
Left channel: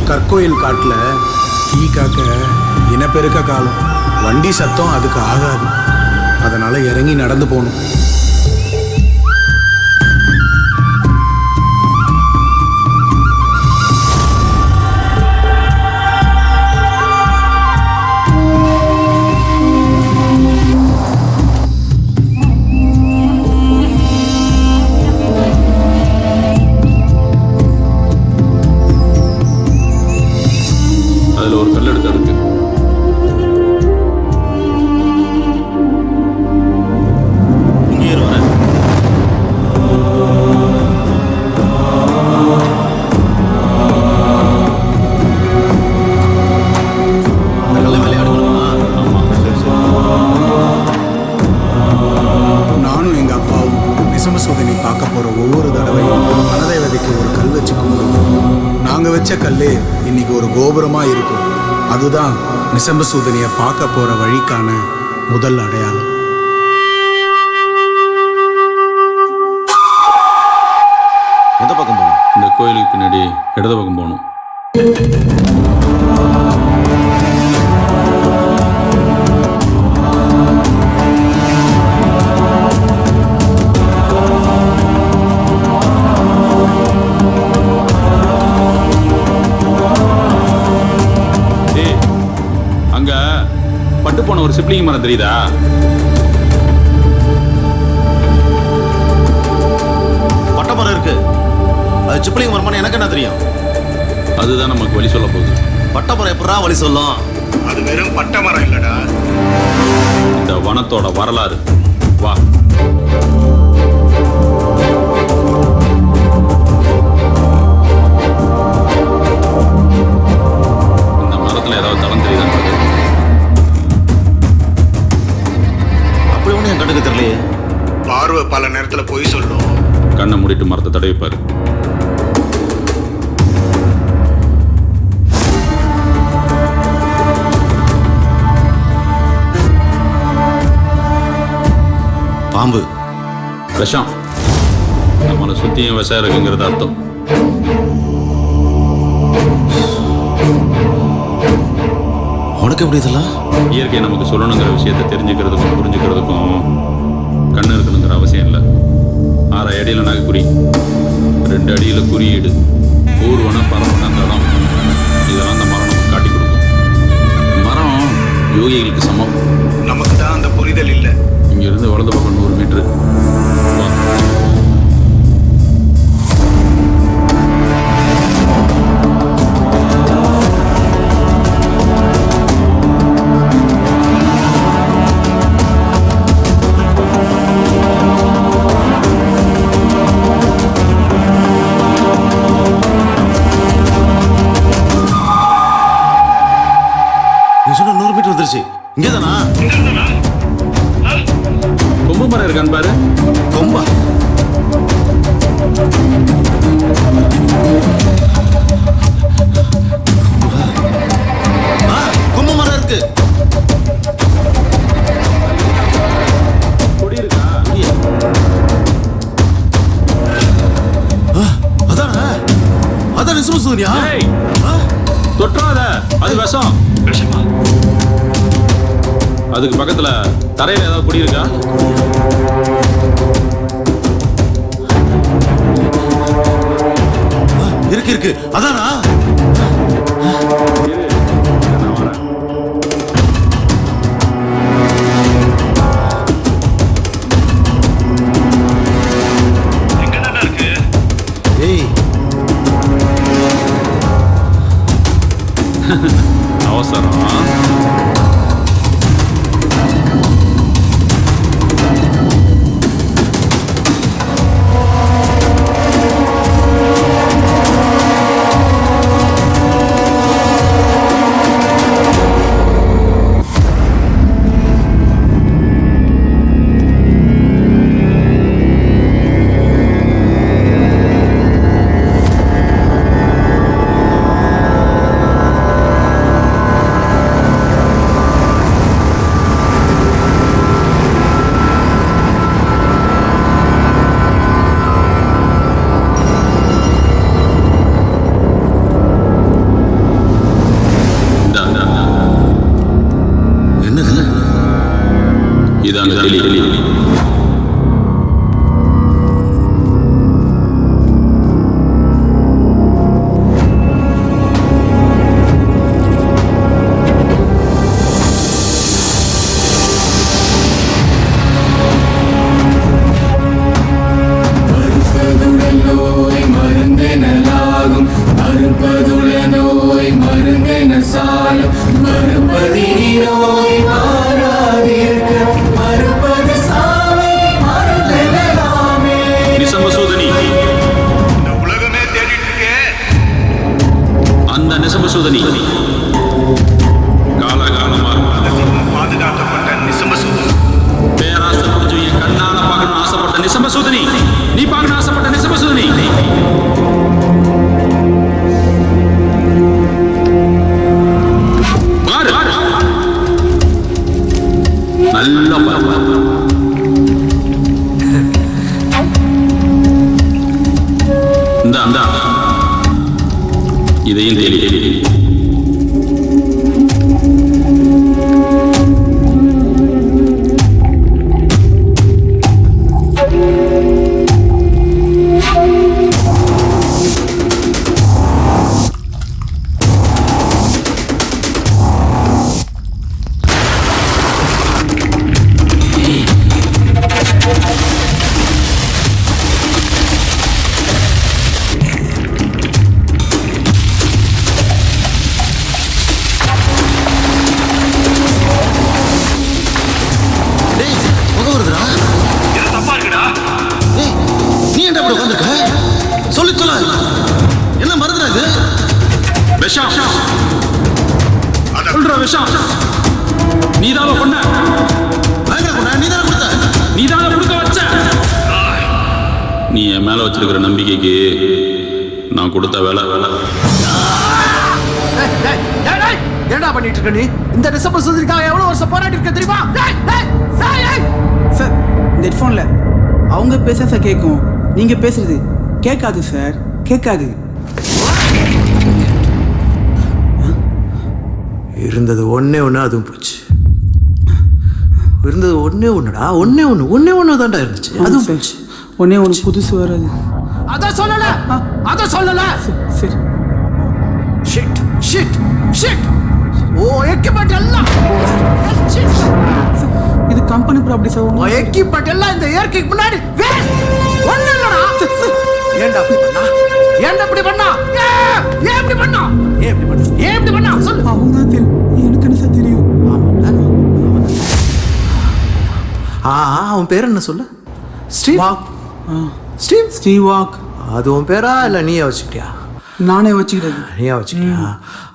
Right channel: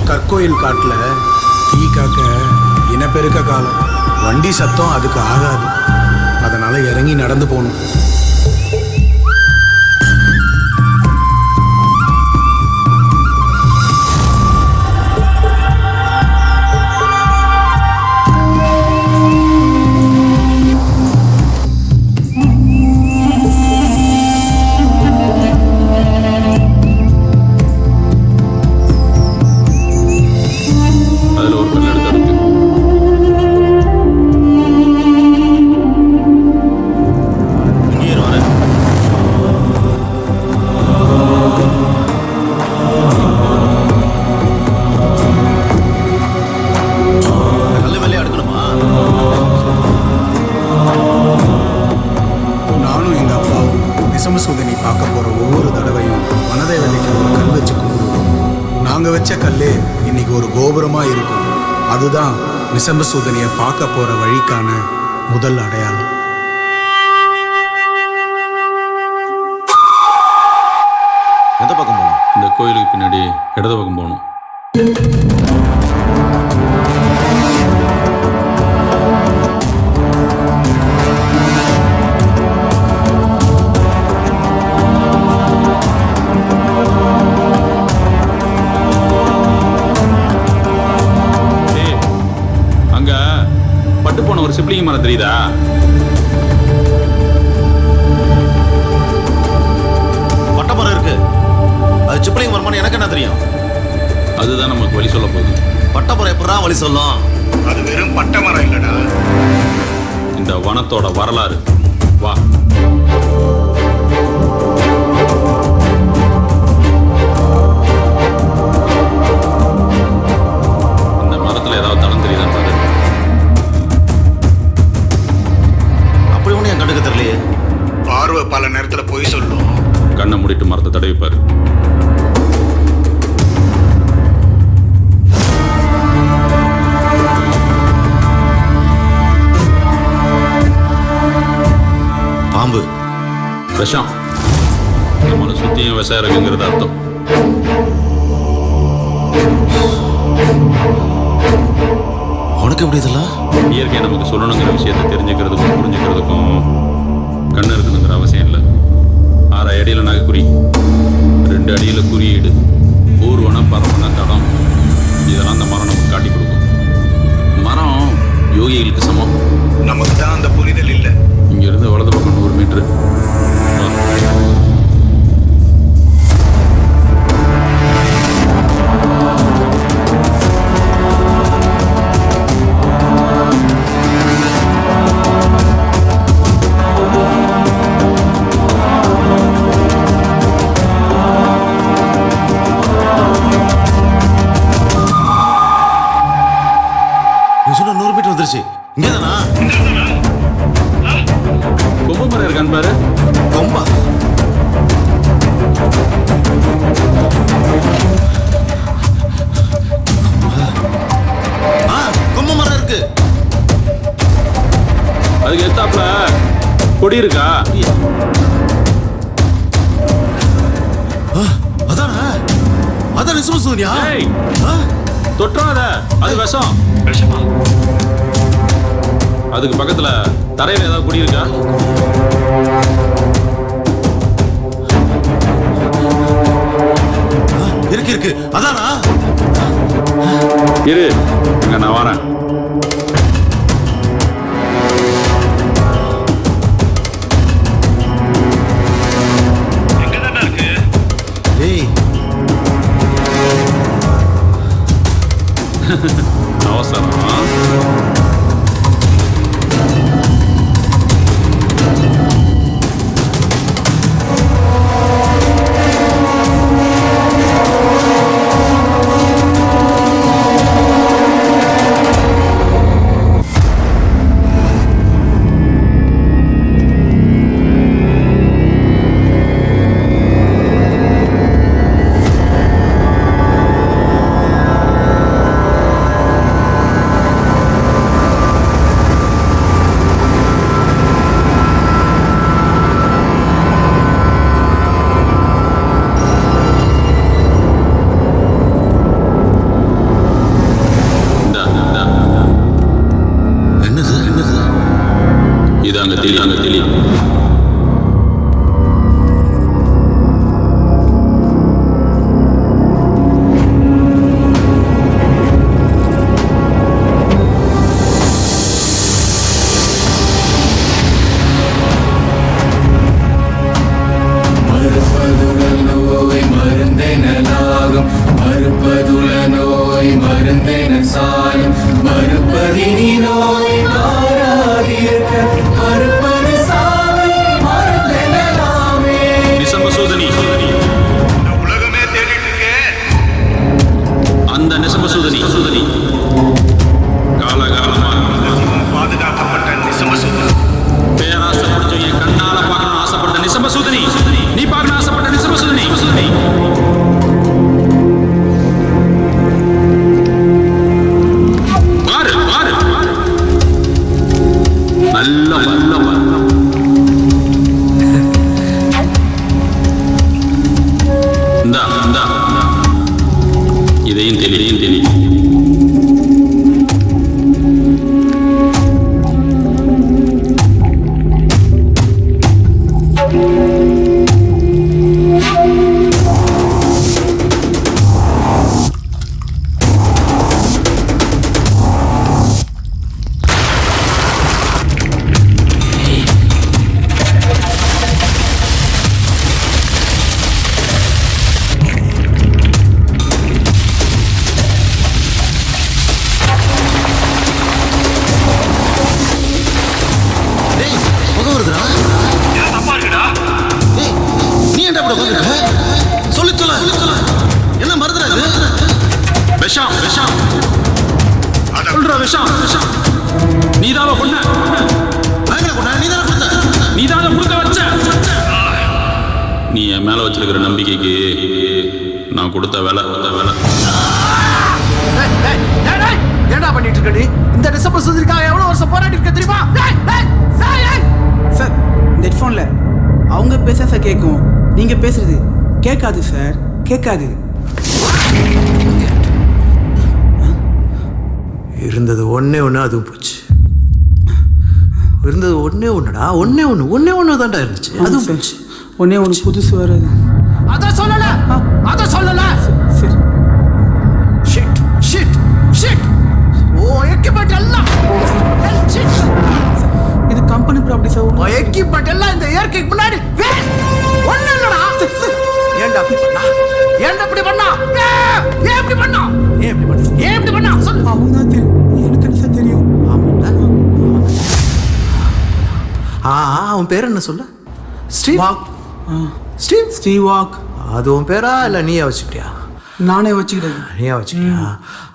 கற்கோயில் காட்டில் டீ காக்க இனப்பெருக்க காலம். வண்டி சத்தம் அதுக்கு ஆகாது. அதனால இறங்கி நடந்து போகணும். அதுல ஒரு கல் எடுத்து அடுக்கு. இங்கே வரேன். அந்த கல்ல மேலே அடுக்கணுமா? ஆமா. சரி சரி. நானும் எங்கள் அப்பாவும் நிசமசூதனை பார்க்க போகிற ஒவ்வொரு தடவையும் வனதேவதைக்கு ஒரு கல் வச்சு கும்பிடுவோம். நாங்கள் வச்ச கல்லே இன்னைக்கு ஒரு கோபுரமாக இருக்கும். அதுதான் நிசம்பசூதனியை பார்க்க போகிற வழிக்கான முதல் அடையாளம். எந்த பக்கம் போகணும்? இந்த கோயிலுக்கு பின்னாடி இடது பக்கம் போகணும். அங்க பட்டு போன ஒரு சிப்ளிங் மரம் தெரியுதா? மரம் இருக்கு. அது சிப்ளிங் மரமான்னு எனக்கு என்ன தெரியும்? அதுதான் நமக்கு வழி சொல்ல போகுது. பட்டை மரம் எப்படா வழி சொல்லும்? அது வெறும் பட்டை மரம் இல்லடா. இந்த வனத்தோட வரலாறு. வா. இந்த மரத்துல ஏதாவது தடம் தெரியுதான்னு பாரு. அப்படி ஒண்ணு என் கண்ணுக்கு தெரியலையே. பார்வை பல நேரத்துல பொய் சொல்லும். கண்ணை மூடிட்டு மரத்தை தடவிப்பாரு. பாம்பு. விஷம். நம்மளை சுத்தியும் விஷம் இருக்குங்கிறது அர்த்தம். உனக்கு எப்படி இதெல்லாம்? இயற்கை நமக்கு சொல்லணுங்கிற விஷயத்தை தெரிஞ்சுக்கிறதுக்கும் புரிஞ்சுக்கிறதுக்கும் கண்ணு இருக்கணுங்கிற அவசியம் இல்லை. 6 அடியில் நகைக்குறி, 2 அடியில் குறியீடு, ஊர்வன பரப்பன தடம், இதெல்லாம் அந்த மரம் நமக்கு காட்டி கொடுக்கும். மரம் யோகிகளுக்கு சமம். நமக்கு தான் அந்த புரிதல் இல்லை. இங்கிருந்து வலது பக்கம் 100 மீட்டரு. வா. நீ சொன்ன 100 மீட்டர் வந்துருச்சு. இங்கே தானா? கொம்பு மரம் இருக்கான்னு பாரு. கொம்பா? கொம்பு மரம் இருக்கு. அதுக்கு எத்தாப்புல கொடி இருக்கா? கொடியா? அதானா? அதான் நிசமசூரியா? தொற்றாத, அது விஷம். விஷமா? அதுக்கு பக்கத்துல தரையில ஏதாவது குடி இருக்கா? இருக்கு இருக்கு. அதானா? இரு, நான் வரேன். எங்க தானே இருக்கு? ஏய், அவசரம். என்னது? இதாங்க தெளி. மருந்தெனலாகும் மறுப்பதுள நோய் மருந்தென சாலும் மறுபதினி நோய் மாறாதிருக்க மறுபது சாவை மருந்தெனலாமே. நிசம்பசூதனி. இந்த உலகமே தேடிட்டு இருக்கே அந்த நிசம்பசூதனி. காலகாலமா ரகசியமா பாதுகாக்கப்பட்ட நிசம்பசூதனி. பேராசை பிடிச்சவங்க கண்ணால பார்க்கணும்னு ஆசைப்பட்ட நிசம்பசூதனி. நீ பார்க்கணும் ஆசைப்பட்ட நிசம்பசூதனி. பாரு, நல்ல பாரு. இந்த இதையும் தெளி. ஏன்டா அப்படி உட்காந்துருக்க? சொல்ல என்ன மருந்துடா இது? விஷம் சொல்ற விஷம். நீதாவ கொன்ன. பயங்கர கொண்ட. நீ தானே கொடுத்த. நீதாவ கொடுக்க வச்ச. நீ என் மேல வச்சிருக்கிற நம்பிக்கைக்கு நான் கொடுத்த வேலை. ஏன்டா பண்ணிட்டு இருக்க நீ? இந்த டிசம்பர் சுதந்திரக்காக எவ்வளவு வருஷம் போராடி இருக்க தெரியுமா? சார் இந்த ஹெட்ஃபோன்ல அவங்க பேச சார் கேட்கும், நீங்க பேசுறது கேட்காது சார், கேட்காது. இருந்தது ஒன்னே ஒன்று, அதுவும் போச்சு. இருந்தது ஒன்னே ஒன்றுடா, ஒன்னே ஒன்று தான்டா இருந்துச்சு, அதுவும் போச்சு. ஒன்னே ஒன்று புதுசு வராது. அதான் சொல்லல. சரி. Shit shit shit. Oh equipment எல்லாம் இது company property sir. Oh equipment எல்லாம் இந்த இயற்கைக்கு முன்னாடி வேஸ்ட். ஒண்ணு இல்லடா. ஏன்டா இப்படி பண்ணா? ஏன் இப்படி பண்ணா சொல்லு. அவங்க தான் தெரியும், எனக்கு என்ன சார் தெரியும். ஆமாண்ணா, அவன் தானே. அவன் பேர் என்ன சொல்ல? Steve Waugh. அது உன் பேரா இல்லை நீயே வச்சுக்கிட்டியா? நானே வச்சுக்கிட்டேன். நீயா வச்சுக்கிட்டியா?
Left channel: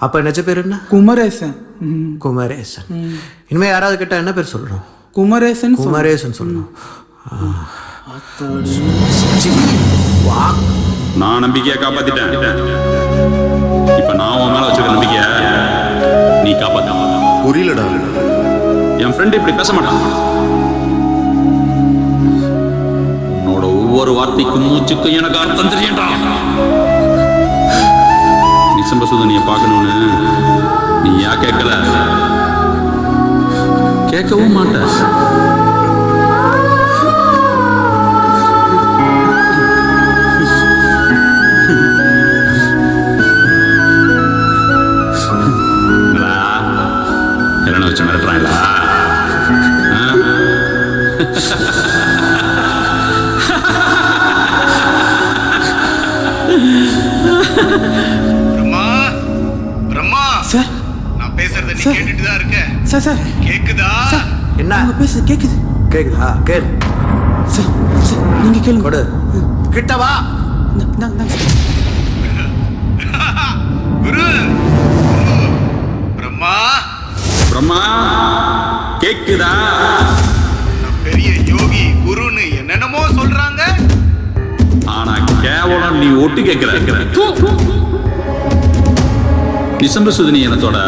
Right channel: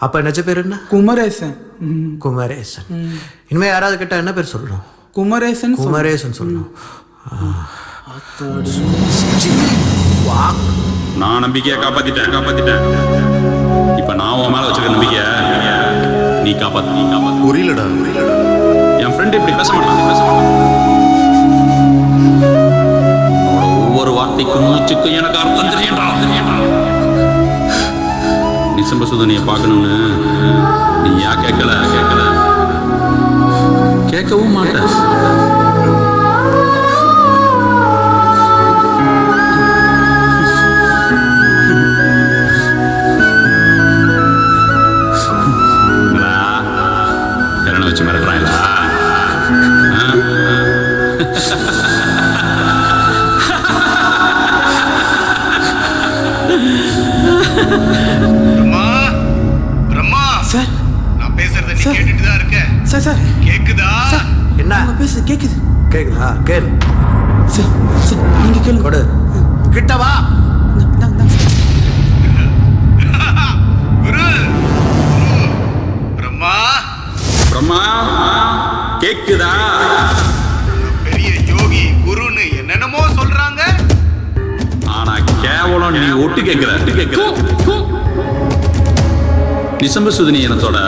அப்ப நிஜ பேர் என்ன? குமரேசன். இனிமே யாராவது கேட்டா என்ன பேர் சொல்லணும்? குமரேசன் சொல்லணும். நான் நம்பிக்கையை காப்பாத்திட்டேன். இப்ப நான் உன் மேல வச்சிருக்க நம்பிக்கைய நீ காப்பாத்த. புரியலடா. என் ஃப்ரெண்ட் இப்படி பேச மாட்டான். உன்னோட ஒவ்வொரு வார்த்தைக்கும் மூச்சுக்கும் எனக்கு அர்த்தம் தெரியண்டா. நிசம்ப சுதனியை பார்க்கணும்னு நீ ஏன் கேட்கல? கேட்கவும் மாட்ட. என்னடா என்ன வச்சு மிரட்டுறாங்களா? பிரம்மா சார், நான் பேசுறத நீ கேட்டுட்டு தான் இருக்க. சார் கேக்குதா? என்ன அவங்க பேச கேக்குதா? கேளு. சார் நீங்க கேளுங்க. கொடு. கிட்ட வா. குரு பிரம்மா கேக்குதா? பெரிய யோகி குருன்னு என்னென்னமோ சொல்றாங்க. ஆனா கேவலம் நீ ஒட்டு கேட்கிற. நிசம்ப சுதனி இனத்தோட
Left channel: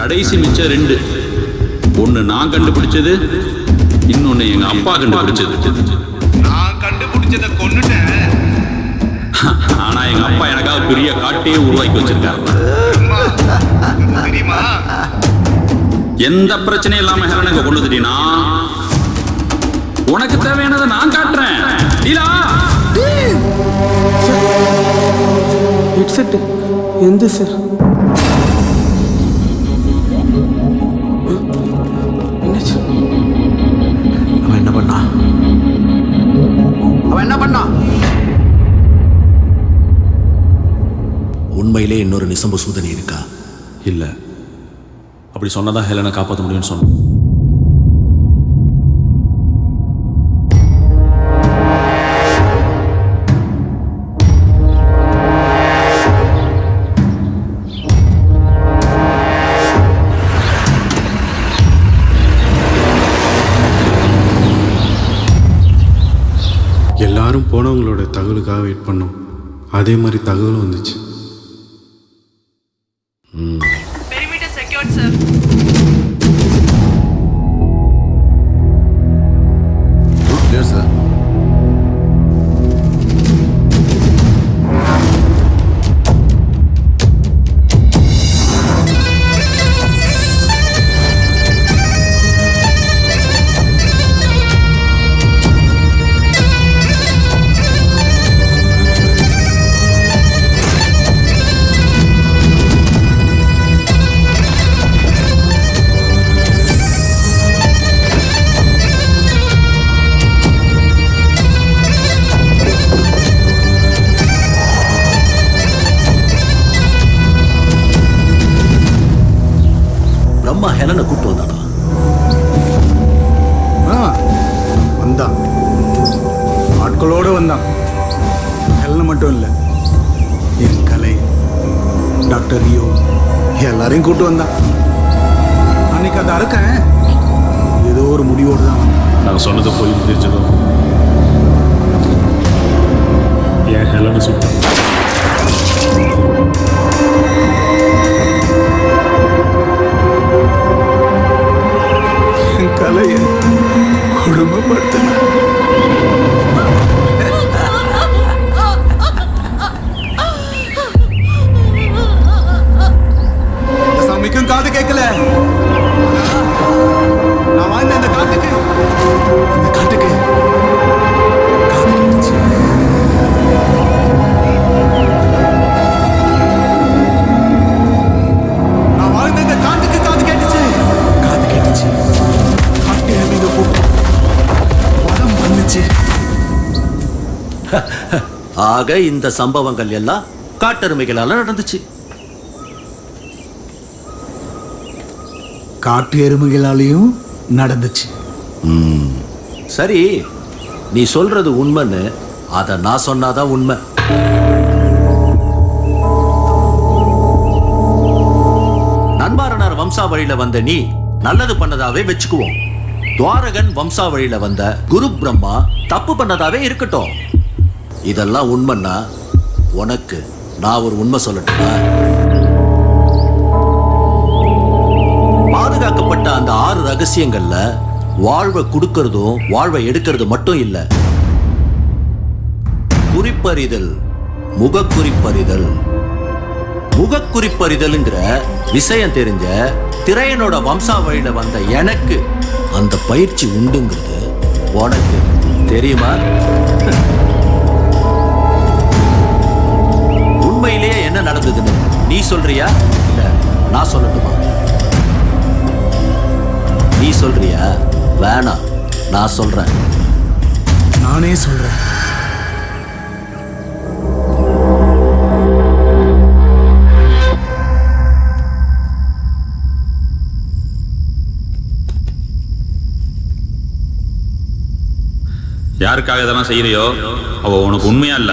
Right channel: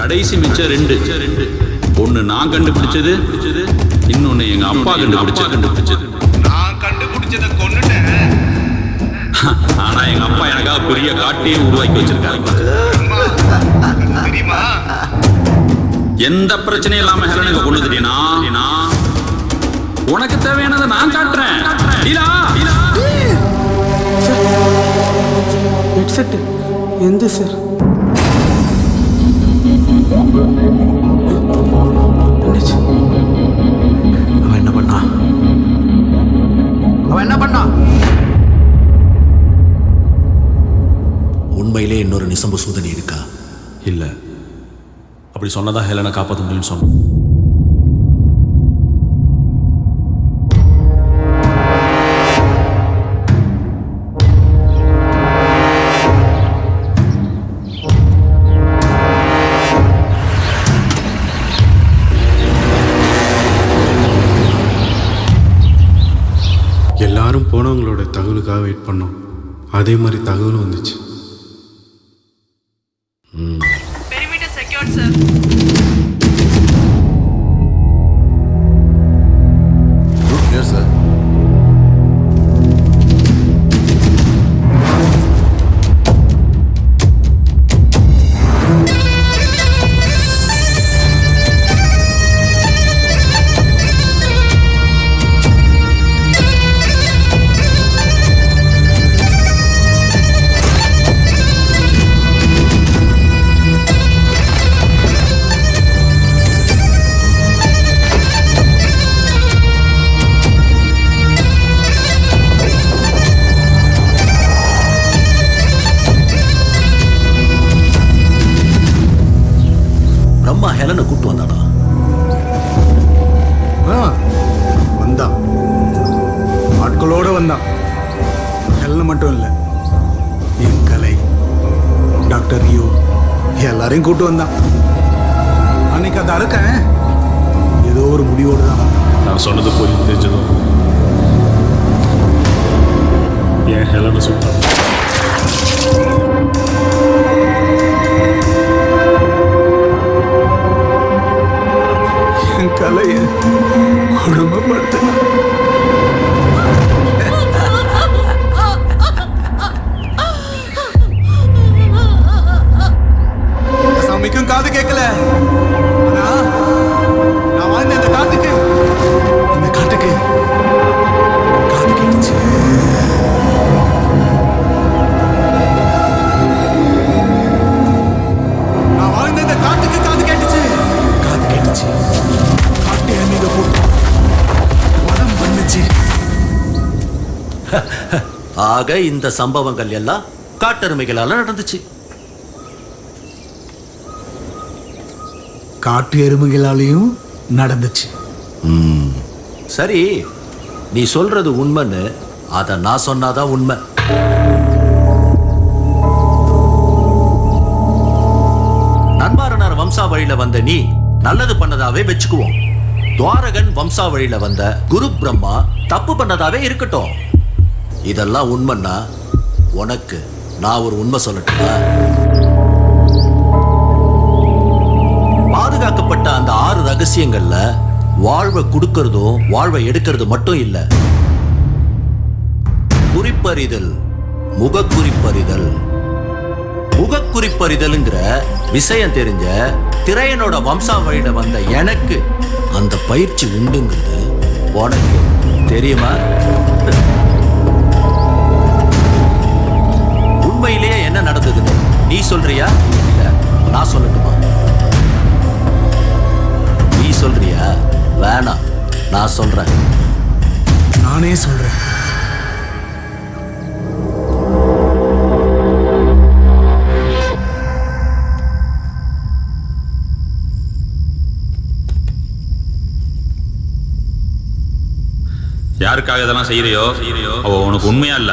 கடைசி மிச்சம் 2. ஒன்னு நான் கண்டுபிடிச்சது, இன்னொன்னு எங்க அப்பா கண்டுபிடிச்சது. நான் கண்டுபிடிச்சத கொன்னுட்டேன். ஆனா எங்க அப்பா எனக்காக பெரிய காட்டையே உருவாக்கி வச்சிருக்காரு. தெரியுமா? எந்த பிரச்சனையும் இல்லாம ஹெலனுக்கு கொண்டு வந்துட்டீனா உனக்கு தேவையானதை நான் காட்டுறேன். சார் ஹெட்செட் எந்த சார்? என்னாச்சு? அவன் என்ன பண்ணா? உண்மையிலே இன்னொரு நிசம்ப சூதனி இருக்கா? இல்ல, அப்படி சொன்னதான் ஹெலனை காப்பாற்ற முடியும்னு சொன்னோம். எல்லாரும் போனவங்களோட தகவலுக்காக வெயிட் பண்ணோம். அதே மாதிரி தகவலும் வந்துச்சு. Perimeter secured, sir. Route clear, sir. Brahma ஹெலனை கூட்டு வந்தானா? வந்தான். ஆட்களோடு வந்தான். ஹெல்ல மட்டும் இல்லை, என் கலை, டாக்டர் ரியோ எல்லாரையும் கூட்டு வந்தான். அன்னைக்கு அதை அறுக்கேன் ஏதோ ஒரு முடிவோடு தான் வந்தான். நான் சொன்னது போய் தெரிஞ்சதும் என் ஹெலனை சுட்டான். என் கலையை கொடுமைப்படுத்தினான். இந்த சாமிக்கும் காது கேட்கல. ஆனா நான் வாழ்ந்த இந்த காட்டுக்கு காது கேட்டுச்சு. நான் வாழ்ந்த இந்த காட்டுக்கு காது கேட்டுச்சு. காட்டு எருமைங்க கூட்டம் வதம் பண்ணுச்சு. ஆக இந்த சம்பவங்கள் எல்லாம் காட்டெருமைகளால நடந்துச்சு. காட்டு எருமைகளாலையும் நடந்துச்சு. சரி, நீ சொல்றது உண்மைன்னு அத நான் சொன்னாதான் உண்மை. நன்மாரனார் வம்சாவழியில வந்த நீ நல்லது பண்ணதாவே வச்சுக்குவோம். துவாரகன் வம்சாவழியில வந்த குரு பிரம்மா தப்பு பண்ணதாவே இருக்கட்டும். இதெல்லாம் உண்மைன்னா உனக்கு நான் ஒரு உண்மை சொல்லட்டுமா? பாதுகாக்கப்பட்ட அந்த 6 ரகசியங்கள்ல வாழ்வை கொடுக்கறதும் வாழ்வை எடுக்கிறது மட்டும் இல்ல. குறிப்பறிதல், முகக்குறிப்பறிதல். முகக்குறிப்பறிதல்ங்கிற விஷயம் தெரிஞ்ச திரையனோட வம்சாவழியில வந்த எனக்கு அந்த பயிற்சி உண்டுங்கிறது உனக்கு தெரியுமா? உண்மையிலேயே என்ன நடந்ததுன்னு நீ சொல்றியா இல்ல நான் சொல்லட்டுமா? நீ சொல்றியா? வேணாம், நான் சொல்றேன். நானே சொல்றேன். யாருக்காக இதெல்லாம் செய்யறியோ அவ உனக்கு உண்மையா இல்ல.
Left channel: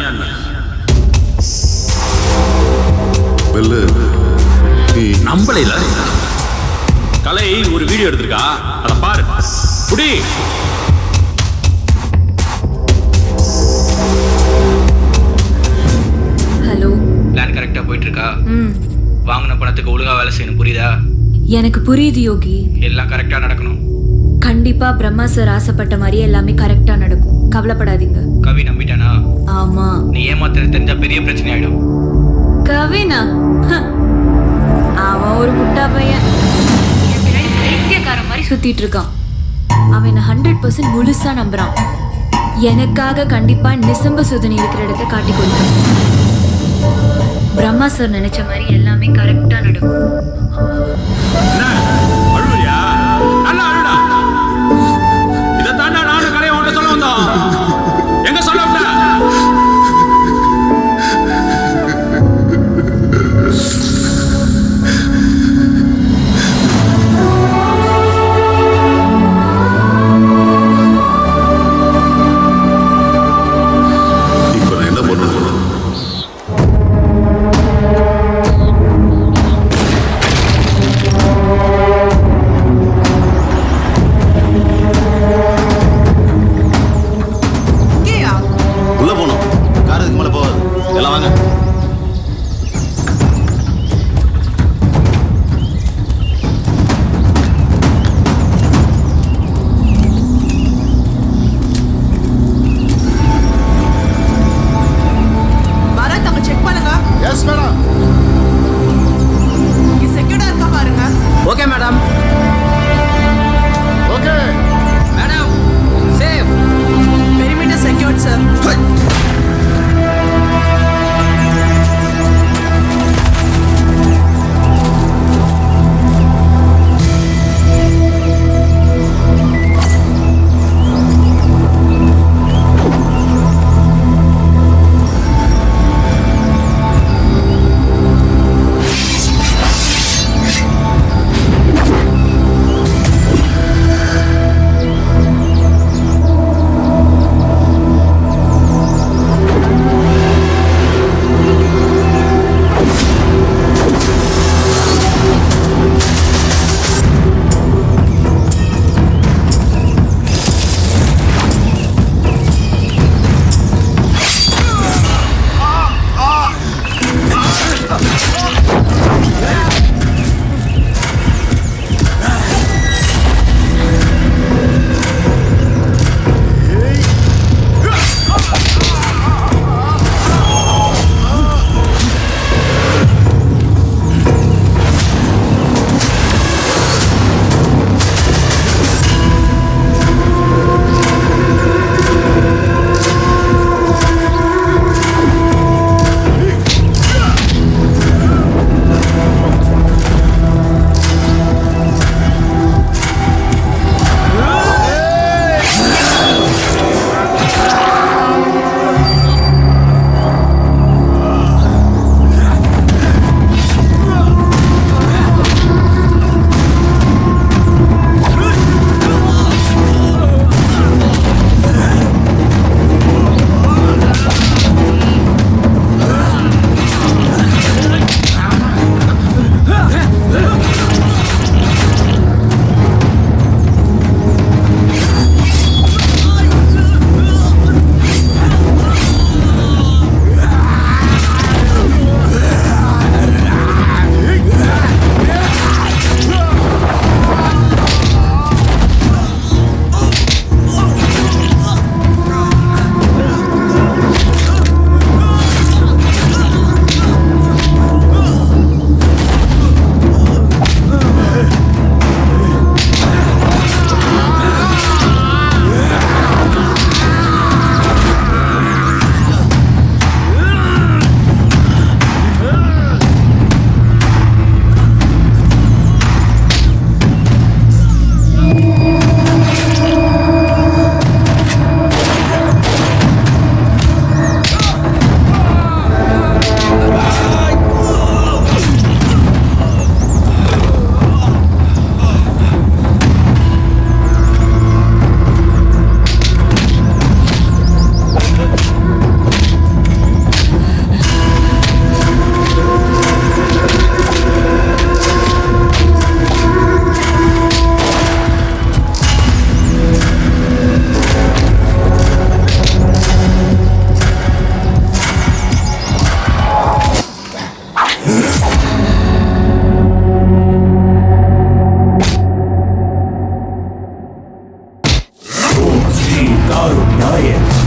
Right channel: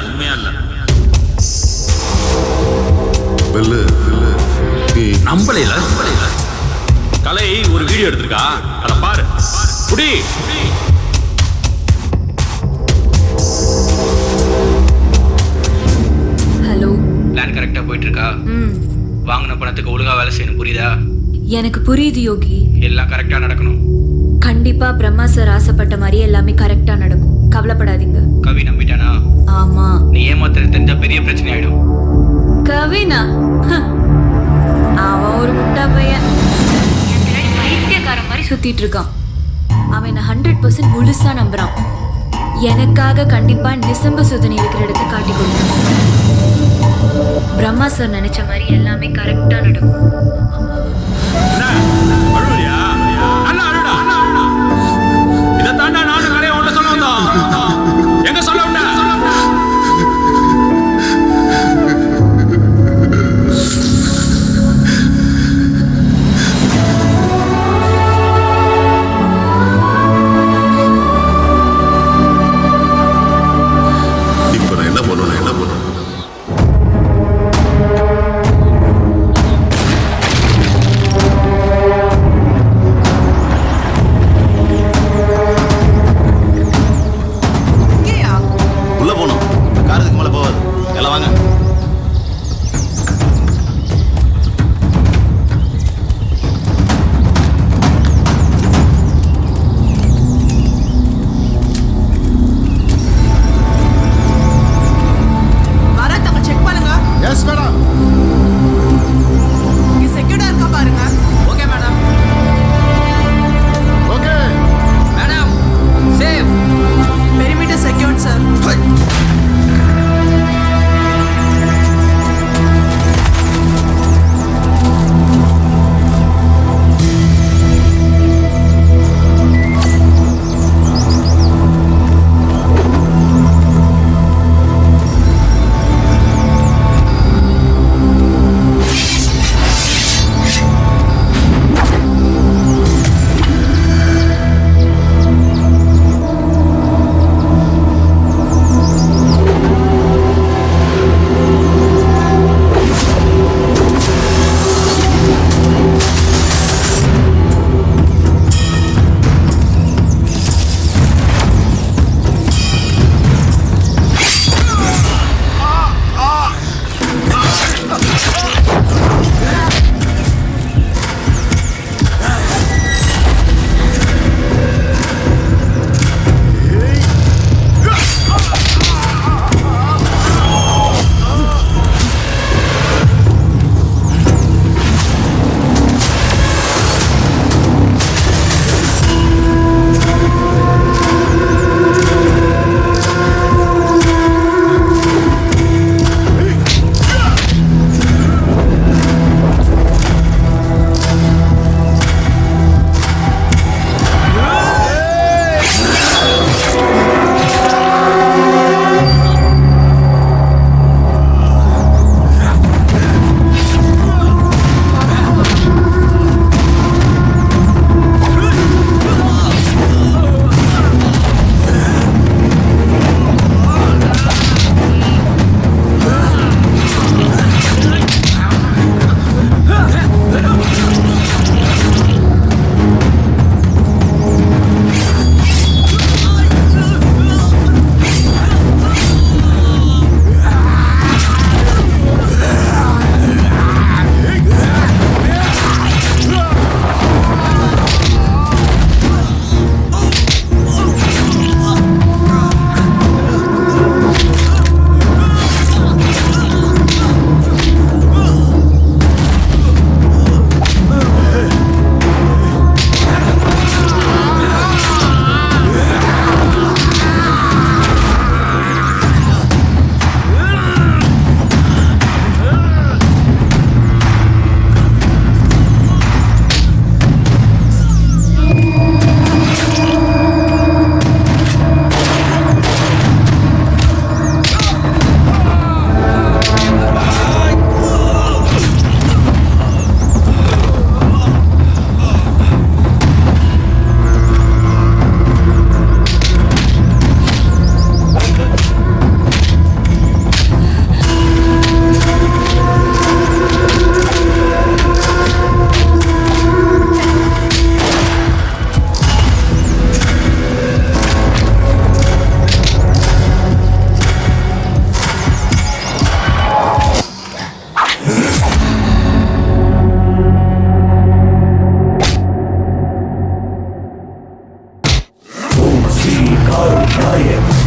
நம்பலைல கலை ஒரு வீடியோ எடுத்திருக்கா, அதை பாரு. புடி. ஹலோ. பிளான் கரெக்டா போயிட்டு இருக்கா? வாங்கின பணத்துக்கு ஒழுங்கா வேலை செய்யணும், புரியுதா? எனக்கு புரியுது யோகி. எல்லாம் கரெக்டா நடக்கணும். கண்டிப்பா பிரம்மா சார் ஆசைப்பட்ட மாதிரியே எல்லாமே கரெக்டா நடக்கும், கவலைப்படாதீங்க. கவி நம்பிட்டானா? ஆமா. நீ ஏமாத்துறது தெரிஞ்சா பெரிய பிரச்சனை ஆயிடும். கவினா அவன் ஒரு முட்டா பையன். என் பின்னாடி பைத்தியக்காரன் மாதிரி சுத்திட்டு இருக்கான். அவன் என்ன 100% முழுசா நம்புறான். எனக்காக கண்டிப்பா நிசம்ப சுதனை இருக்கிற இடத்த காட்டி கொடுத்தான். பிரம்மா சார் நினைச்ச மாதிரி எல்லாமே கரெக்டா நடக்கும். அழுவியா? நல்லா அழுடா. இதை தாண்டா நானும் கலையை உன்கிட்ட சொல்ல வந்தோம். எங்க சொல்ல விட்ட? இப்ப நான் என்ன பண்ணணும்? உள்ள போனோம். காரத்துக்கு மேல போகாது. எல்லாம் வாங்க. பரத் அங்க செக் பண்ணுங்க. Yes madam. இங்க செக்யூர்டா இருக்கா பாருங்க. Okay madam. Okay madam, safe. Perimeter secured sir.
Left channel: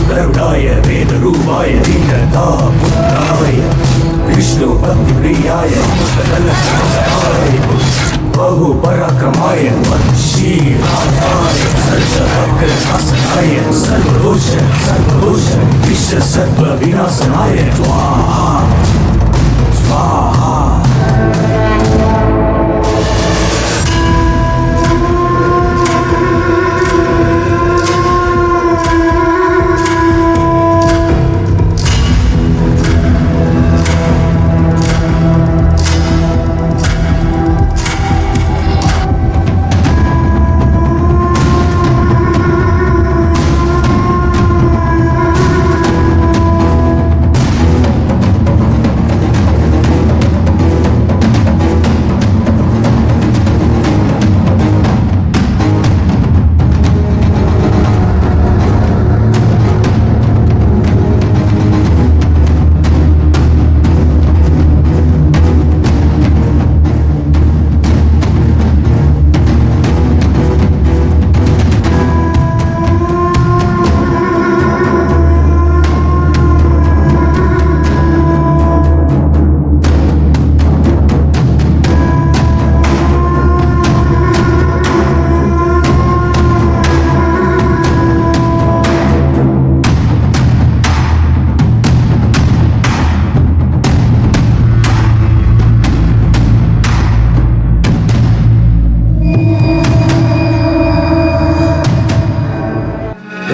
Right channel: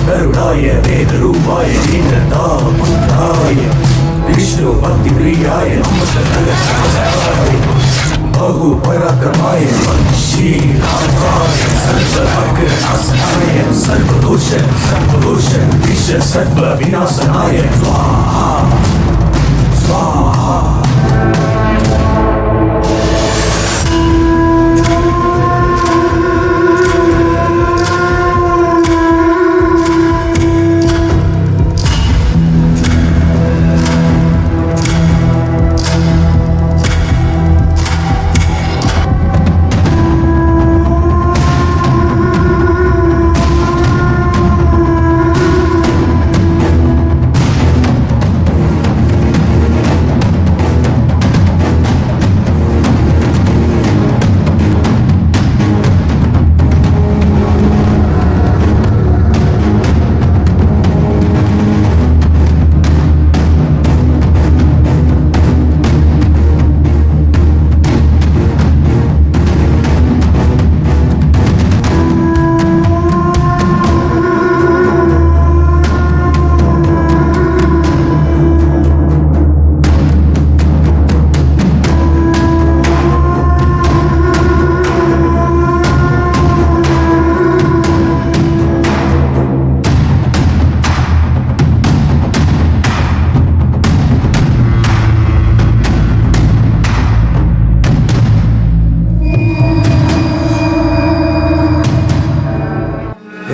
गरुडाय वेदरूपाय दीननाथपुत्राय विष्णु भक्तिप्रियाय बहुपराक्रमाय सर्वनाशनाय सर्वदोष विश्व सर्व विनाशनाय स्वाहा स्वाहा.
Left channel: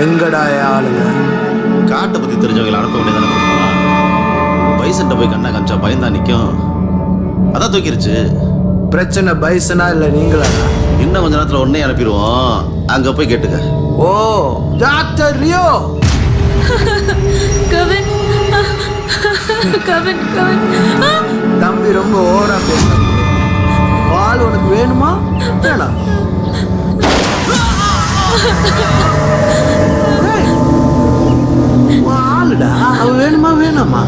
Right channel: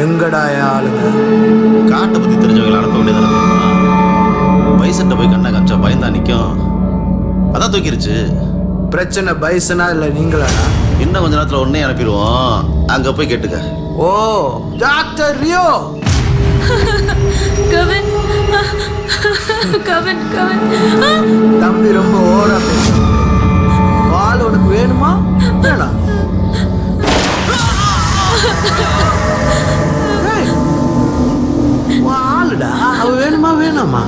எங்கடா ஆளுங்க? காட்டை பற்றி தெரிஞ்சவங்களை அனுப்ப வேண்டியதானே பிரம்மா. பைசன்ட்ட போய் கண்ணா காமிச்சா பயந்தா நிற்கும். அதான் தூக்கிருச்சு. பிரச்சனை பைசனா இல்லை நீங்களாடா? இன்னும் கொஞ்ச நேரத்தில் உடனே அனுப்பிடுவோம். அங்கே போய் கேட்டுக்க. ஓ டாக்டர் ரியோ. கவின் கவின் கவின் தம்பி ரொம்ப ஓவரா பேச. பால் உனக்கு வேணுமா வேணாம்? ஆளுடா அவ வேணுமா வேணாமா?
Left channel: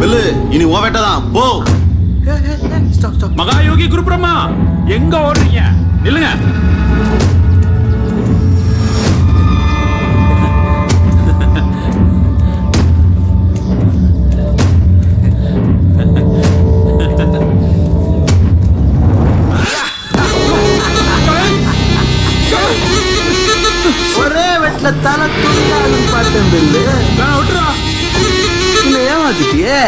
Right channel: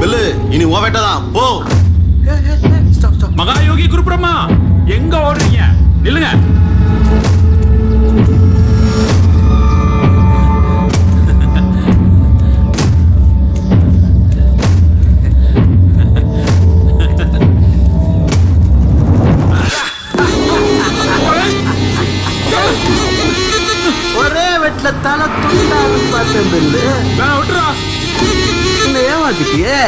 பில்லு இனி ஓ வேட்டதான் போ. மகாயோகி குரு பிரம்மா எங்க ஓடுறீங்க? நில்லுங்க. ஒரே வெட்ல தலை துண்டாகுன்னு பார்த்தேன் பில்லு. விட்டுறா. இன்னும் ஏமாத்திட்டியே.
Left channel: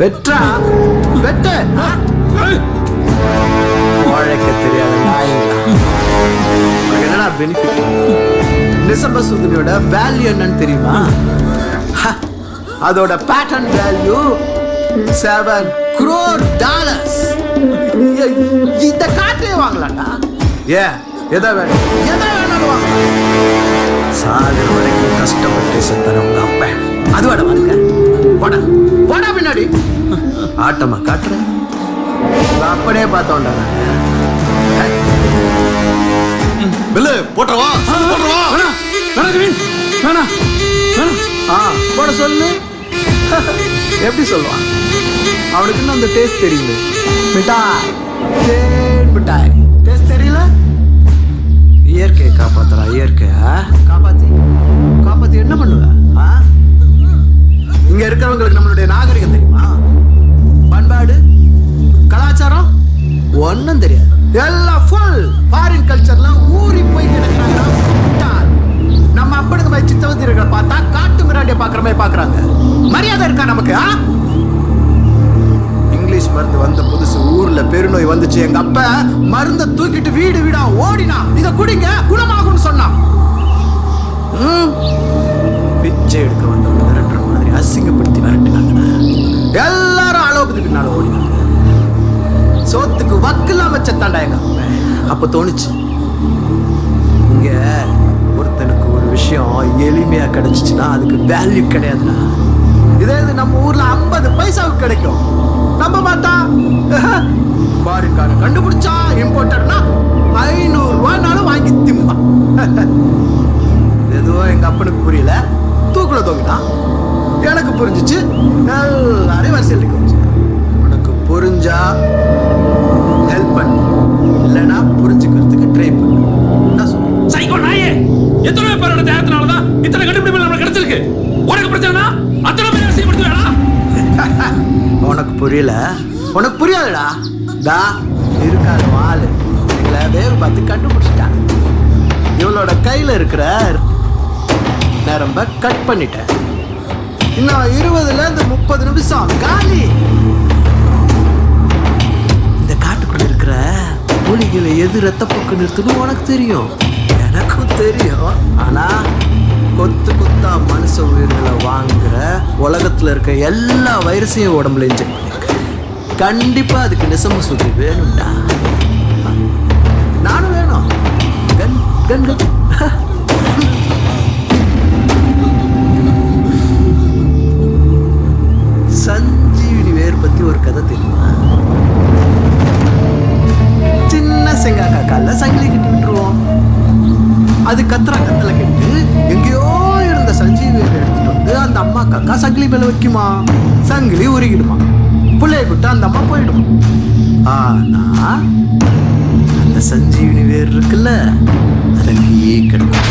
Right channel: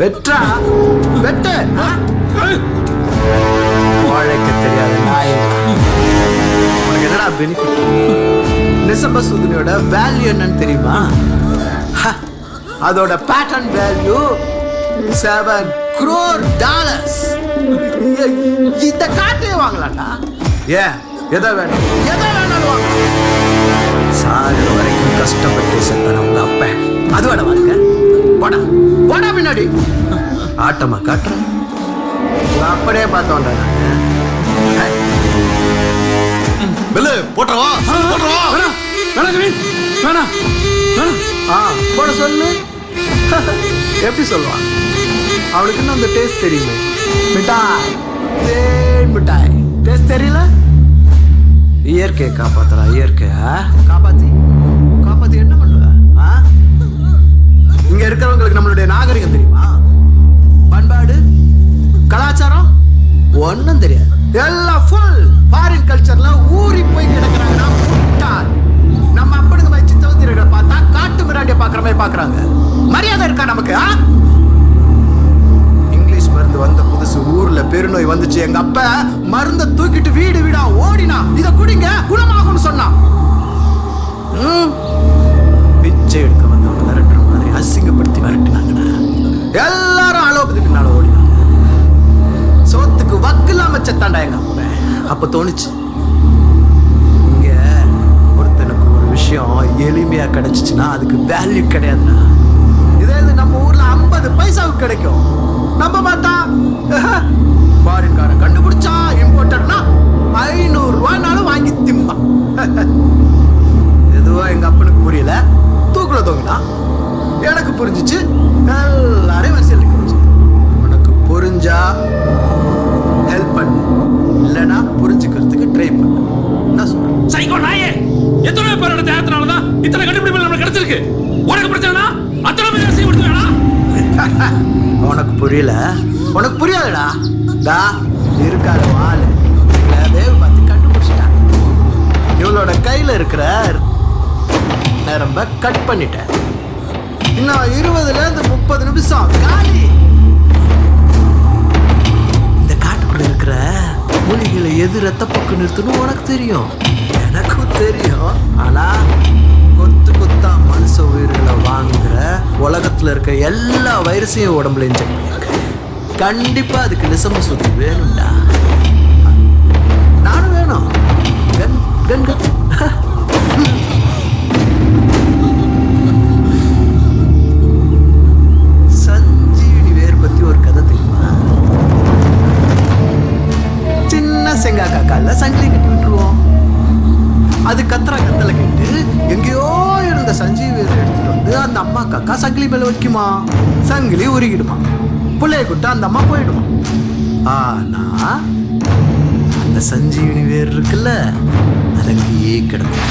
வெற்றா வெட்ட உழைக்க தெரியாத நாய்ங்களா. உனக்கு என்னடா பெனிஃபிட்? நிசம்ப சுதுனியோட வேல்யூ என்னன்னு தெரியுமா? அதோட பேட்டர்ன் வேல்யூ $7 crore. இந்த காட்டையே வாங்கலாம்டா. ஏன் எதை வேணும் எதை வேணாலும் வாங்கலாம். சாகர வரைக்கும் கஷ்டப்பட்டு செத்தான உங்க அப்ப அதுவாட வாழ்க்கை. போடா போடா பின்னாடி. ஆட்டமா காட்டுற உங்க அப்பனே பார்த்தோம்டா நாங்க. பில்லு போட்டுறவா போட்டுறவா. வேணாம் வேணாம் கவின் வேணாம் வேணாம். போட சொல்லு. எப்படி சொல்லுவான்? அவனுக்கு இன்னும் அந்த டேஸ்ட் தெரியுமே. மிட்டாய் தேன் மிட்டாய் டேஸ்ட் தெரியல. இயற்கையை காப்பாத்துறா. இயற்கையா காப்பாத்தி காப்பாத்தி என்ன பண்ணுவ? இங்க இருக்கிறவங்களுக்கு நம்மளுடைய நாகரிகம் தெரியுமா? பண்பாடு கலாச்சாரம் ஒன்னும் தெரியாது. எல்லாம் ஃபுல் ஃபாரின் கல்ச்சர்ல ஊறி போய் கிடக்குறாங்கன்னா முட்டாள். நம்ம அப்பனுங்க போய் சித்தவத்திரர்களை பார்த்தா காட்டு மிராண்டிய பாக்குற மாதிரி பாக்குறாங்க. மரியாதை இருக்கா நமக்கு? இங்கிலீஷ் மருந்து வந்த புதுசு ஊர்ல பெருநோய் வந்துச்சு. எங்க அப்ப மருந்த தூக்கிட்டு வீடு வீடா ஓடினா இத குடிங்க குணமாகும்னு சொன்னான். பிச்சை எடுக்க வந்தவனை விரட்டுற மாதிரி அசிங்கப்படுத்தி விரட்டினாங்கடா. எல்லாரும் அலோபதி பின்னால ஓடினாங்க. சோத்துக்கு வக்கில்லாம செத்தாண்டா எங்க அப்ப. அப்ப தோணுச்சு இங்க ஒருத்தனுக்கு ஒரு விஷயம் எளிமையா கிடைச்சிச்சுன்னா அதுக்கு வேல்யூ கிடையாதுடா. இதே இது நம்ம ஊர்ல 50 பைசாவுக்கு கிடைக்கும். நம்ப மாட்டா. ஃபாரின்காரன் கண்டுபிடிச்சா இம்போர்ட்டர்னா 500 ரூபாய்னாலும் வாங்கி திம்பா. எதுவும் எங்க அப்பனுக்கு புரியல. தூக்குல தொங்கினா. எனக்கு புரிஞ்சிச்சு. எல்லாரையும் வரிசையில் இருக்க வச்சேன். உனக்கு புரிஞ்சா ஹெல்ப் பண்ணு, இல்லைன்னா புரிஞ்சுக்கிறதுக்கு ட்ரை பண்ணு. சைக்கோ நாயே, எத்தனை பேரோட தேகத்தினாலதான் இத்தனை கண்டுபிடிப்புகள் நமக்கு கிடைச்சிருக்கு. உனக்கு பிரச்சனைனா அத்தனை பேர் அசிங்கப்படுத்துவேடா. உனக்கு புரியல, உனக்கு புரியாதுடா. டா இருக்காத வாளு எங்களை வேவு பார்த்து கண்டுபிடிச்சிட்டான். இவளோட கையில் இருக்கிற நரம்ப கட் பண்ணிட்டேன். இன்னும் 20லேருந்து 30 நிமிஷம் காலி. இந்த காட்டுக்குள்ள இருக்கிற மூலிகைகளை எது ரத்தப்போக்கு நிறுத்தணும் உனக்கு தெரியும், எனக்கும் தெரியும். ஆனா கொத்து கொத்தா மனுஷ உயிர்களை வாங்குற உலகத்துல இருக்க எல்லா வைரஸையும் உடம்புல இன்ஜெக்ட் பண்ணிருக்கேன். கண்டிப்பா அதுக்கு நிசம்ப சுதிரி வேணும்டா. நானும் வேணும். கன் கன் கன். சஞ்சீவினி வேர் பத்தி ஒரு கதை தெரியுமா? சின்ன செங்காக்கா கால சங்கிலி கட்டி விட்டுருவோம். அது கத்துறா கத்தலை கேட்டு எங்கேயோ இருந்த சஞ்சீவி வேரை எடுத்துட்டு வந்து அந்த அம்மா காக்கா சங்கிலி மேல வைக்குமா. சங்கிலி உருகிடுமா. பிள்ளைய கூட்ட அந்த அம்மா போயிடுமா. ஆனா அந்த சஞ்சீவினி வேர் இருக்குல்ல, அது அங்கேயே கிடக்கும்.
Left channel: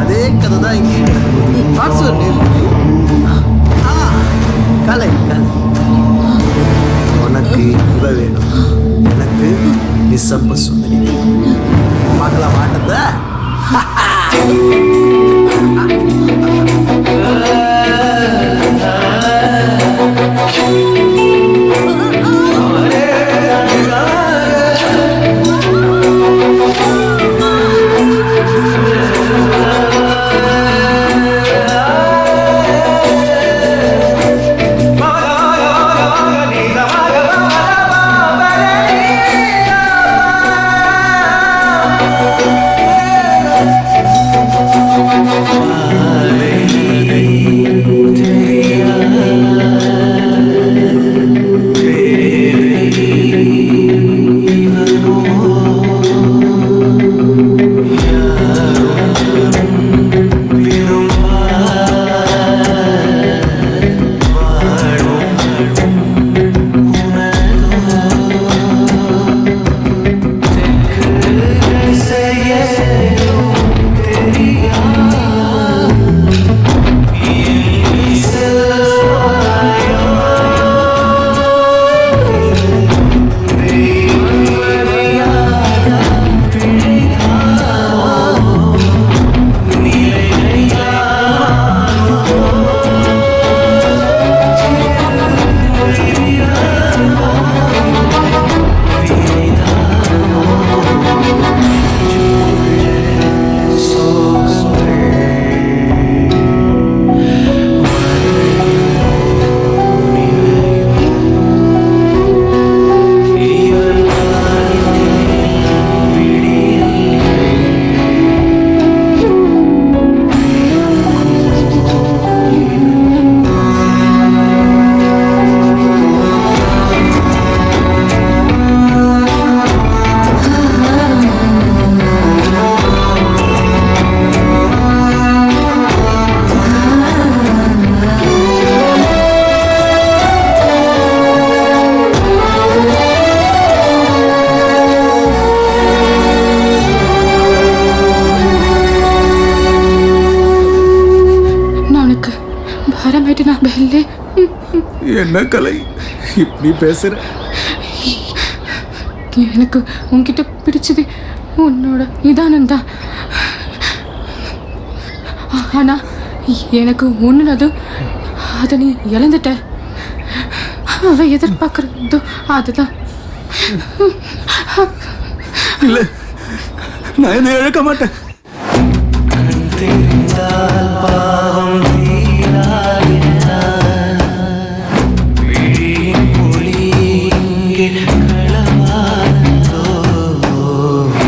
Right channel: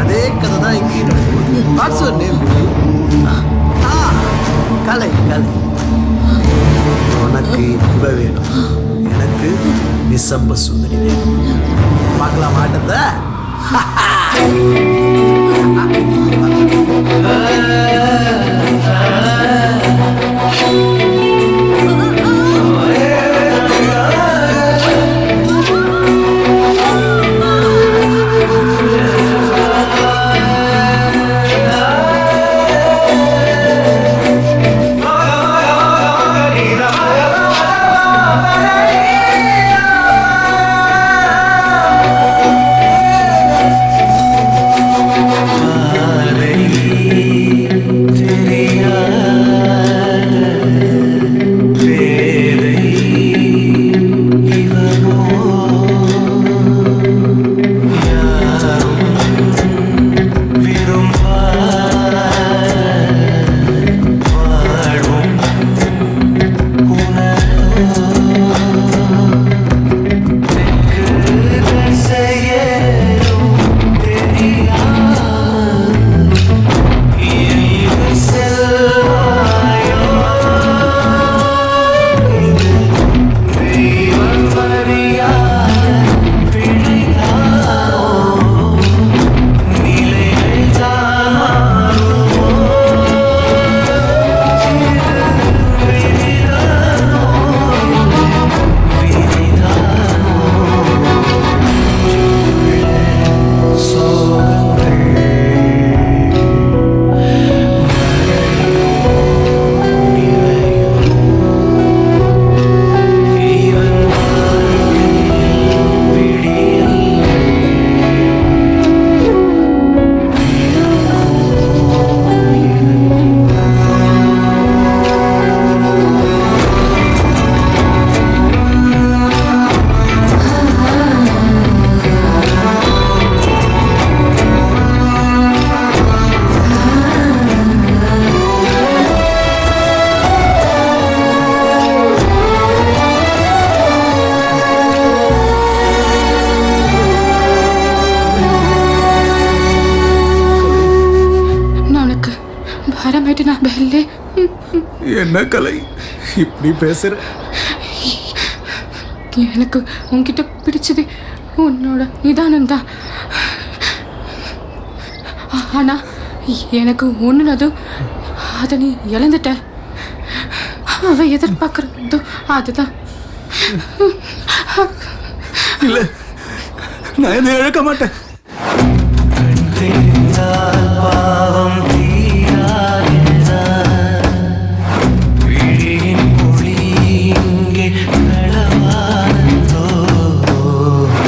அதே கதை தான் இங்கேயும் நடக்குது. What's your name? Kalai Kalai. உனக்கு இவ வேணும், எனக்கு நிசம்ப சுந்தரி வேணும். பார்க்கலாம் ஆட்டத்தை. உனக்கு பாரமாயிட்டு நான் பெல்லே. என்ன கலை இப்படி பேசுற? எனக்கு உன்கிட்ட பிடிச்சது உன்னோட நிதானம் தான். ஆனா எனக்கு ஒண்ணுனதும் அதை நீ இழந்துட்ட. அவ எதிர்பார்க்கறதோ அதுதான். இல்ல, நான் இதை இழக்க மாட்டேன். கண் தெரிந்தால் பாவம் தீராதென விழியின் மொழி இங்கே களவானதோ.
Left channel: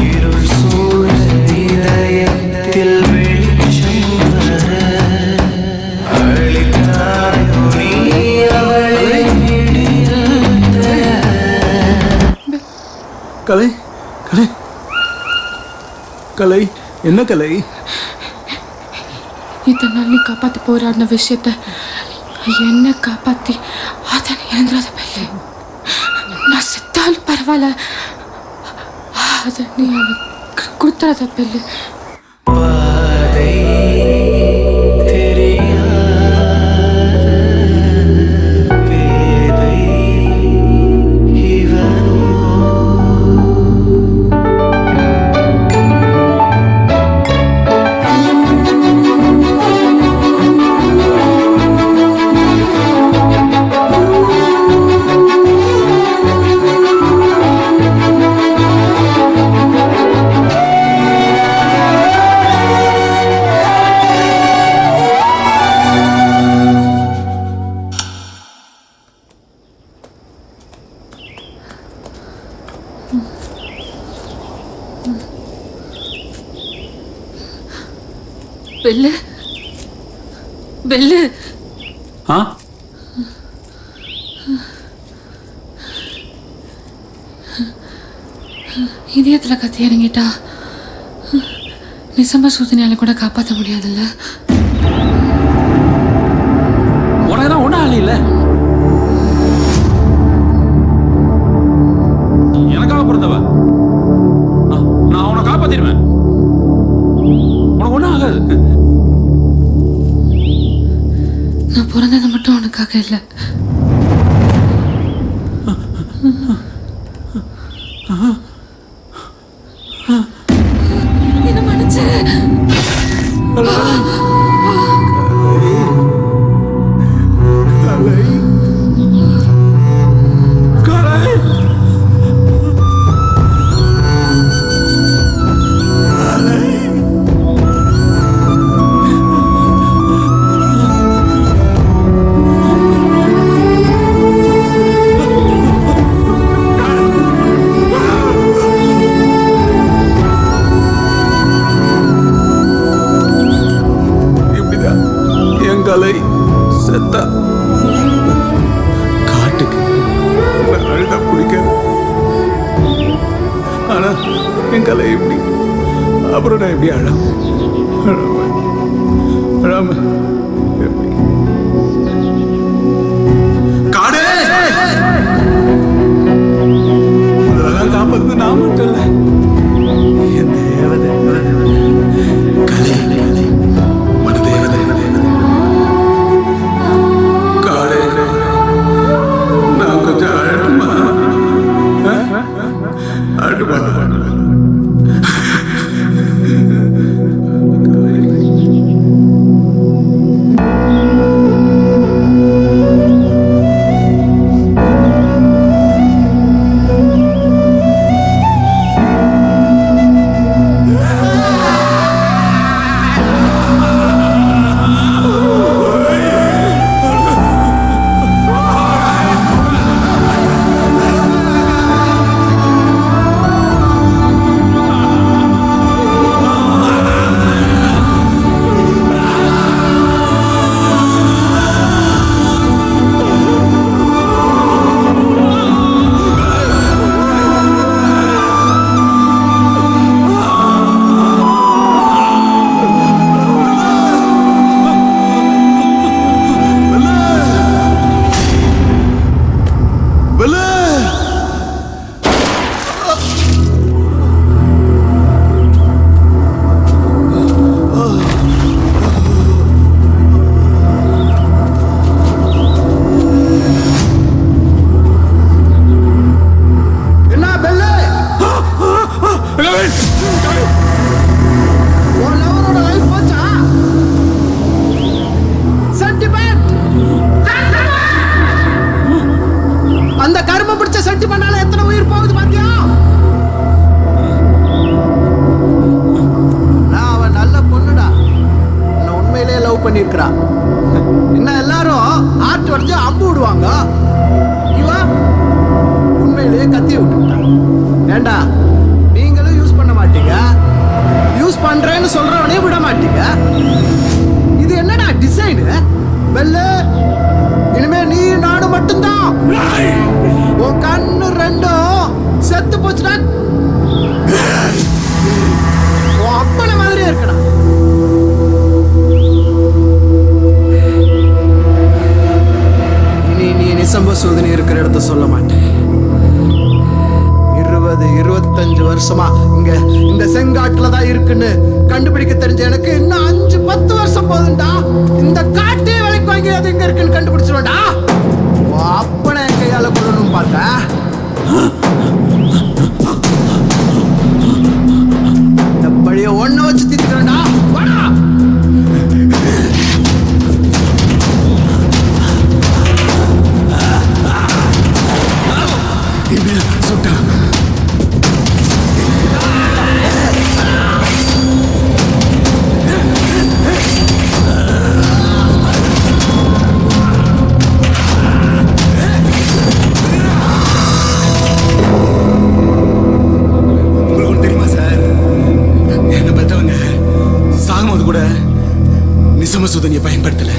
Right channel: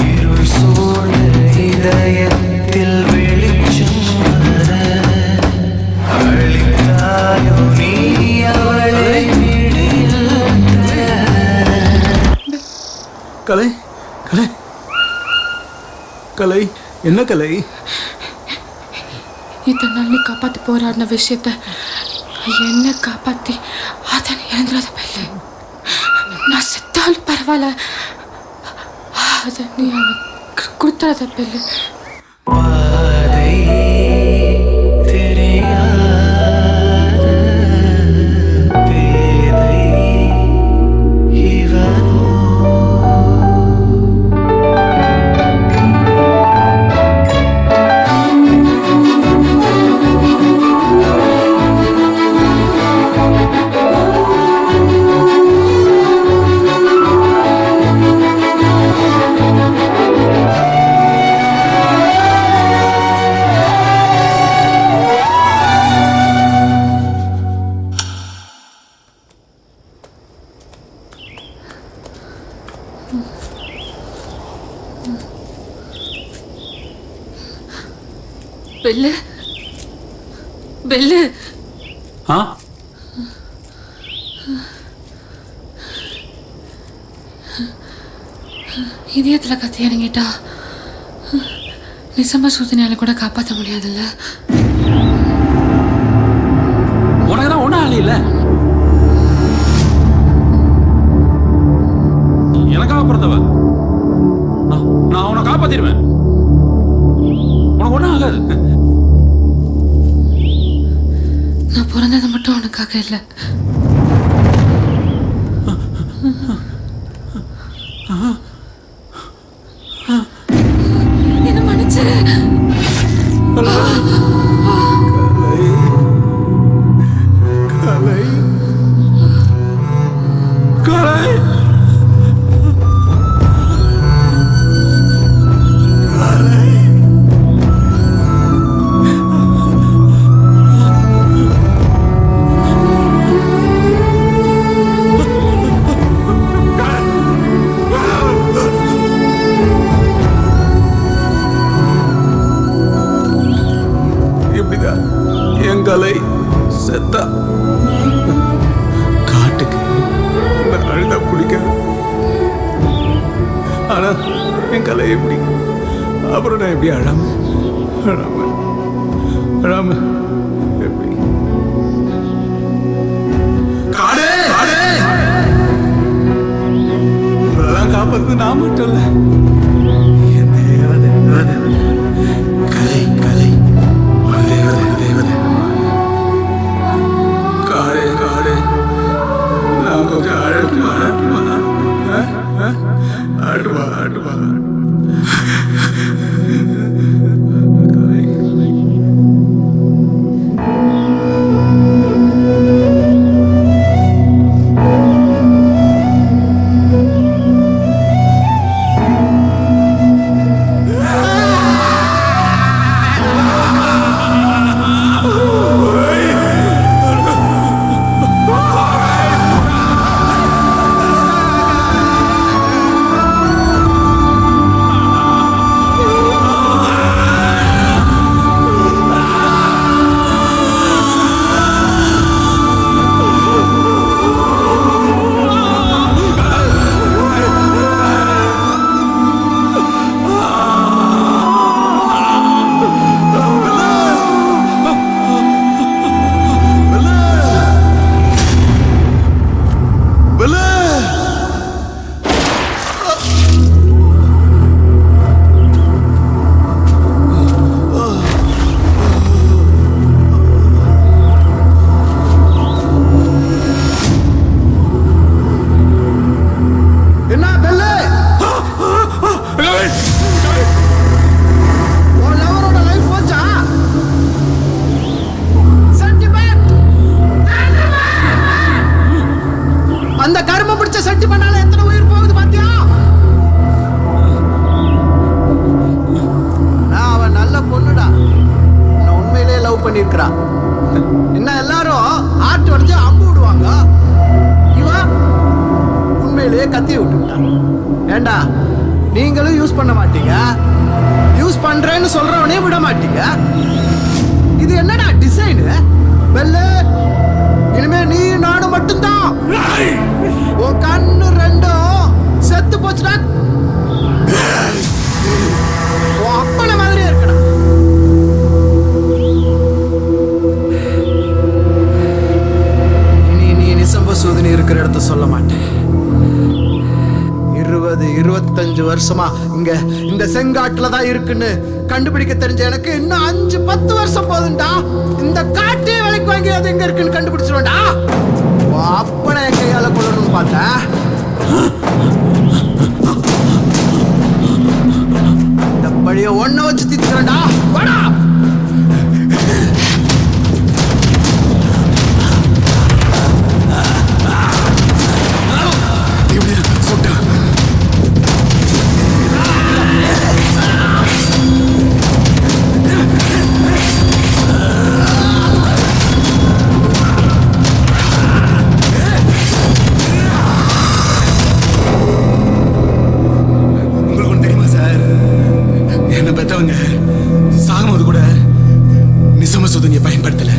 இருள் சூழ்ந்த இதயத்தில் வெளிச்சம் வர அளித்தாயோ நீ அவளை விடியல் தர. கலை கலை கலை என்ன கலை? இத்தனை நாள் நீ காப்பாற்றி போராடின விஷயத்த என்ன காப்பாற்றி அதை நீ இழந்துடாத பெல்லு. நான் செத்தாலும் பரவாயில்ல, அதை நீ அவனுக்கு கொடுத்துடாத பெல்லு. பாதை தெரியாத பேதை இவனோ. பெல்லு பெல்லு இதயத்துல கத்தி இறங்கிட்டா நிசம்ப சூதனையால கூட காப்பாற்ற முடியாதுல்ல. உனக்கு தான் ஒன்றும் ஆள் இல்லை. எனக்காக பிறந்தவ. நான் அவனை காப்பாத்திடுவேன். உனக்கு ஒன்றும் ஆகாது. நான் பிறந்தது மட்டும் உனக்காக இல்லை. என்ன மன்னிச்சிரு. கலை கலை கலை கலை இப்படிதான் என் கலை செத்தா. காட்டுக்கு நான் அழுதா பிடிக்காது. ஆனா என் கலை எப்படி, அப்புறம் நான் எப்படி அழாம அழாம அழாம எப்படி இதெல்லாம் காப்பாத்து நான் மட்டும் இல்ல, என் தேவதை கலை கலை தேவதை கலை. நான் கொஞ்சம் அழகுமா அழுவா அழுவா லவரோட லைஃப் போச்சா? சென்டிமெண்ட் அந்த கர்ம பிடிச்ச சென்டிமெண்டால எத்தனை உயிர் போகுது பாத்தியா? ஆனா அவ நல்ல பொண்ணுடா, உன்னை உண்மையிலேயே லவ் பண்ணிருக்கிறா. இன்னும் எல்லாரும் ஆட்டு உடஞ்சு அம்பு விடுவாங்க, இவ உண்மையிலேயே கத்தி விட்டுட்டான். ஏண்டா நீங்களும் யூஸ் பண்ண மாட்டீங்க, யூஸ் பண்றேன்னு சொல்றவனே விட மாட்டீங்க. இது என்னடா டிசைன்? பெல்லு, இனிமே நீ நானும் மட்டும்தான். உன் கண்ணு ரெண்டும் செத்து போச்சுடா. உன் அப்பன மாதிரியே இருக்கடா. மசூதினி இருக்கிற இடத்த சொல்ல மாட்டேன். 20-25 வருஷமா இங்க இந்த செங்காட்டுல தான் இருக்குன்னு கண்டுபிடிக்க தெரிஞ்ச எனக்கு இன்னும் 5-10 வருஷம் போதும்டா. இந்த காட்டே விலைக்கு வாங்கி அது எங்க இருக்குன்னு கண்டுபிடிச்சிருவேன்டா. அப்பனை என் கையால கொல்லணும்னு பார்த்தேன். அந்த பழிய ஒன்ன வச்சு தீத்துக்கிறேன்டா. வாடா. இப்படியா சுட்டான்? உங்களுக்கு ஒன்று தெரியுமா சார்? என்ன பெத்தவங்க சாகும்போது கூட நிசம சுதனியை பயன்படுத்தல.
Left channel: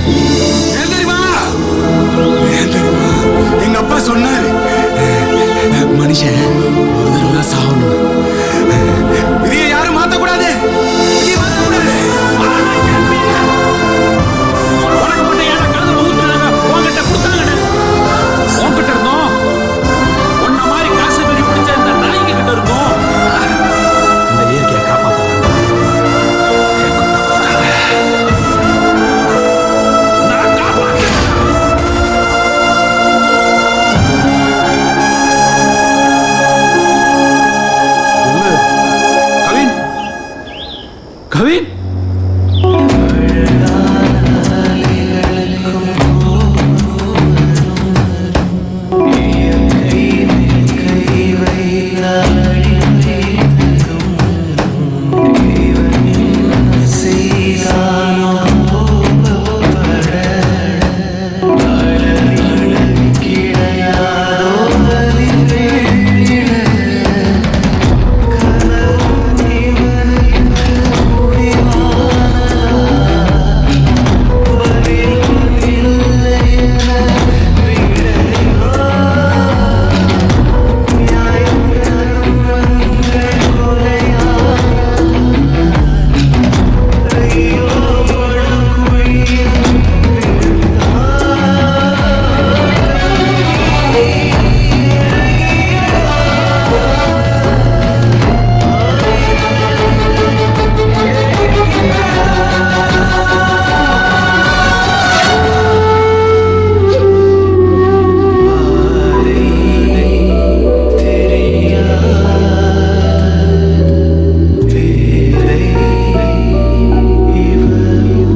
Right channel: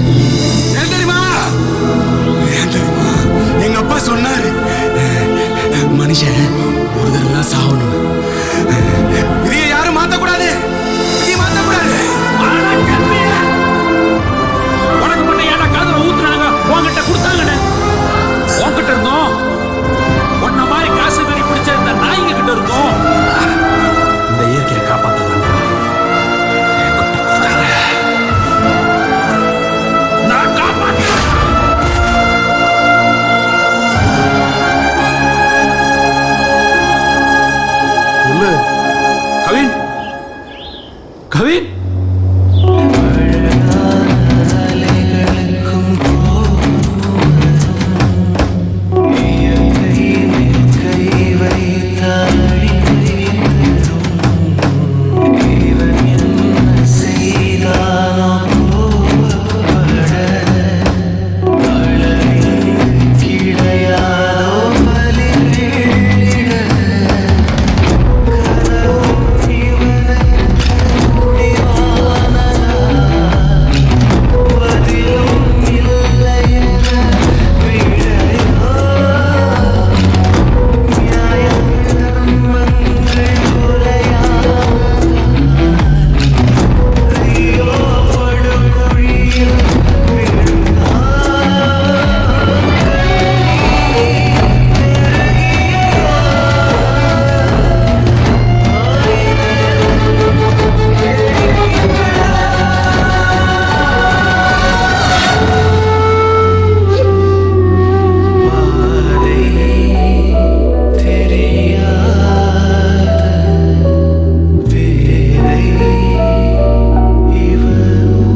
ஏன் தெரியுமா? ஏன் தெரியுமா? எங்க அப்பா சொன்னாரு, மனுஷன் ஒரு தடவை தான் சாகணும். விதியை யாரும் மாத்தக்கூடாது. விதியை மாத்தக்கூடாது. உனக்கு மட்டும் ஏன்டா காதுல ஊத்துனாங்க? உன்கிட்ட கொடுத்தாங்கன்னு உன்கிட்ட இருந்தோம். உன்ன மாதிரி காசு பெரி பிடிச்ச இந்த நாய்ங்க கிட்ட இருந்தோம். இந்த இயற்கையை காப்பாத்தாண்டா என்கிட்ட கொடுத்தாங்க. நான் காப்பாத்துறேன். சொல்லு கவின். கவின், அழகான அலைகளுக்கும் கோபம் வரும். இயற்கை மேல் கை வைத்தால் அழிவை தரும். இவன் என்ன செய்தானோ கோபப்பட அளவிங்கு கிடையாதோ பலிகளிட. கனவும் இவனுக்கு முடிவானதா? பதிலும் இல்லையென விடையோ? நியாயங்கள் தர்மங்கள் கொலையானதால் ஐயோ படுகுழியில் விழுந்தார். கண்ணீர் நெருங்கியதோ? இதயம் வெடிக்கின்றதோ? பாதை தெரியாத பேதை இவனோ?